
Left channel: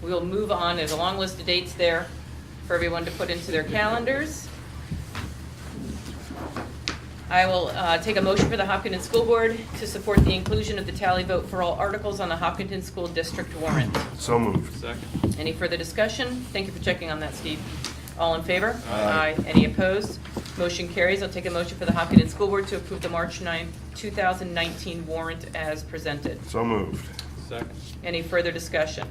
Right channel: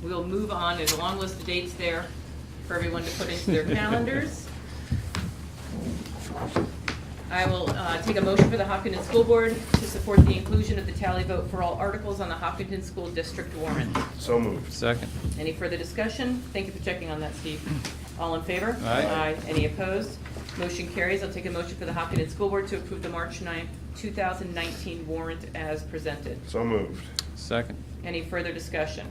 move on. There's a long list of dates there for everyone to put into their calendars. I will take a motion for the Hopkinton School Board to support the inclusion of the tally vote for all articles on the Hopkinton School District warrant. So moved. Second. Any further discussion? Thank you for checking on that, Steve. All in favor? Aye. Any opposed? Motion carries. I'll take a motion for the Hopkinton School Board to approve the March 9th, 2019 warrant as presented. So moved. Second. Any further discussion?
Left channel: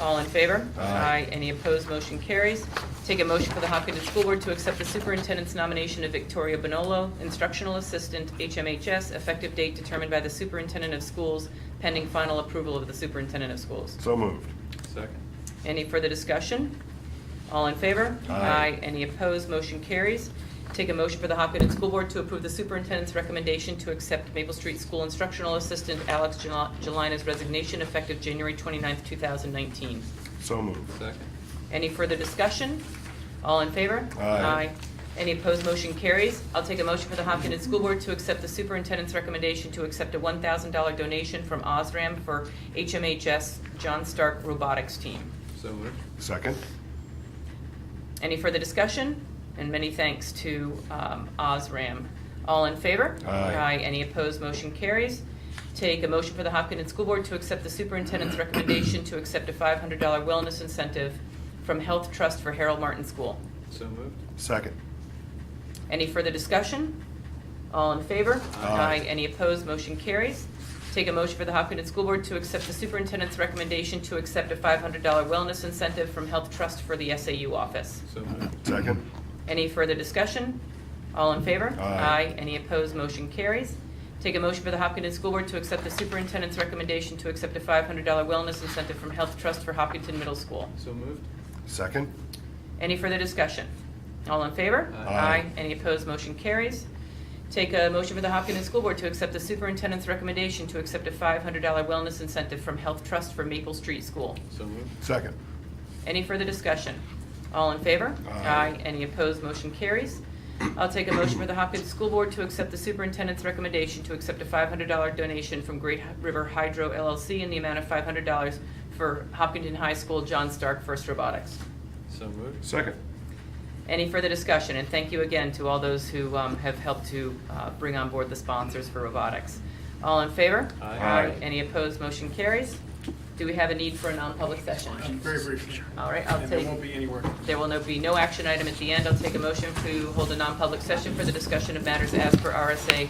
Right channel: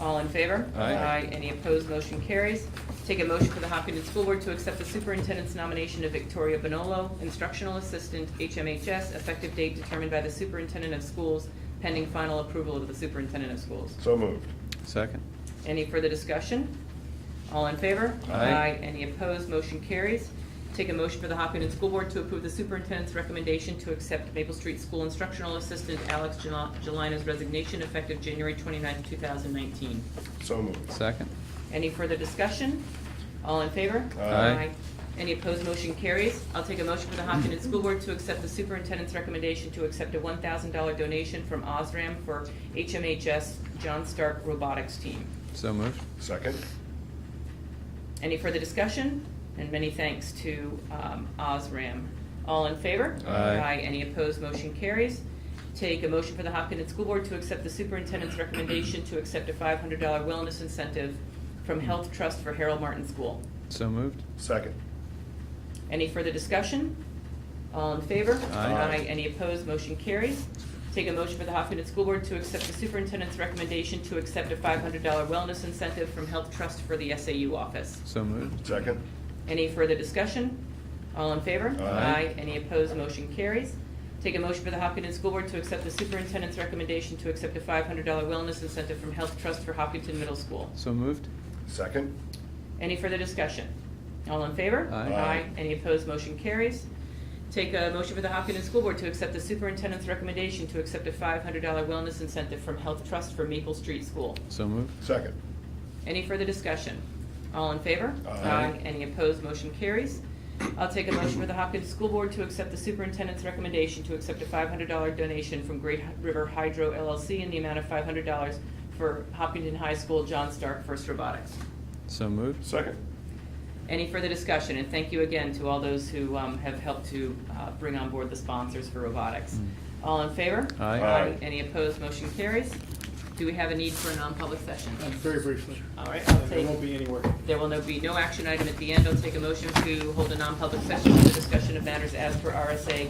All in favor? Aye. Any opposed? Motion carries. Take a motion for the Hopkinton School Board to accept the superintendent's nomination of Victoria Bonolo, instructional assistant, HMHS, effective date determined by the superintendent of schools, pending final approval of the superintendent of schools. So moved. Second. Any further discussion? All in favor? Aye. Any opposed? Motion carries. Take a motion for the Hopkinton School Board to approve the superintendent's recommendation to accept Maple Street School instructional assistant Alex Jelina's resignation effective January 29th, 2019. So moved. Second. Any further discussion? All in favor? Aye. Any opposed? Motion carries. I'll take a motion for the Hopkinton School Board to accept the superintendent's recommendation to accept a $1,000 donation from Osram for HMHS John Stark Robotics Team. So moved. Second. Any further discussion? And many thanks to Osram. All in favor? Aye. Any opposed? Motion carries. Take a motion for the Hopkinton School Board to accept the superintendent's recommendation to accept a $500 wellness incentive from Health Trust for Harold Martin School. So moved. Second. Any further discussion? All in favor? Aye. Any opposed? Motion carries. Take a motion for the Hopkinton School Board to accept the superintendent's recommendation to accept a $500 wellness incentive from Health Trust for the SAU office. So moved. Second. Any further discussion? All in favor? Aye. Any opposed? Motion carries. Take a motion for the Hopkinton School Board to accept the superintendent's recommendation to accept a $500 wellness incentive from Health Trust for Hopkinton Middle School. So moved. Second. Any further discussion? All in favor? Aye. Any opposed? Motion carries. Take a motion for the Hopkinton School Board to accept the superintendent's recommendation to accept a $500 wellness incentive from Health Trust for Maple Street School. So moved. Second. Any further discussion? All in favor? Aye. Any opposed? Motion carries. I'll take a motion for the Hopkins School Board to accept the superintendent's recommendation to accept a $500 donation from Great River Hydro LLC in the amount of $500 for Hopkinton High School John Stark First Robotics. So moved. Second. Any further discussion? And thank you again to all those who have helped to bring on board the sponsors for robotics. All in favor? Aye. Any opposed? Motion carries. Do we have a need for a non-public session? Very briefly. All right, I'll And there take. won't be any word. There will be no action item at the end. I'll take a motion to hold a non-public session for the discussion of matters as per RSA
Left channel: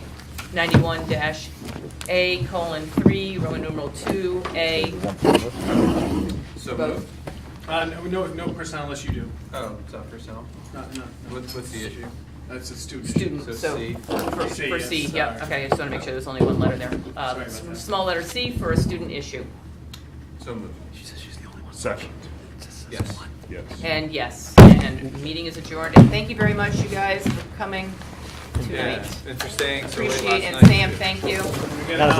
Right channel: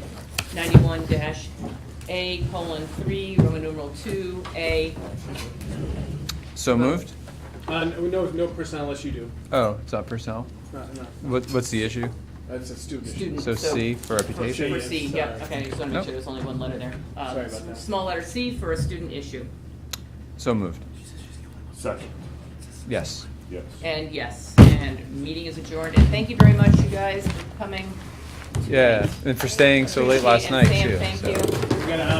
91-A:3, Roman numeral 2A. So moved. No personnel unless you do. Oh, it's not personnel. No. What's the issue? That's a student. Student. So C for C. For C, Yes, yeah, sorry. okay, I just want to make sure there's only one letter there. Sorry about that. Small letter C for a student issue. So moved. Second. Yes. Yes. And yes, and meeting is adjourned. And thank you very much, you guys, for coming tonight. Yeah, and for staying so late last Appreciate it. night And too. Sam, thank you. You That was got